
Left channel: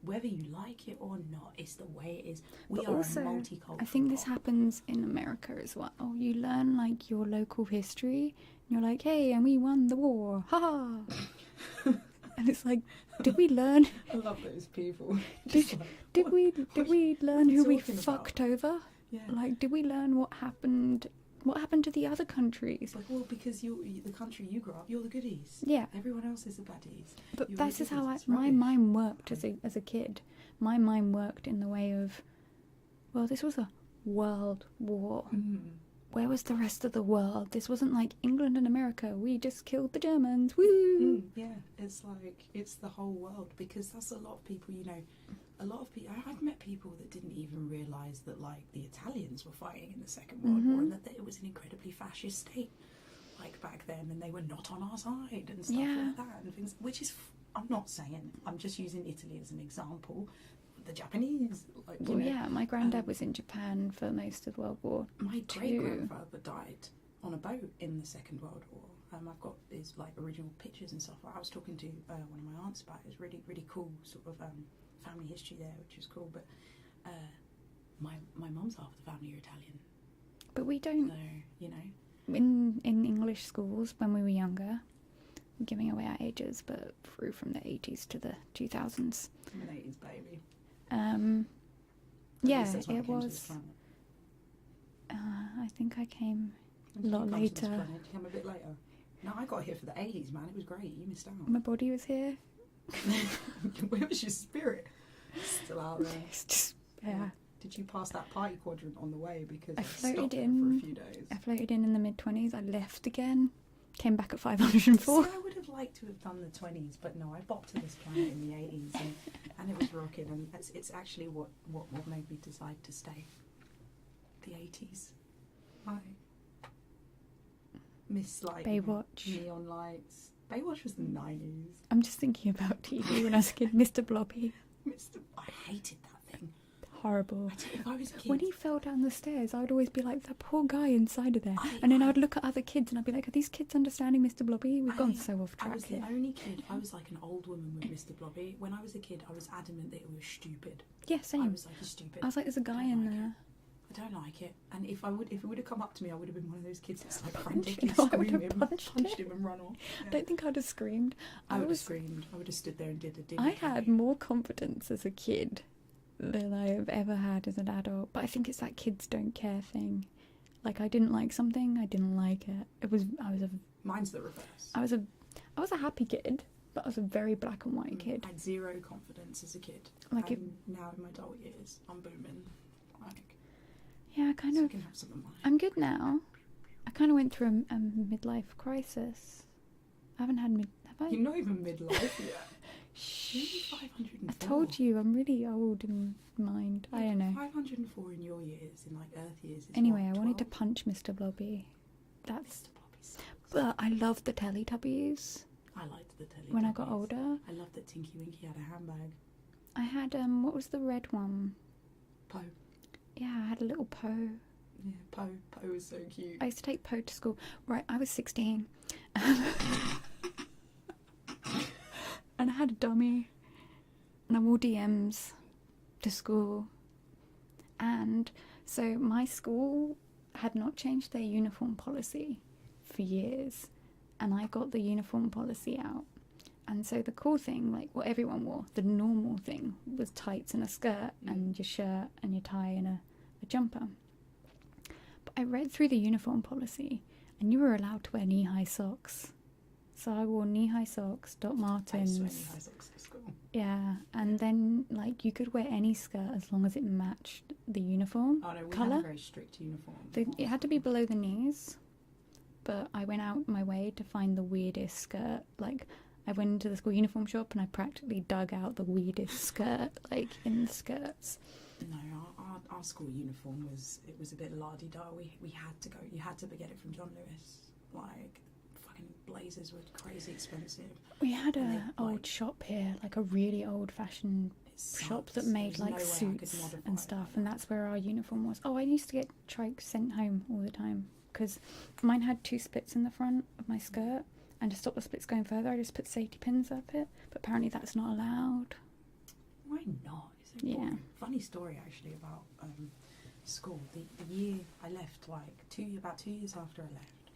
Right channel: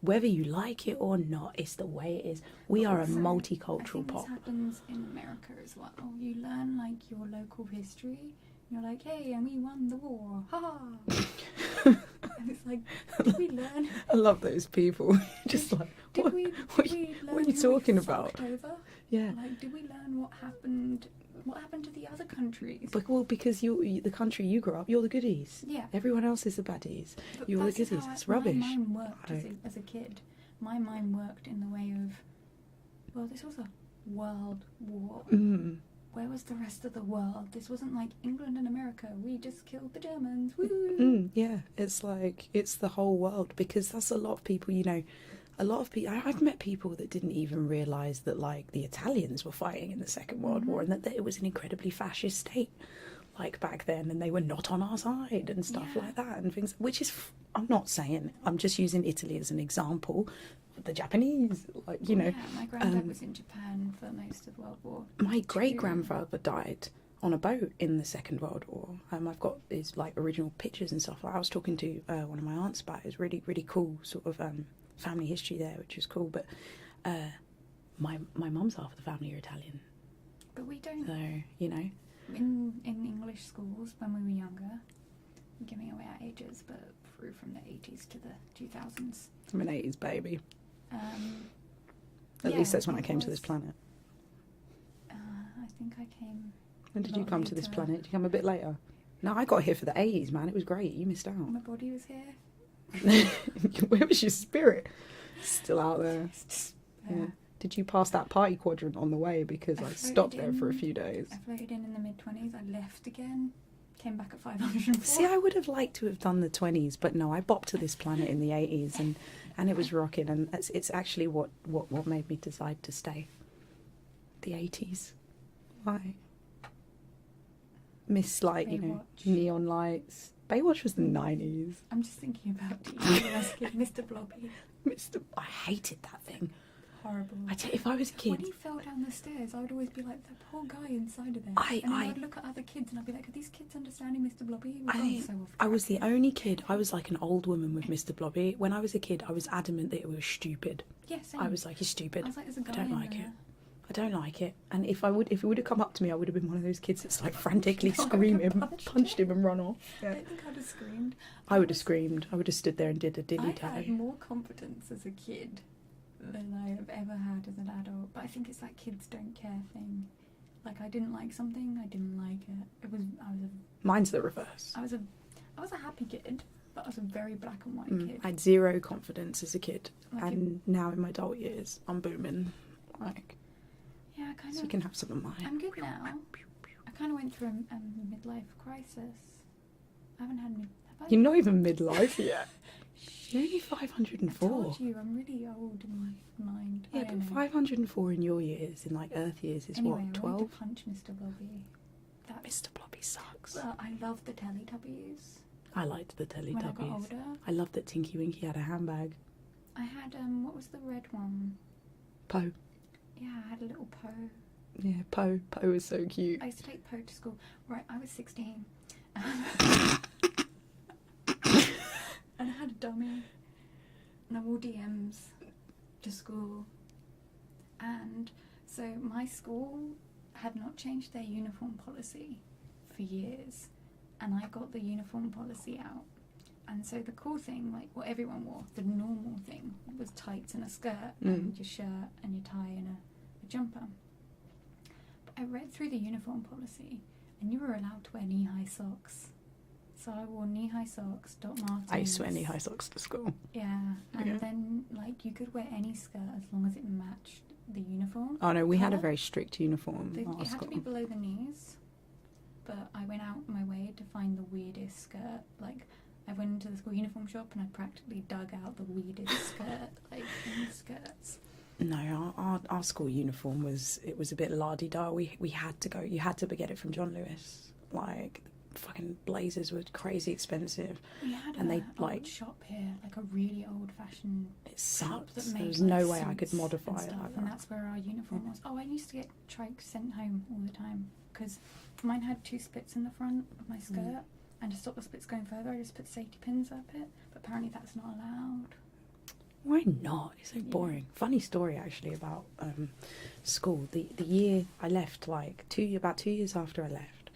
whether you like it or not, it's the way it is. We are also a multicultural. I think this happens in America as well. You learn like your local history, and you're like, hey, and we won the war, ha. And it's like, did we learn? I love those people. Just did we learn who we fucked over? Yeah. Like, did we learn what happened? What happened to the other countries? Because the country you grew up, you're the goodies. Yeah. Everyone else is the baddies. But you're that's the goodies. How it's rubbish. My mind worked as a kid. My mind worked in the way of, well, this was a world war. Where was the rest of the world? This wasn't like England and America. We just killed the Germans. Woo! Yeah, it's like, it's the whole world, because that's a lot of people, you know, a lot of people, I've met people that didn't even realise that, like, the Italians were fighting in the Second World War, and that it was an incredibly fascist state, like, back then, and they were not on our side and stuff like that, and things, which is, I'm not saying, I'm just using Italy as an example. The Japanese, like, you know. Yeah, my granddad was in Japan for most of World War. My great-grandfather died on a boat in the Second World War. I've got his, like, original pictures and stuff. Like, I was talking to one of my aunts about it. It's really, really cool sort of family history there, which is cool. But my mum's half of the family are Italian, But we don't. so you know. In English schools, when we were younger, giving away our ages, but through from the 80s to the 2000s. I'm an 80s baby. At Yeah, least that's when I it came to was- this planet. I think I came. When did you lot come to this later. planet? Did you come a bit later? No, I got here for the 80s, man. It was great. You missed out. My body was here. Where was your spirit? Still out there. It's just Yeah. Did you pass that party quadrant on the way? Because I I stopped there floated for a in. few days. I floated in the mid-20s. I left again. Came back at 504. See, I would have liked to have done the 20s, but no, I bopped to this planet in the 80s, and it was rocking, and it's actually what made me decide to stay. The 80s. Why? Miss, like, you know, Baywatch. neon lights. Baywatch was the 90s. I'm just thinking about TV when I was a kid. Mr. Blobby. I hated that thing. Horrible. I tell you, if I was a kid... When he fell down the stairs, I would always be like, the poor guy inside of there. I would look at other kids and I'd be like, are these kids understanding Mr. Blobby? We've gone so off track. I was the here. only kid. I was like an old woman with Mr. Blobby. When I was a kid, I was adamant that it was stupid. Yeah, same. I was like, you're stupid. I was like, there's a guy don't in like there. it. I don't like it. And if it would have come up to me, I would have been one of those kids that's like frantically No, I would have screaming, punched punched him and run off. I Yeah. don't think I'd have screamed. I would have screamed. I would have stood there and did a dilly I tally. had more confidence as a kid than I have ever had as an adult. But I think it's that kids don't care thing. Like, I didn't like something, I didn't like it. Mine's the reverse. I was a happy kid, but I was a very black and white kid. I had zero confidence as a kid, Like and now in my adult years, I'm booming. Like, Yeah, kind so of. you can have some of mine. I'm good now. I kind of went through a midlife crisis. I haven't had have I? You're not even midlife yet. You're only 504. I told you, I'm really old in mind. Yeah, I but don't know. 504 in your years, in like Earth years, is Anyway, what, I 12? wanted to punch Mr. Blobby. That's. Mr. Blobby sucks. But I loved the Teletubbies I liked the Teletubbies. when I got older. I loved that Tinky Winky had a handbag. I had what was the red one? Poe. Yeah, I had a little Poe. Yeah, Poe. Poe was so cute. I used to take Poe to school. Right, I was 16. And I had a dummy. And I wore DMs to school. And so my school had not changed their uniform policy for years. And I got the uniform policy out. And so the cool thing, like what everyone wore, the normal thing, was tights and a skirt and your shirt and your tie and a jumper. But I read through the uniform policy and you were allowed to wear knee-high socks. So I wore knee-high socks, Doc Martens. I used to wear knee-high socks to school. Yeah, and then like you could wear any skirt as long as it matched the uniform. Oh no, we had a colour. very strict uniform. at our It had to be school. below the knees, but I went out my way to find the weirdest skirt. Like, I went into the school uniform shop and I practically dug out the weirdest skirt, like in skirts. No, our school uniform was a bit la-di-da. We had to go. You had to get it from John Lewis. Like, fucking blazers were crazy expensive. We had And they, old like- shop here, like a really old-fashioned It shop sucked. that There made was like no way I could suits modify and it stuff, like and that. that's where our uniform was. Oh, I used to get trikes sent home all the time because mine had 2 splits in the front of my skirt, and to stop the splits going further, I just put safety pins up it. But apparently that's not allowed. Why not? It's so Yeah. boring. Funny story actually about school. The year I left, like about 2 years after I left,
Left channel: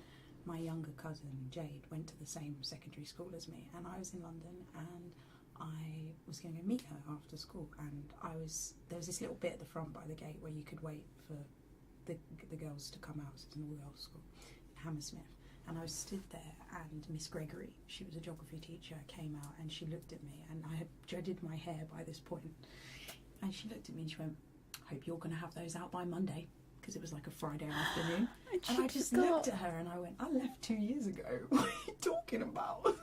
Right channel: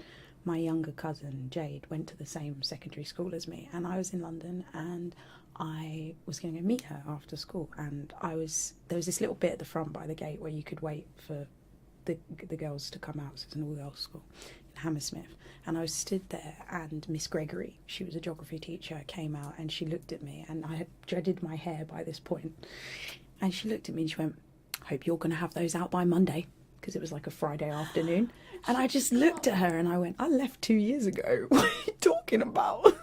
my younger cousin Jade went to the same secondary school as me, and I was in London, and I was going to go meet her after school, and there was this little bit at the front by the gate where you could wait for the girls to come out. So it's an all-girls school in Hammersmith, and I was stood there, and Miss Gregory, she was a geography teacher, came out, and she looked at me, and I had dreaded my hair by this point, and she looked at me and she went, "Hope you're going to have those out by Monday," because it was like a Friday afternoon. And I just looked at her and I went, "I left 2 years ago. What are you talking about?"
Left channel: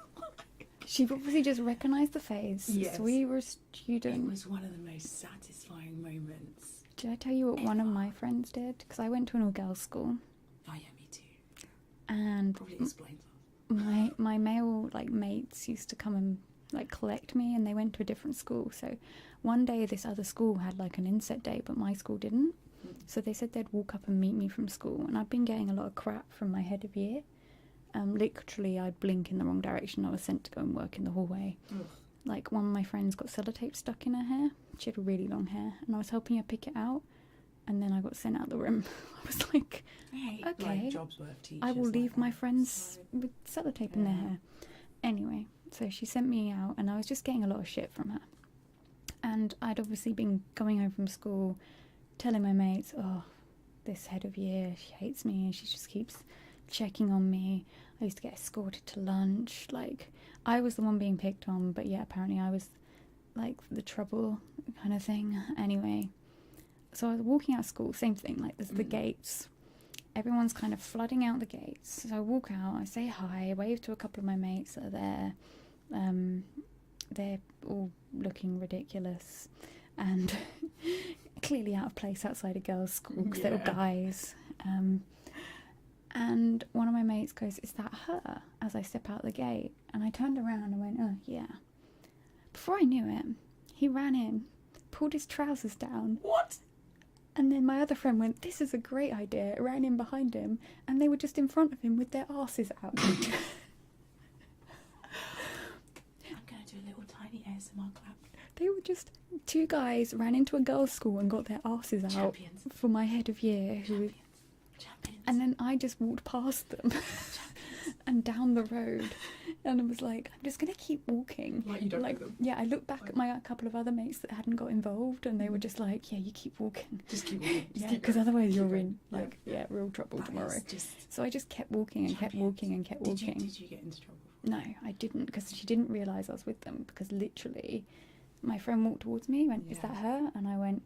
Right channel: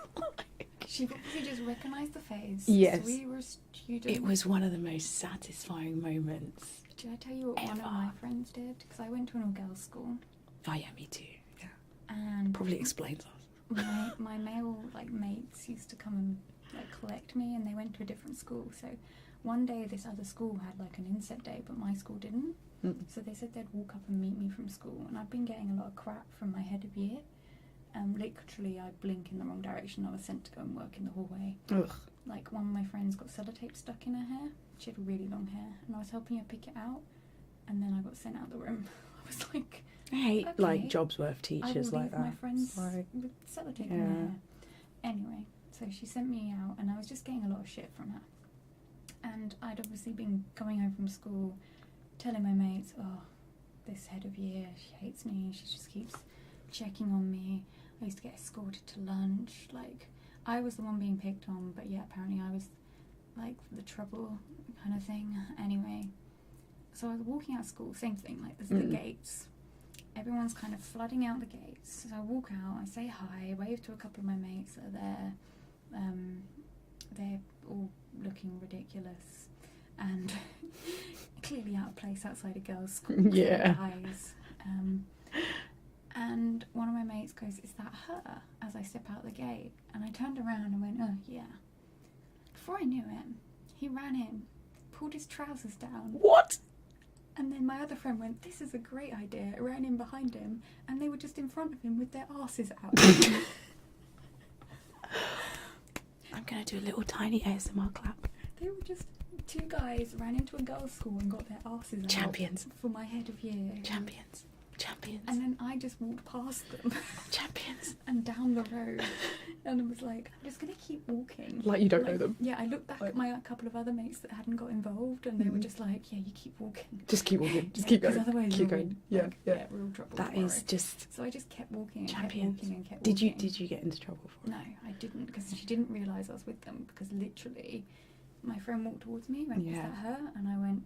She obviously just recognised the face. Yes. So we were students. It was one of the most satisfying moments. Did I tell you what one of my friends did? Because I went to an all-girls school, Oh yeah, me too. Yeah. and Probably explains us. my male like mates used to come and like collect me, and they went to a different school. So one day this other school had like an inset day, but my school didn't. So they said they'd walk up and meet me from school, and I'd been getting a lot of crap from my head of year. Literally, I'd blink in the wrong direction, I was sent to go and work in the hallway. Ugh. Like, one of my friends got sellotape stuck in her hair. She had really long hair, and I was helping her pick it out, and then I got sent out the room. I was like, I hate okay, like jobs worth teachers. I will like leave that. my friends Like, with sellotape in their hair. Anyway, so she sent me out, and I was just getting a lot of shit from her. And I'd obviously been going home from school, telling my mates, oh, this head of year, she hates me, she just keeps checking on me. I used to get escorted to lunch. Like, I was the one being picked on, but yeah, apparently I was like the trouble kind of thing. Anyway, so I was walking out of school, same thing, like there's the gates. Everyone's kind of flooding out the gates. So I walk out, I say hi, wave to a couple of my mates that are there. They're all looking ridiculous and clearly out of place outside a girls' school because they're guys. And one of my mates goes, is that her? As I step out the gate. And I turned around and went, oh, yeah. Before I knew it, he ran in, pulled his trousers down. What? And then my other friend went, this is a great idea, ran in behind him, and they were just in front of him with their arses out. I'm going to do a little tiny ASMR clap. They were just, two guys ran into a girls' school and got their arses out. Champions. For my head of year. Champions. And then I just walked past them. Champions. And down the road. And I was like, I'm just going to keep walking. Like you don't know them. Yeah, I looked back at my couple of other mates that hadn't got involved, and they were just like, yeah, you keep walking. Just keep walking. Just keep going. Because otherwise keep you're going. in real trouble That tomorrow. is just... So I just kept walking and Champions. kept walking and kept walking. Did you get into trouble for it? No, I didn't, because she didn't realise I was with them, because literally my friend walked towards me, went, is that her? And I went,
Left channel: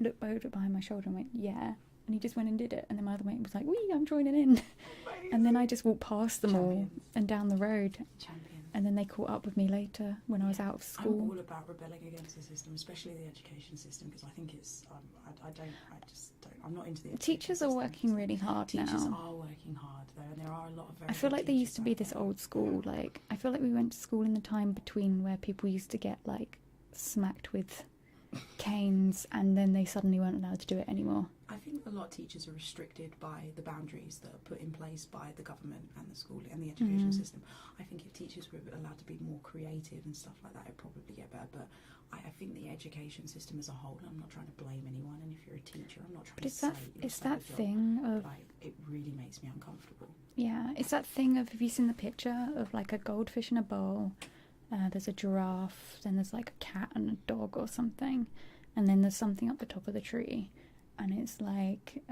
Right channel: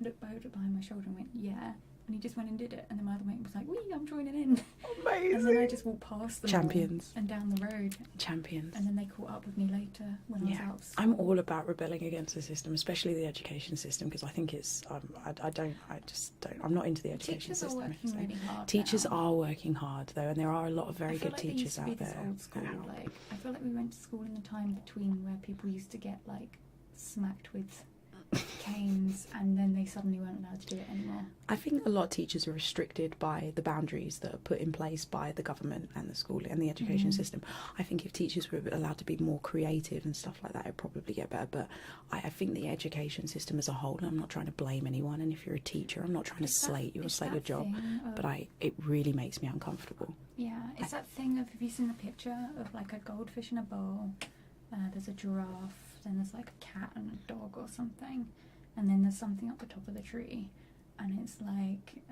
looked over behind my shoulder and went, yeah. And he just went and did it. And then my other mate was like, wee, I'm joining in. Amazing. And then I just walked past them Champions. all and down the road. Champions. And then they caught up with me later when I was out of school. I'm all about rebelling against the system, especially the education system, because I think it's, I'm not into the education Teachers system. are working really hard Teachers now. are working hard, though, and there are a lot of very good teachers out there. I feel like there used to be this old school, like, I feel like we went to school in the time between where people used to get, like, smacked with canes, and then they suddenly weren't allowed to do it anymore. I think a lot of teachers are restricted by the boundaries that are put in place by the government and the school and the education system. I think if teachers were allowed to be more creative and stuff like that, it'd probably get better. But I think the education system as a whole, and I'm not trying to blame anyone, and if you're a teacher, I'm not trying to slate you or slate your job, but it really makes me uncomfortable. Yeah, it's that thing of, have you seen the picture of like a goldfish in a bowl? There's a giraffe, then there's like a cat and a dog or something, and then there's something up the top of the tree, and it's like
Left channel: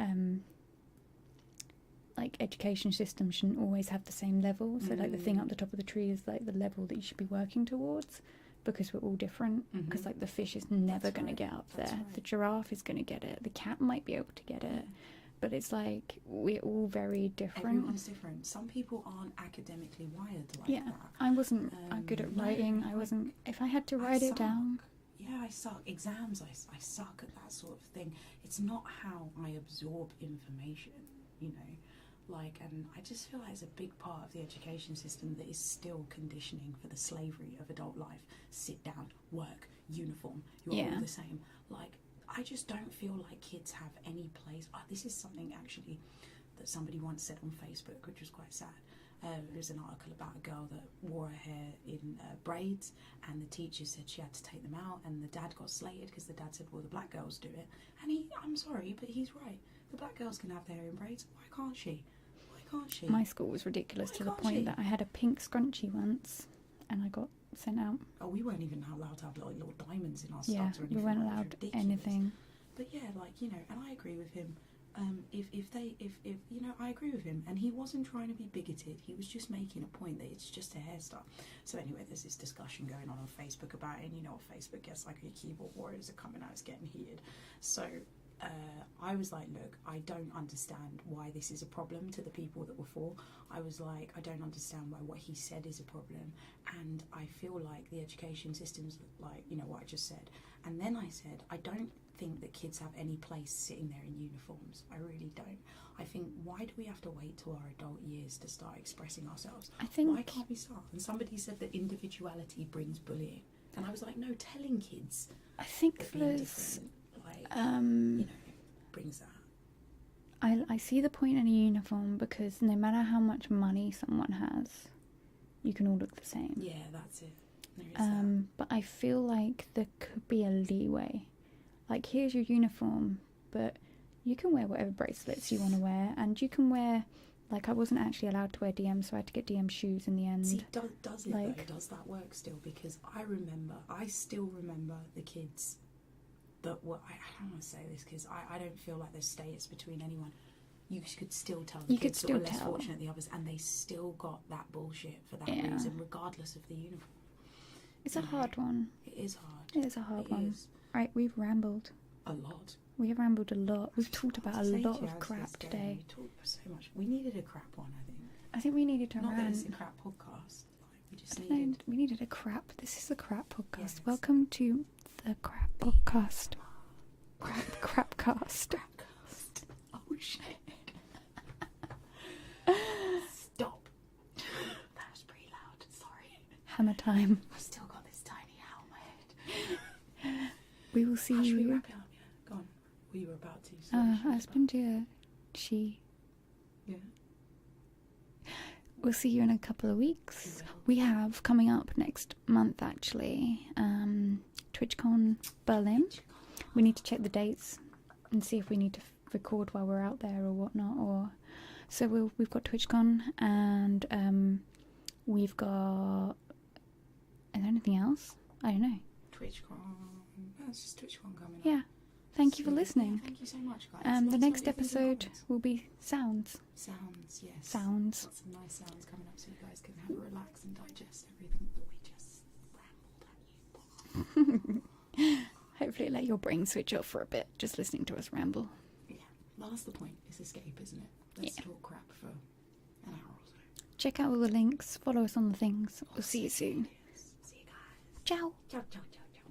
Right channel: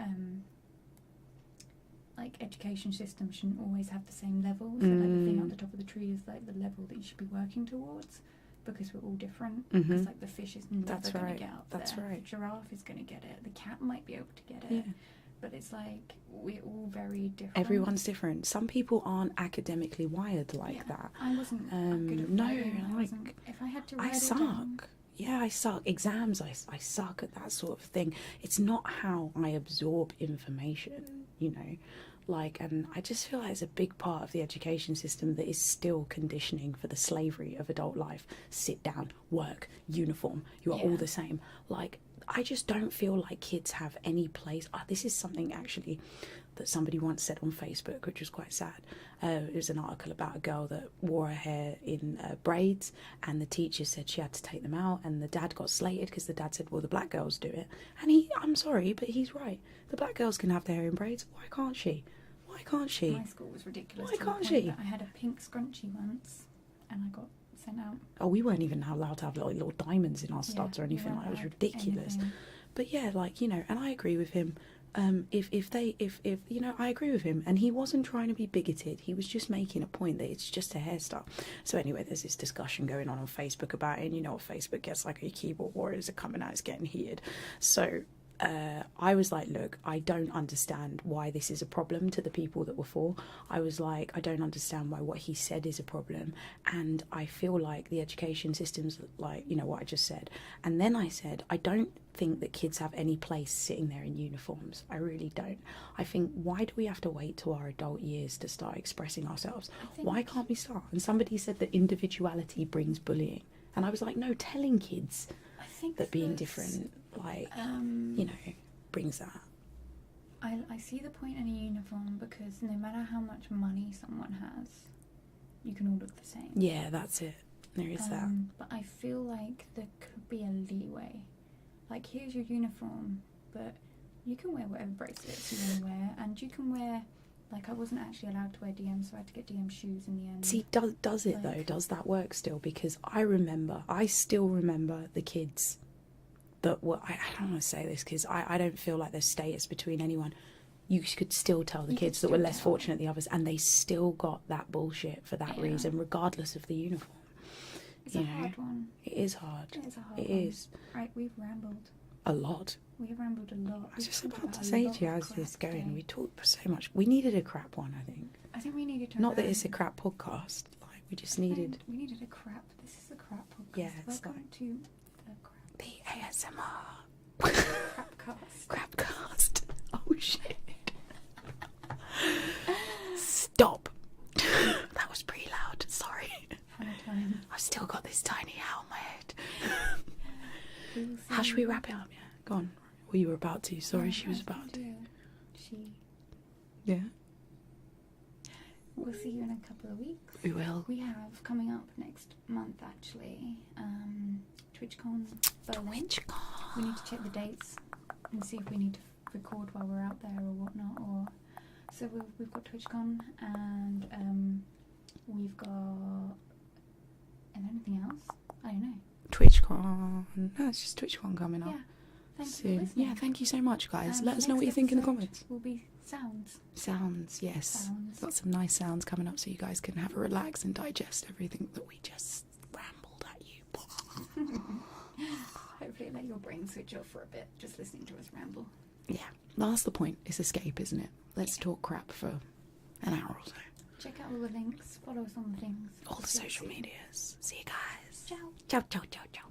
education system shouldn't always have the same level. So like the thing up the top of the tree is like the level that you should be working towards, because we're all different. Because like the fish is never going to get up there. The giraffe is going to get it. The cat might be able to get it. Yeah. But it's like, we're all very different. Everyone's different. Some people aren't academically wired like that. I wasn't good at writing. I wasn't. If I had to write it down. Yeah, I suck. Exams, I suck at that sort of thing. It's not how I absorb information, you know. Like, and I just feel like it's a big part of the education system that is still conditioning for the slavery of adult life. Sit down, work, uniform. You are all the same. Like, I just don't feel like kids have any place. This is something actually that somebody once said on Facebook, which was quite sad. It was an article about a girl that wore her hair in braids, and the teacher said she had to take them out, and the dad got slated because the dad said, well, the black girls do it. And I'm sorry, but he's right. The black girls can have their hair in braids. Why can't she? Why can't she? My school was ridiculous to the point that I had a pink scrunchie once, and I got sent out. Oh, we weren't even allowed to have little diamonds in our studs or anything like that. It was ridiculous. Anything. But yeah, like, you know, and I agree with him. If you know, I agree with him, and he wasn't trying to be bigoted. He was just making a point that it's just a hairstyle. So anyway, there's this discussion going on Facebook about it, and you know what Facebook gets like. Your keyboard warriors are coming out, it's getting heated. So I was like, look, I don't understand why this is a problem to the people that were for. I was like, I don't understand why what he said is a problem, and I feel like the education system's like, you know what I just said. And then I said, I don't think that kids have any place sitting there in uniforms. I really don't. I think, why do we have to wait till our adult years to start expressing ourselves? Why can't we start? And somebody said that individuality brings bullying, and I was like, no, telling kids that being different, like, you know, brings that. I see the point in a uniform, because no matter how much money someone has, you can all look the same. Yeah, that's it. There is that. But I feel like there could be a leeway. Like, here's your uniform, but You can wear whatever bracelets you want to wear, and you can wear, like, I wasn't actually allowed to wear DMs, so I had to get DM shoes in the end. See, does it though? Does that work still? Because I still remember the kids that were, I don't want to say this because I don't feel like there's status between anyone. You could still tell the kids that were less fortunate than the others, and they still got that bullshit for that reason, regardless of the uniform. It's a hard one. It is hard. It is a hard one. It is. Right, we've rambled. A lot. We have rambled a lot. We've talked about a lot of crap today. We talked so much. We needed a crap one, I think. I think we needed to. Not that it's a crap podcast. Like, we just needed. We needed a crap. This is a crap podcast. Yeah, Welcome to the crap podcast. Crapcast. Crapcast. Oh shit. Stop. That was pretty loud. Sorry. Hammer time. I've still got this tiny hair on my head. We will see. How should we wrap it up? Yeah. Go on. Well, you were about to. Sorry, she was about to. She. Yeah. We'll see you in a couple of weeks. We will. We have coming up next month, actually, TwitchCon Berlin. We need to check the dates and see if we need to record while we're out there or whatnot. So we've got TwitchCon, and we've got. Is there anything else? I don't know. TwitchCon. No, it's just TwitchCon coming up. Yeah. Thank you for listening. Yeah, thank you so much, guys. Let us know what you think in the comments. Will be sounds. Sounds, yes. Sounds. Got some nice sounds coming up so you guys can have a relax and digest everything that we just rambled at you. Hopefully let your brain switch off for a bit, just listening to us ramble. Yeah, that's the point. It's escape, isn't it? Let's talk crap for an hour or so. Check out all the links. Follow us on the things. All the social medias. See you guys. Ciao. Ciao, ciao, ciao, ciao.